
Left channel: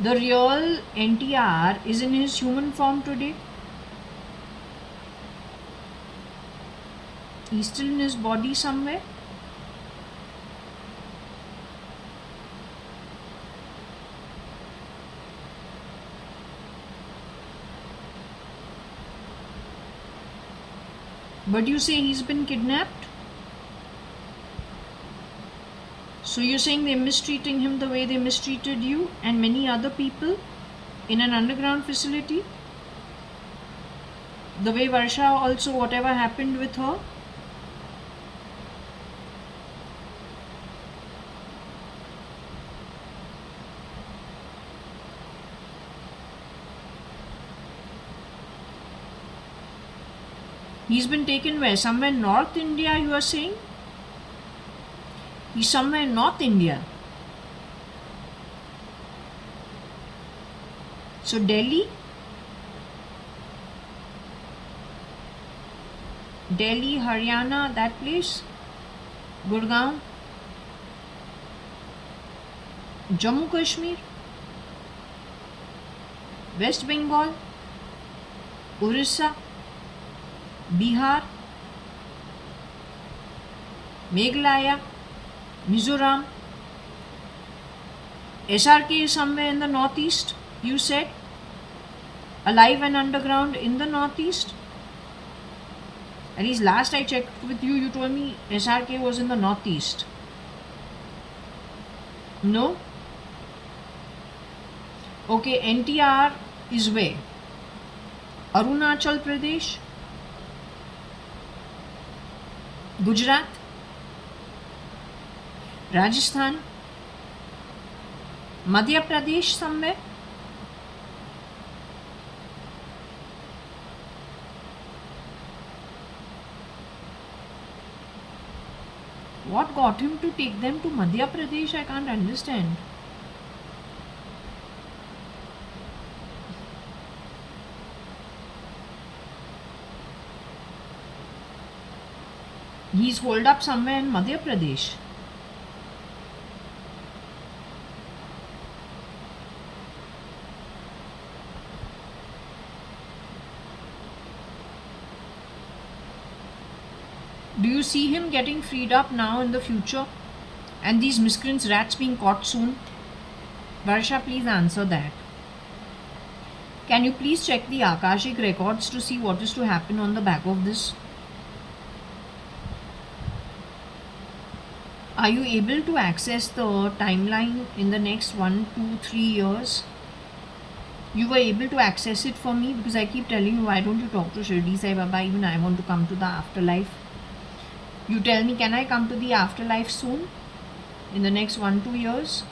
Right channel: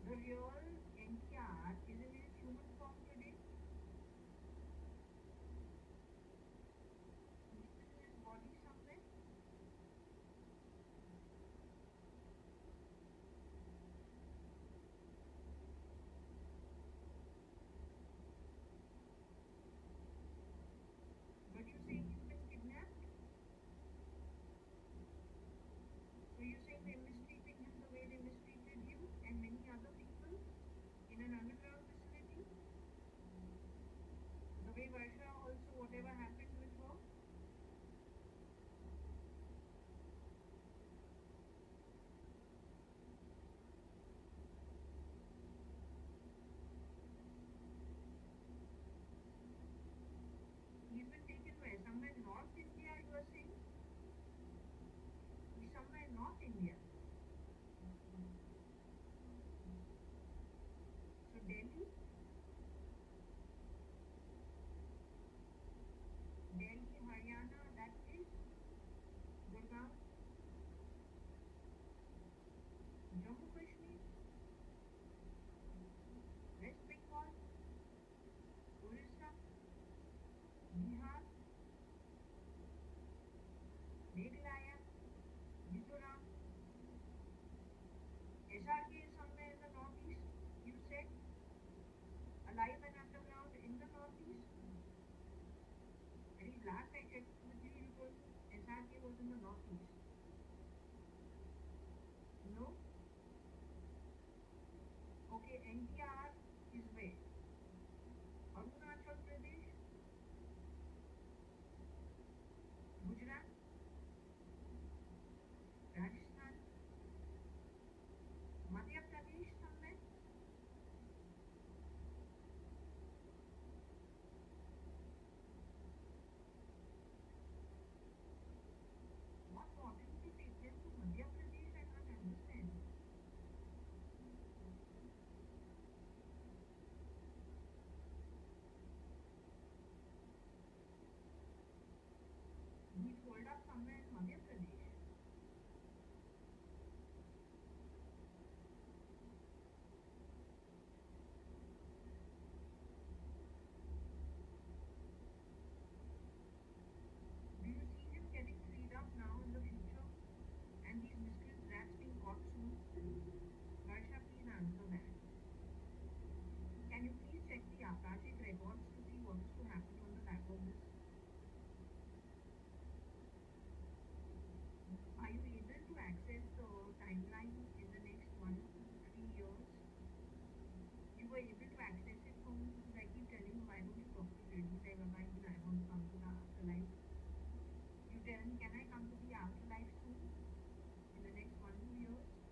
the real NTR is in his human form today. He's still in his body somewhere. But you say he's been kidnapped? So you're saying they're mistreating him the way they mistreated you and many other people in an underground facility? The way Varsha also, whatever happened with her? He's been taken where? Somewhere North India, you are saying? He's somewhere in North India. So Delhi, Haryana, that place, Gurgaon, Jammu Kashmir, West Bengal, Orissa, Bihar, Meghalaya, Mizoram. SRK is somewhere in the northeast, you said? Alive and underground in the northeast? At least last I checked with you, you told me SRK was in the northeast. No? Okay, NTR is where? Arunachal Pradesh? Gujarat? Rajasthan? Madhya Pradesh somewhere? What got him to take them to Madhya Pradesh? I can't understand. He's holed up somewhere in Madhya Pradesh. Do you see him getting freed up now in the future? And these miscreants rats being caught soon? Varsha, please answer that. Can you please check the Akashic records to see what is to happen on the back of this? Are you able to access the timeline in the next 1, 2, 3 years? You were able to access it for me because I keep telling you, why don't you talk to Shirdi Sai Baba? Even I want to come to the afterlife. You tell me, can I come to the afterlife soon? In the next 1, 2 years?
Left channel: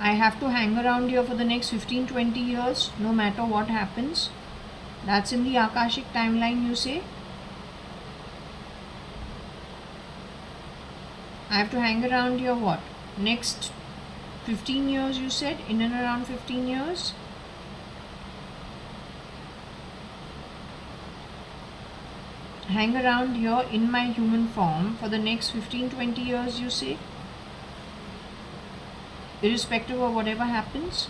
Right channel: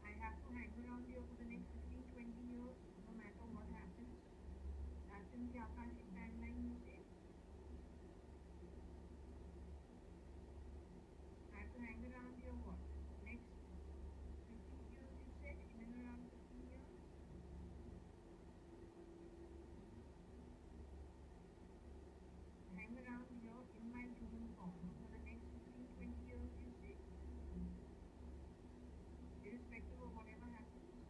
I have to hang around here for the next 15, 20 years, no matter what happens. That's in the Akashic timeline, you say? I have to hang around here what? Next 15 years, you said? In and around 15 years? Hang around here in my human form for the next 15, 20 years, you say? Irrespective of whatever happens?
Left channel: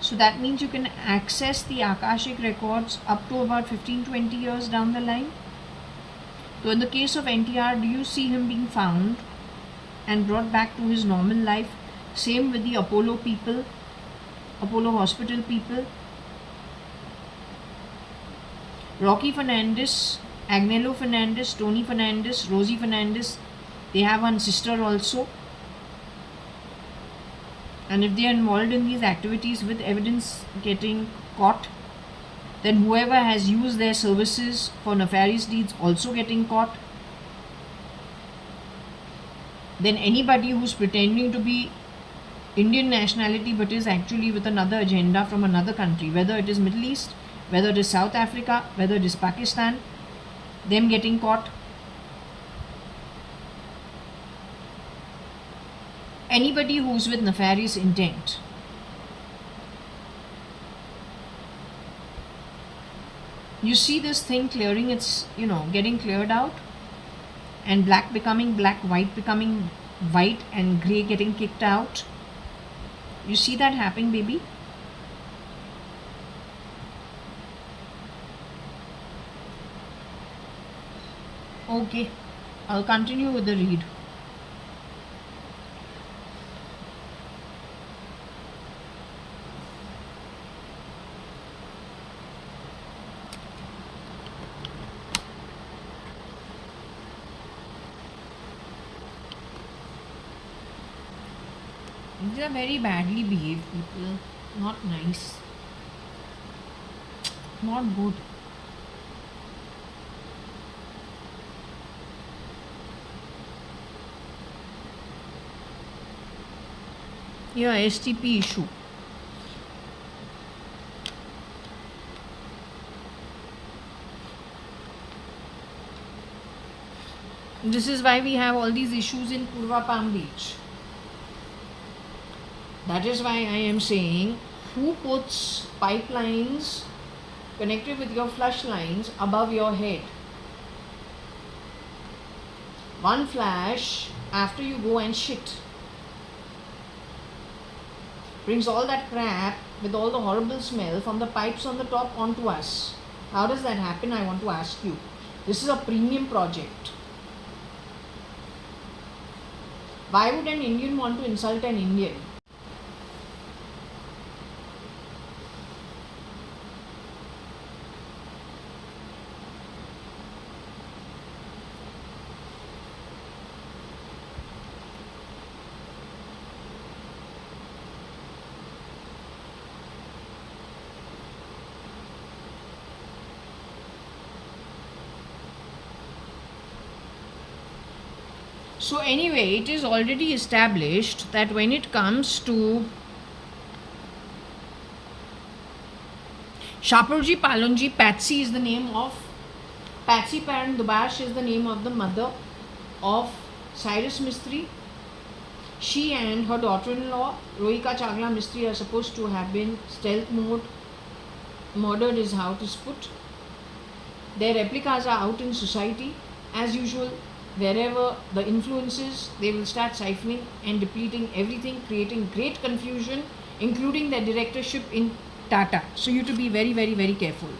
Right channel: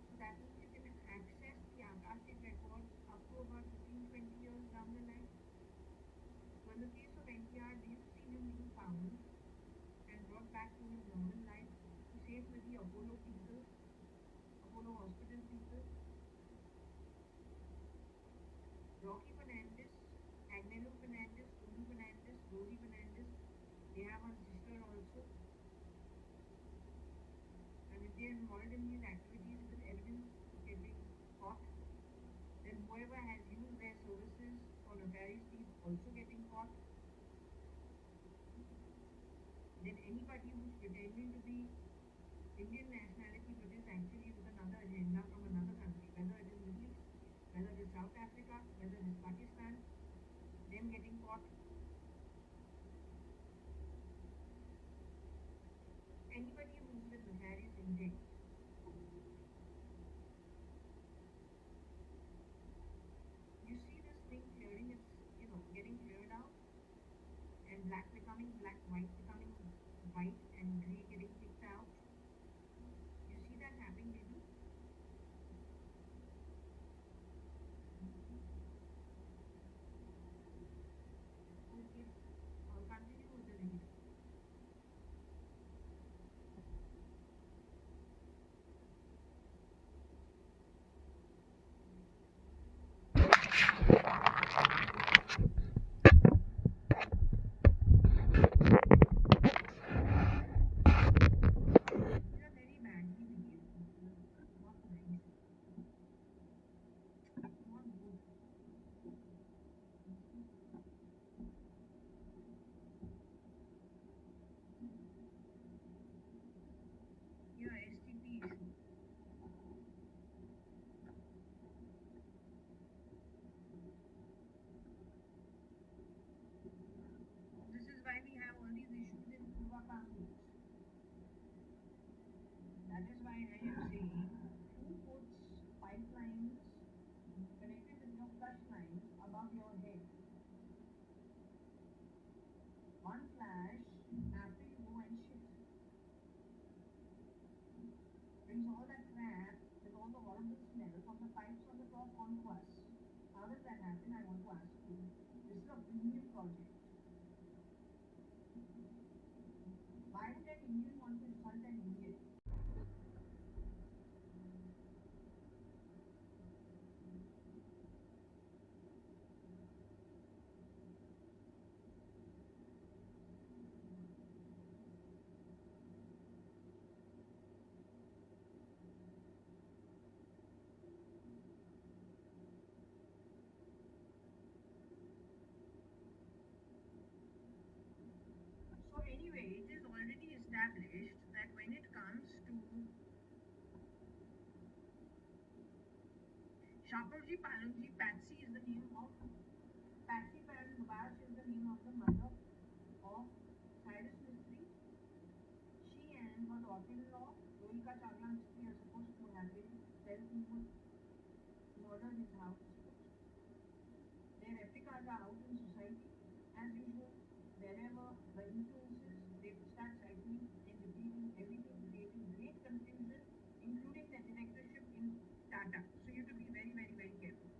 So that means you can access the Akashic records up to about 15, 20 years down the line? So in the case of NTR, do you see him being found and brought back to his normal life? Same with the Apollo people, Apollo hospital people. Rocky Fernandez, Agnello Fernandez, Tony Fernandez, Rosie Fernandez, they have one sister also. And if they are involved in these activities with evidence getting caught, then whoever has used their services for nefarious deeds also getting caught. Then anybody who's pretending to be Indian nationality but is actually with another agenda from another country, whether it is Middle East, whether it is South Africa, whether it is Pakistan, them getting caught. Anybody who's with nefarious intent. You see this thing clearing its, getting cleared out, and black becoming black, white becoming white, and gray getting kicked out. You see that happening, baby? Okay, I'll continue with the read. These are very badly behaved people. Not nice. Not good. Yeah, STP issue. This is why we have all these issues in Purva Palm Beach. That is why I am saying, who puts pipelines connected with your flush lines above your head? One flash after you go and shit brings all that crap with all the horrible smell from the pipes on the top onto us. How does that happen? I want to ask you. This is a premium project. Why would an Indian want to insult an Indian? So anyway, it is already established that when it comes to Shapurji Palonji, Patsy is the name of Patsy Paran Dubash is the name of the mother of Cyrus Mistry. She and her daughter-in-law Rohika Chagla Mistry are supposed to have been stealth murdered is how it is put. Their replicas are out in society as usual. Wherever the influences, they will start siphoning and depleting everything, creating great confusion, including their directorship in Tata. So you have to be very, very, very careful.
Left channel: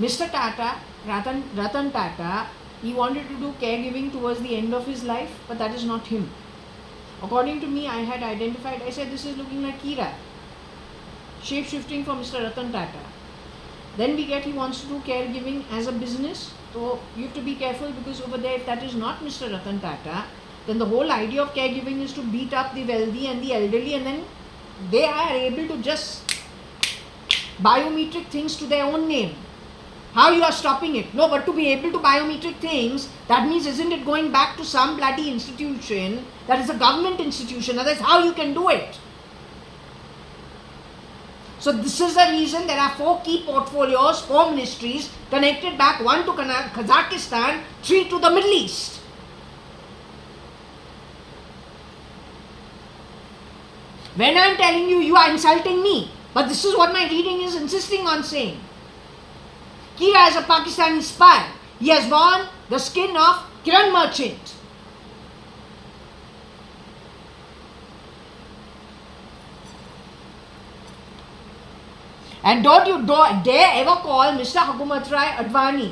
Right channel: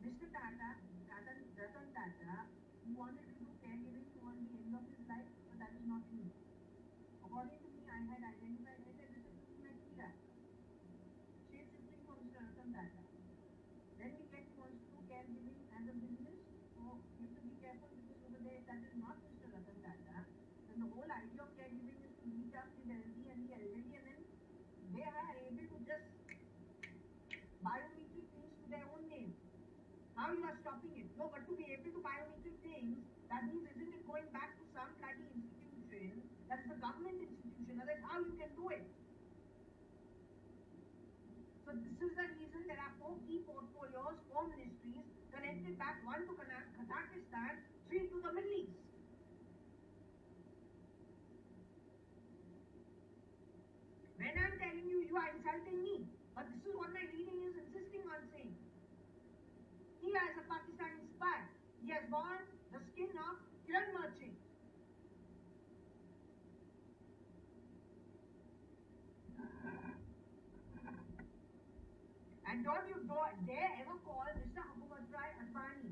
Mr. Tata, Ratan Tata, he wanted to do caregiving towards the end of his life, but that is not him. According to me, I had identified, I said this is looking like Kira, shape-shifting for Mr. Ratan Tata. Then we get he wants to do caregiving as a business. So you have to be careful, because over there, if that is not Mr. Ratan Tata, then the whole idea of caregiving is to beat up the wealthy and the elderly, and then they are able to just biometric things to their own name. How you are stopping it? No, but to be able to biometric things, that means isn't it going back to some bloody institution that is a government institution? That is how you can do it. So this is the reason there are 4 key portfolios, 4 ministries connected back, 1 to Kazakhstan, 3 to the Middle East. When I am telling you, you are insulting me. But this is what my reading is insisting on saying. Kira is a Pakistani spy. He has worn the skin of Kiran Merchant. And don't you dare ever call Mr. Hukumat Rai Advani,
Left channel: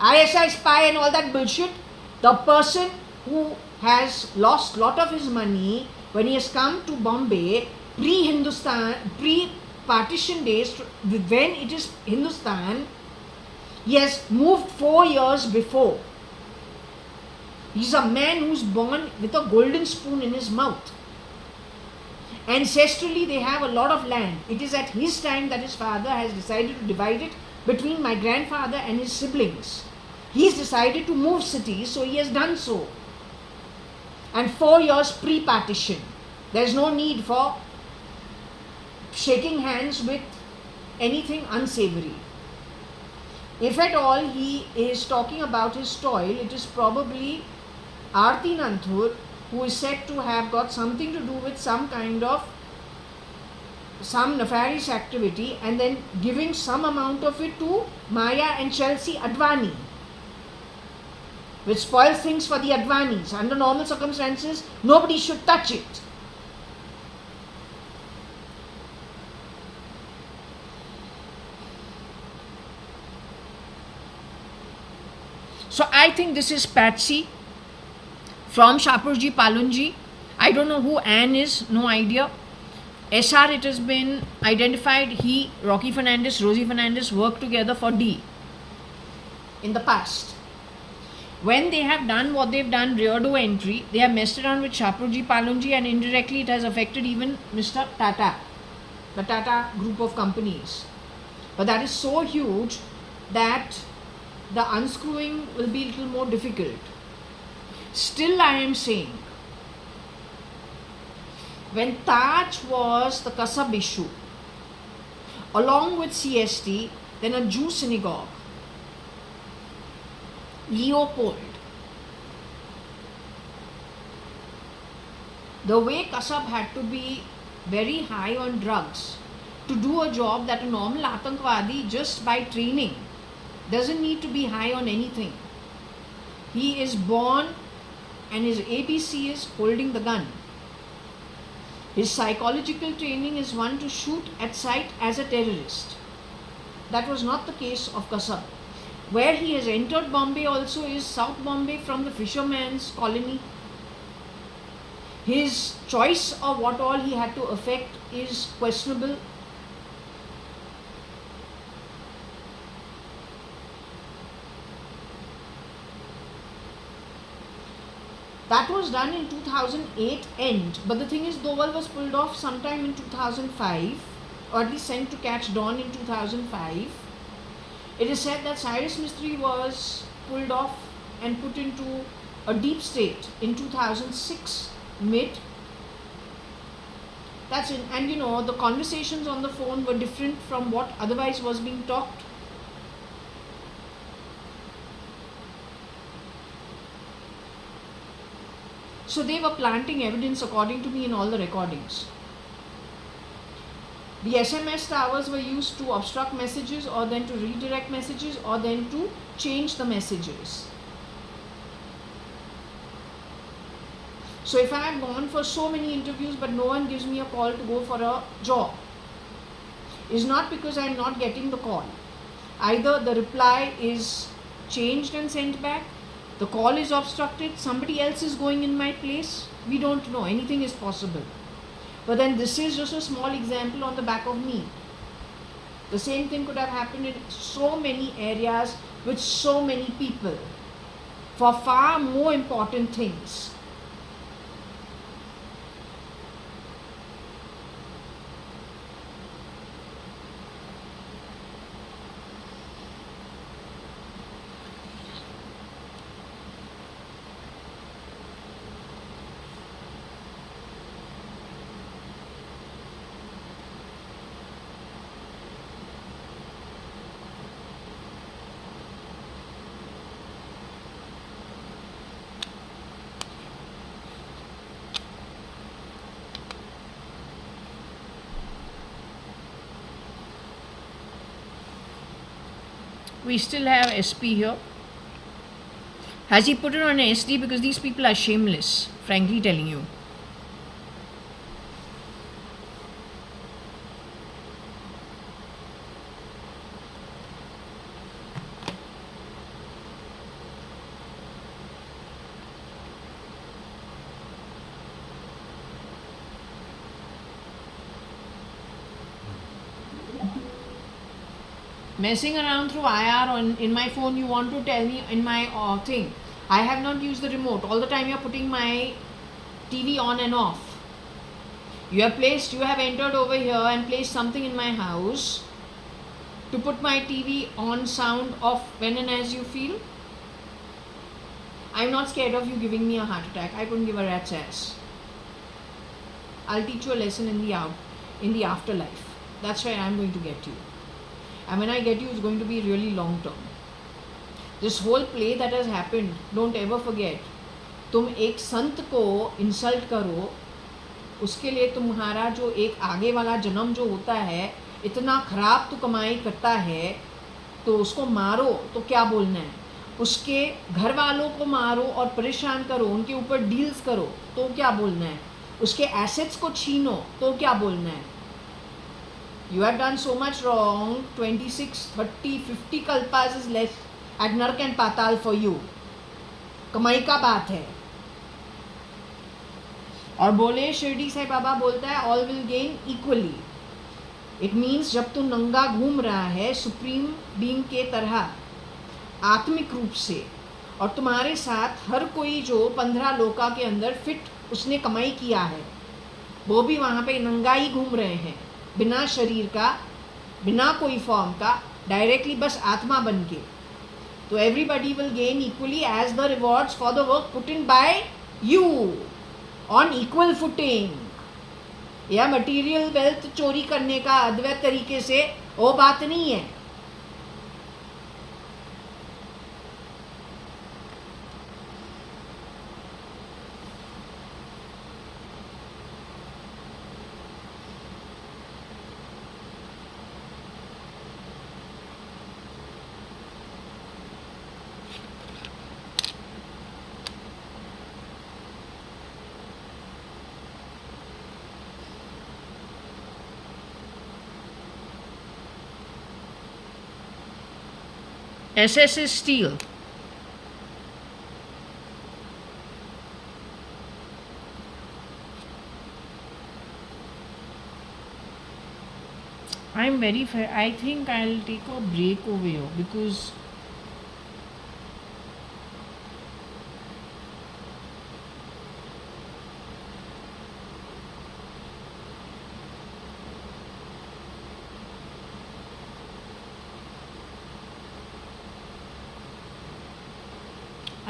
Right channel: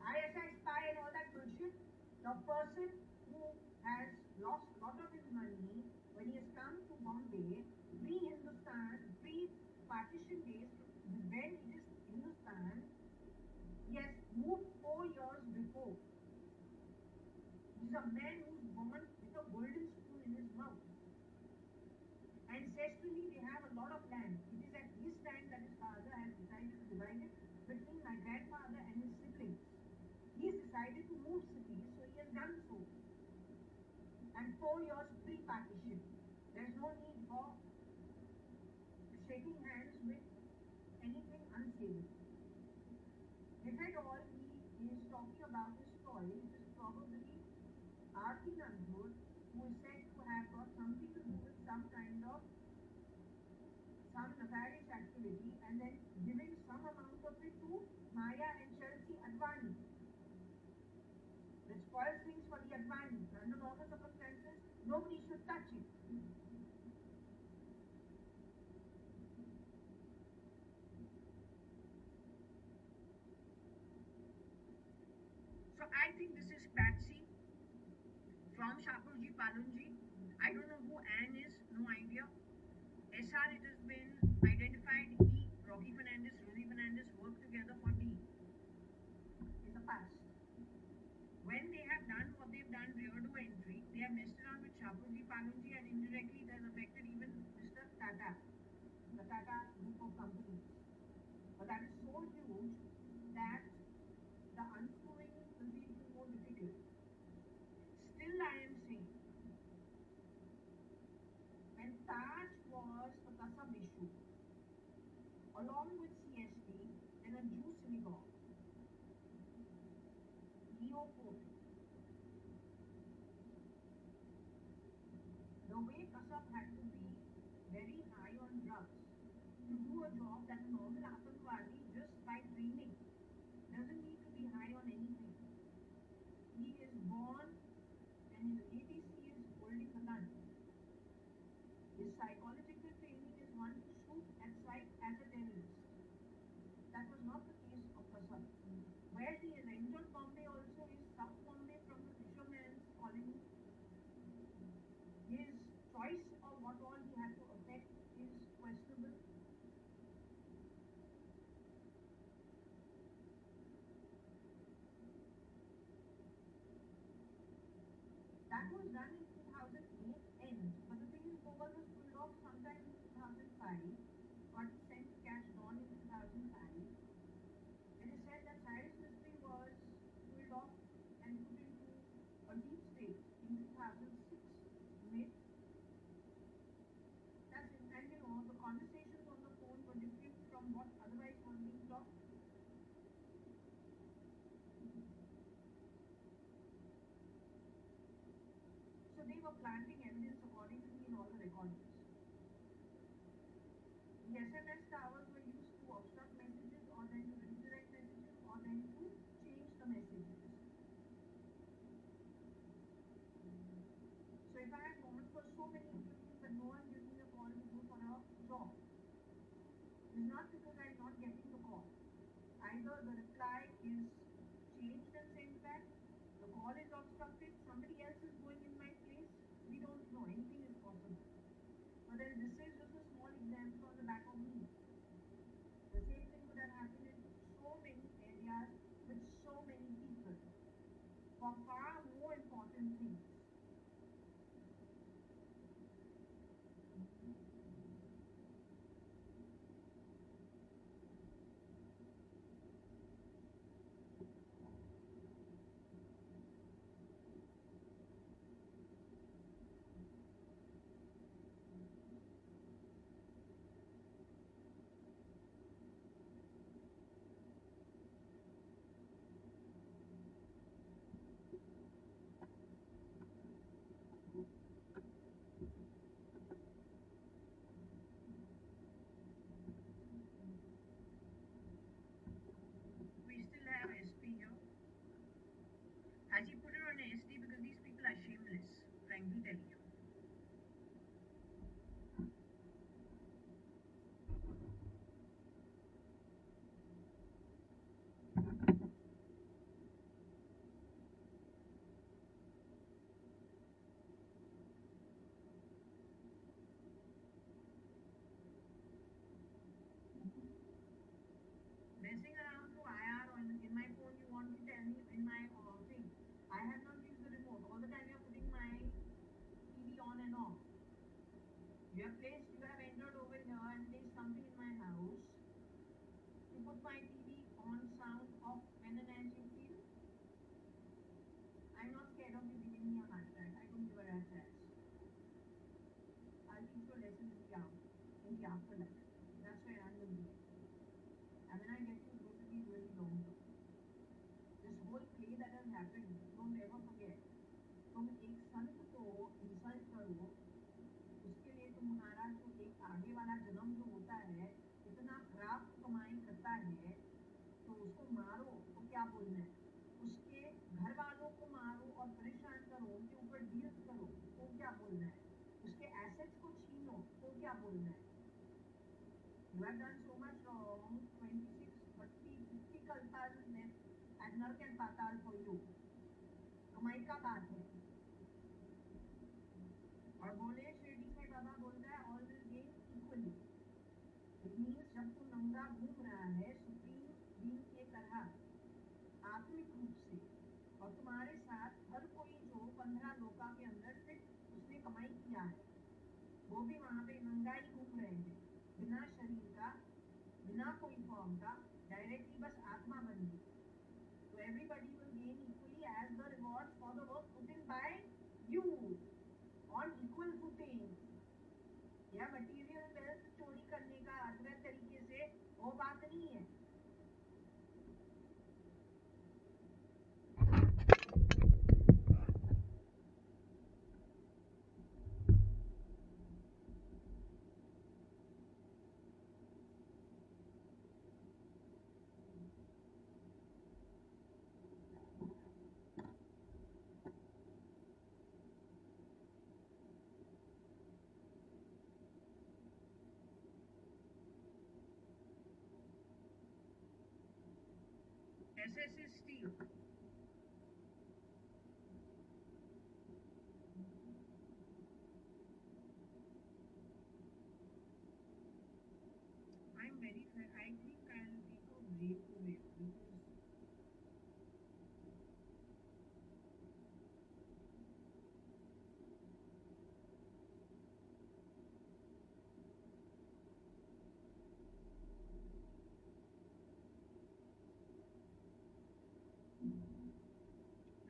ISI spy and all that bullshit, the person who has lost lot of his money when he has come to Bombay pre-Hindustan, pre-partition days, when it is Hindustan. He has moved 4 years before. He's a man who's born with a golden spoon in his mouth. Ancestrally, they have a lot of land. It is at his time that his father has decided to divide it between my grandfather and his siblings. He's decided to move cities, so he has done so. And 4 years pre-partition. There is no need for shaking hands with anything unsavory. If at all he is talking about his toil, it is probably Aarti Nanthur, who is said to have got something to do with some kind of some nefarious activity and then giving some amount of it to Maya and Chelsea Advani, which spoils things for the Advanis. Under normal circumstances, nobody should touch it. So I think this is Patsy from Shapurji Palunji. I don't know who Anne is, no idea. SR, it has been identified, he, Rocky Fernandez, Rosie Fernandez worked together for D in the past. When they have done what they've done, Reardo entry, they have messed around with Shapurji Palunji, and indirectly it has affected even Mr. Tata, the Tata group of companies. But that is so huge that the unscrewing will be a little more difficult. Still, I am saying, when Taj was the Kasab issue, along with CST, then a Jew synagogue, Leopold, the way Kasab had to be very high on drugs to do a job that a normal Atankvadi, just by training, doesn't need to be high on anything. He is born and his ABC is holding the gun. His psychological training is one to shoot at sight as a terrorist. That was not the case of Kasab. Where he has entered Bombay also is South Bombay from the fisherman's colony. His choice of what all he had to affect is questionable. That was done in 2008 end, but the thing is, Doval was pulled off sometime in 2005, or at least sent to catch dawn in 2005. It is said that Cyrus Mistry was pulled off and put into a deep state in 2006 mid. That's it. And you know, the conversations on the phone were different from what otherwise was being talked. So they were planting evidence, according to me, in all the recordings. The SMS towers were used to obstruct messages, or then to redirect messages, or then to change the messages. So if I have gone for so many interviews but no one gives me a call to go for a job, it's not because I am not getting the call. Either the reply is changed and sent back, the call is obstructed, somebody else is going in my place, we don't know, anything is possible. But then this is just a small example on the back of me. The same thing could have happened in so many areas with so many people for far more important things. We still have SP here. Has he put it on SD? Because these people are shameless, frankly telling you. Messing around through IR or in my phone, you want to tell me in my thing. I have not used the remote. All the time you are putting my TV on and off. You have entered over here and placed something in my house to put my TV on sound off when and as you feel. I'm not scared of you giving me a heart attack. I couldn't give a rat's ass. I'll teach you a lesson in the afterlife. That's where I'm going to get you. And when I get you, it's going to be really long term. This whole play that has happened, don't ever forget. तुम एक संत को insult करो, उसके लिए तुम्हारा जो एक आगे वाला जन्म जो होता है, इतना खराब तो कमाई करता है, तो उसको मारो तो क्या बोलना है, उसके घर वालों को मारो और परेशान करो, उनके ऊपर डील्स करो तो क्या बोलना है, उसके एसेट्स को छीनो तो क्या बोलना है. You have done so much wrong. 26, 30, 50 kalpas is less at Nark and Patal for you. कमाई का बात है. और बोले शिरडी साईं बाबा बोलता है all will gain equally. It means जब तू नंगा घूम रहा है सुप्रीम बीइंग के तरह आत्मिक रूप से, और तुम्हारे साथ हर कोई जो 15 लोका के अंदर फिट उसने कमाई किया है, वो भी वहाँ पे नंगा ही घूम रहे हैं, बिना शरीर का, बिना कोई फॉर्म का, डायरेक्टली बस आत्मा बन के. तो everybody will gain equally as the rewards for the work put in by you on equal footing. या मटीरियल वेल्थ चोरी करने का अद्वैत तरीके से वो बात नहीं है. SS is steel. I'm very fair. I think I'll take a break over here because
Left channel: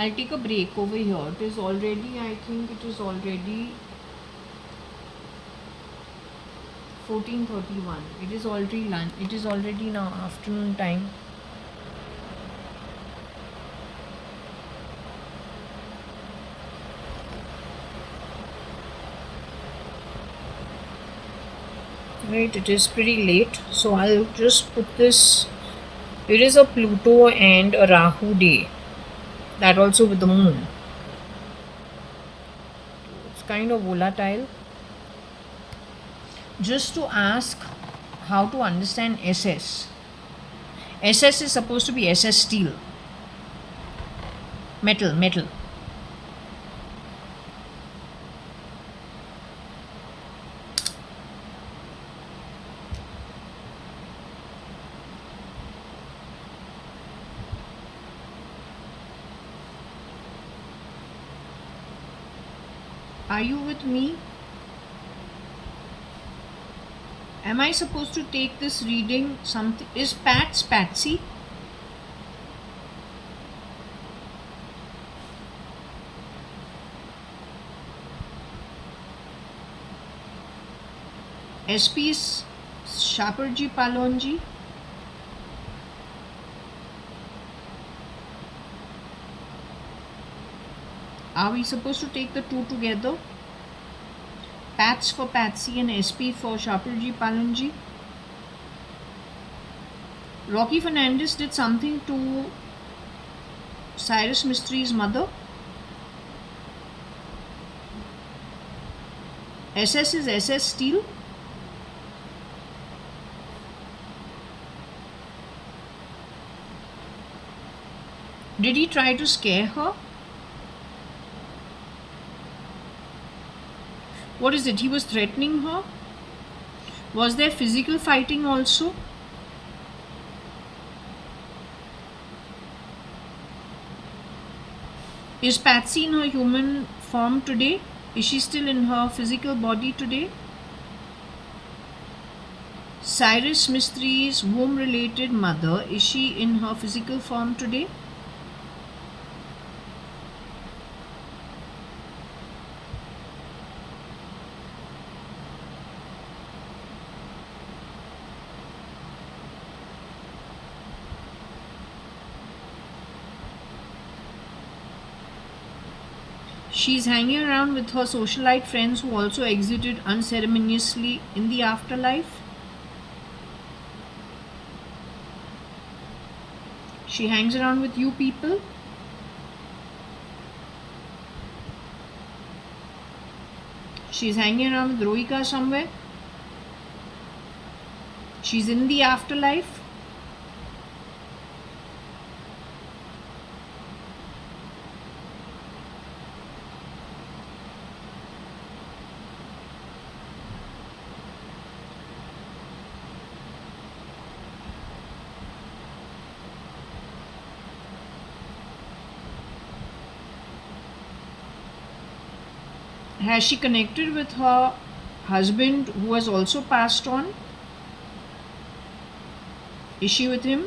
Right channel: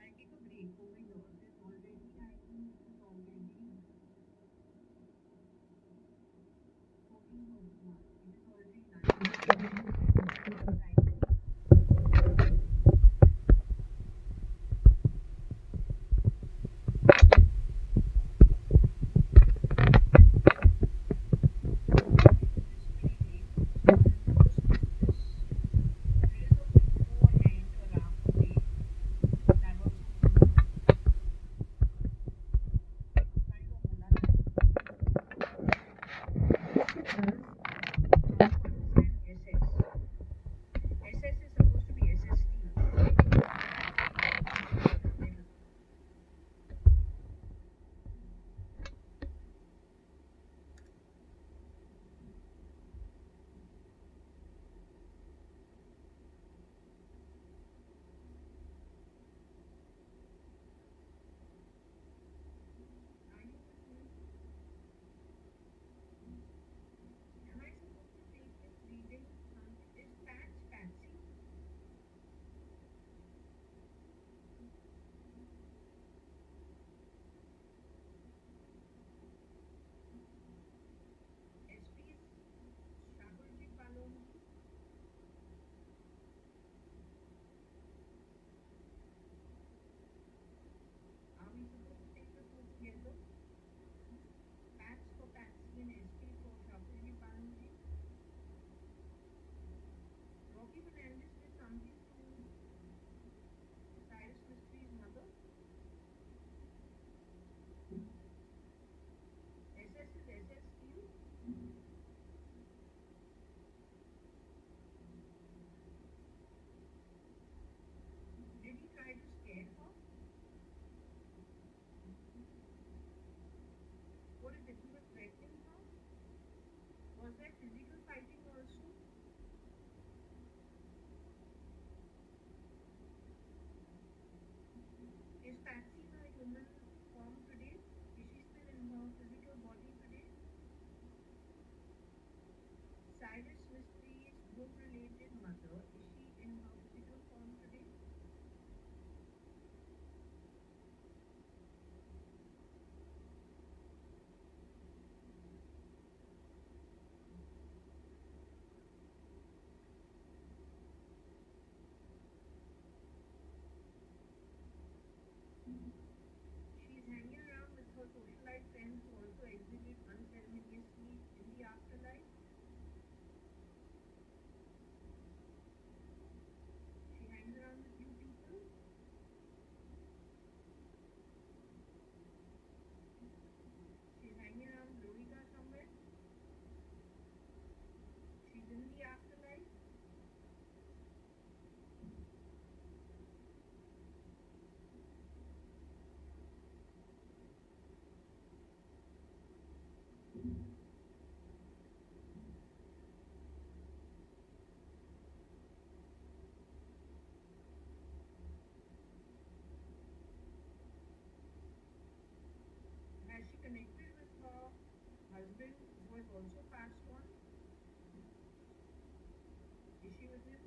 I'll take a break over here. It is already, I think it is already 14:31. It is already lunch. It is already now afternoon time. Right, it is pretty late. So I'll just put this. It is a Pluto and a Rahu day. That also with the moon. It's kind of volatile. Just to ask how to understand SS. SS is supposed to be SS steel. Metal. Are you with me? Am I supposed to take this reading? Something is Patsy? SP is Shaparji Palonji. Are we supposed to take the two together? Pats for Patsy and SP for Shaparji Palonji. Rocky Fernandez did something to Cyrus Mystery's mother. SS is SS steel. Did he try to scare her? What is it? He was threatening her? Was there physical fighting also? Is Patsy in her human form today? Is she still in her physical body today? Cyrus Mystery's womb-related mother, is she in her physical form today? She's hanging around with her socialite friends who also exited unceremoniously in the afterlife. She hangs around with you people. She's hanging around with Rohika somewhere. She's in the afterlife. Has she connected with her husband who has also passed on? Is she with him?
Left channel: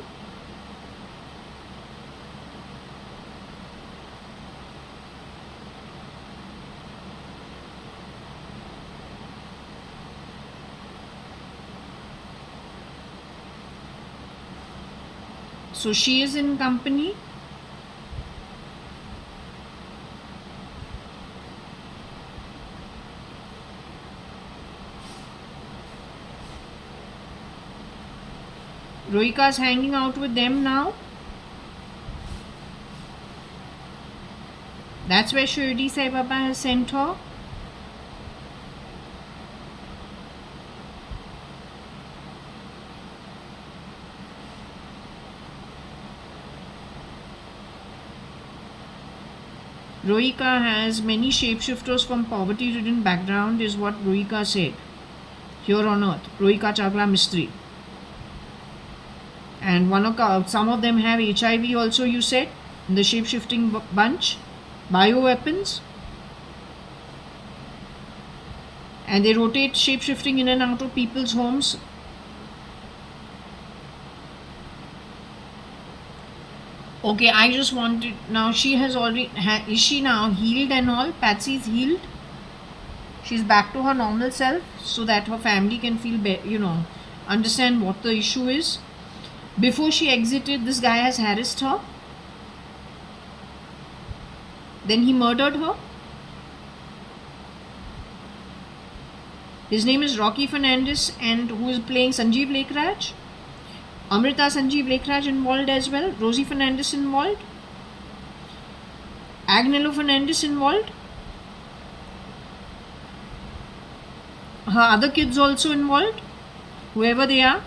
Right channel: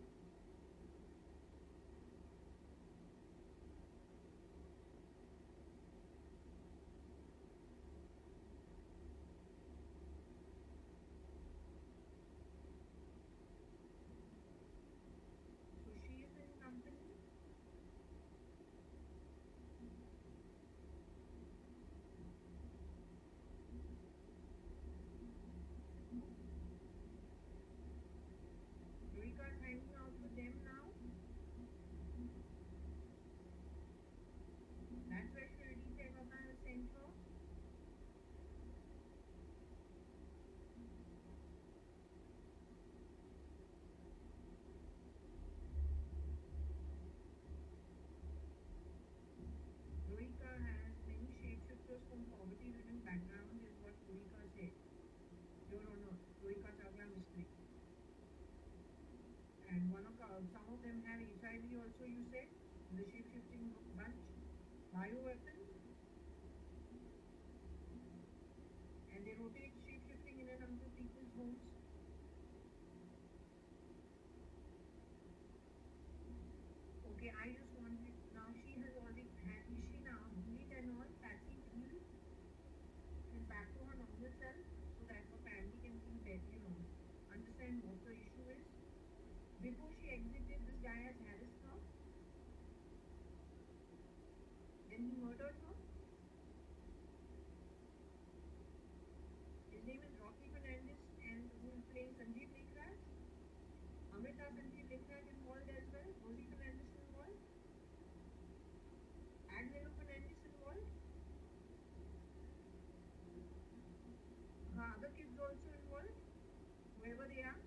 So she is in company. Rohika is hanging out with them now. That's where Shirdi Sai Baba has sent her. Rohika has many shapeshifters from poverty-ridden background, is what Rohika said. Here on earth, Rohika Chagla Mistri. And some of them have HIV also, you said, in the shape-shifting bunch. Bioweapons. And they rotate shape-shifting in and out of people's homes. Okay, I just wanted, now she has already, is she now healed and all? Patsy's healed. She's back to her normal self so that her family can feel, understand what the issue is. Before she exited, this guy has harassed her. Then he murdered her. His name is Rocky Fernandez, and who is playing Sanjeev Lekhraj. Amrita Sanjeev Lekhraj involved as well. Rosie Fernandez involved. Agnello Fernandez involved. Her other kids also involved, whoever they are.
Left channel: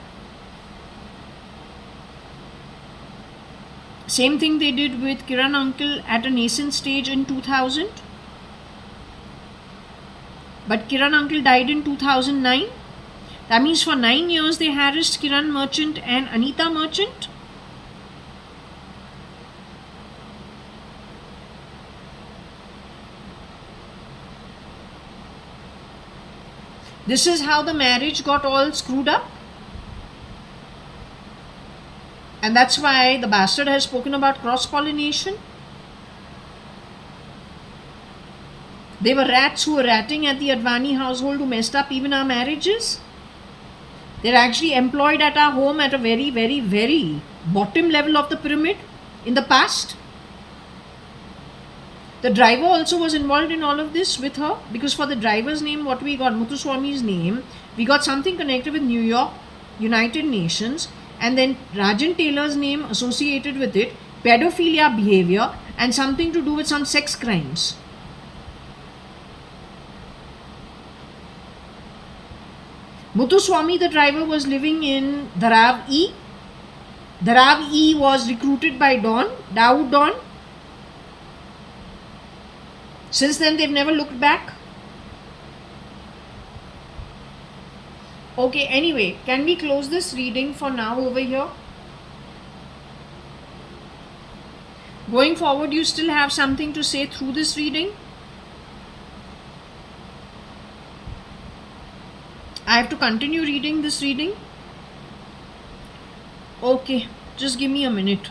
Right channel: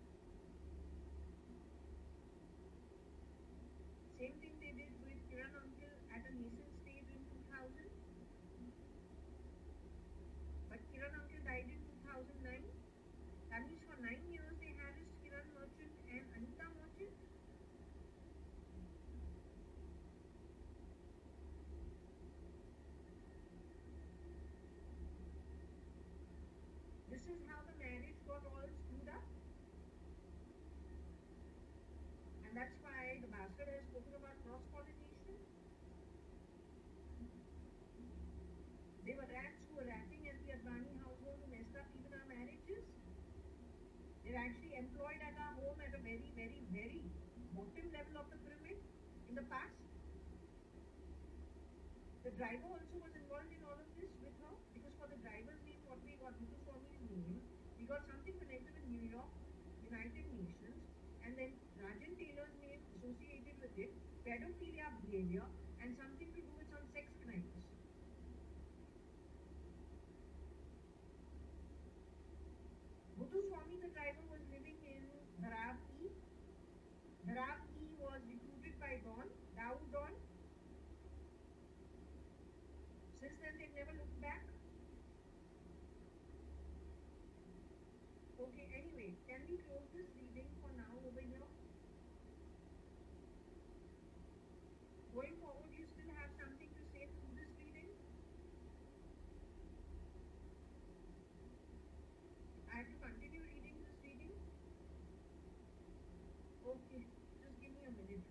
Same thing they did with Kiran Uncle at a nascent stage in 2000. But Kiran Uncle died in 2009. That means for 9 years they harassed Kiran Merchant and Anita Merchant. This is how the marriage got all screwed up. And that's why the bastard has spoken about cross-pollination. They were rats who were ratting at the Advani household who messed up even our marriages. They're actually employed at our home at a very, very, very bottom level of the pyramid in the past. The driver also was involved in all of this with her, because for the driver's name, what we got, Muthuswami's name, we got something connected with New York, United Nations, and then Rajan Taylor's name associated with it, pedophilia behavior, and something to do with some sex crimes. Muthuswami, the driver, was living in Dharav E. Dharav E was recruited by Dawood Don. Since then, they've never looked back. Okay, anyway, can we close this reading for now over here? Going forward, you still have something to say through this reading? I have to continue reading this reading? Okay, just give me a minute.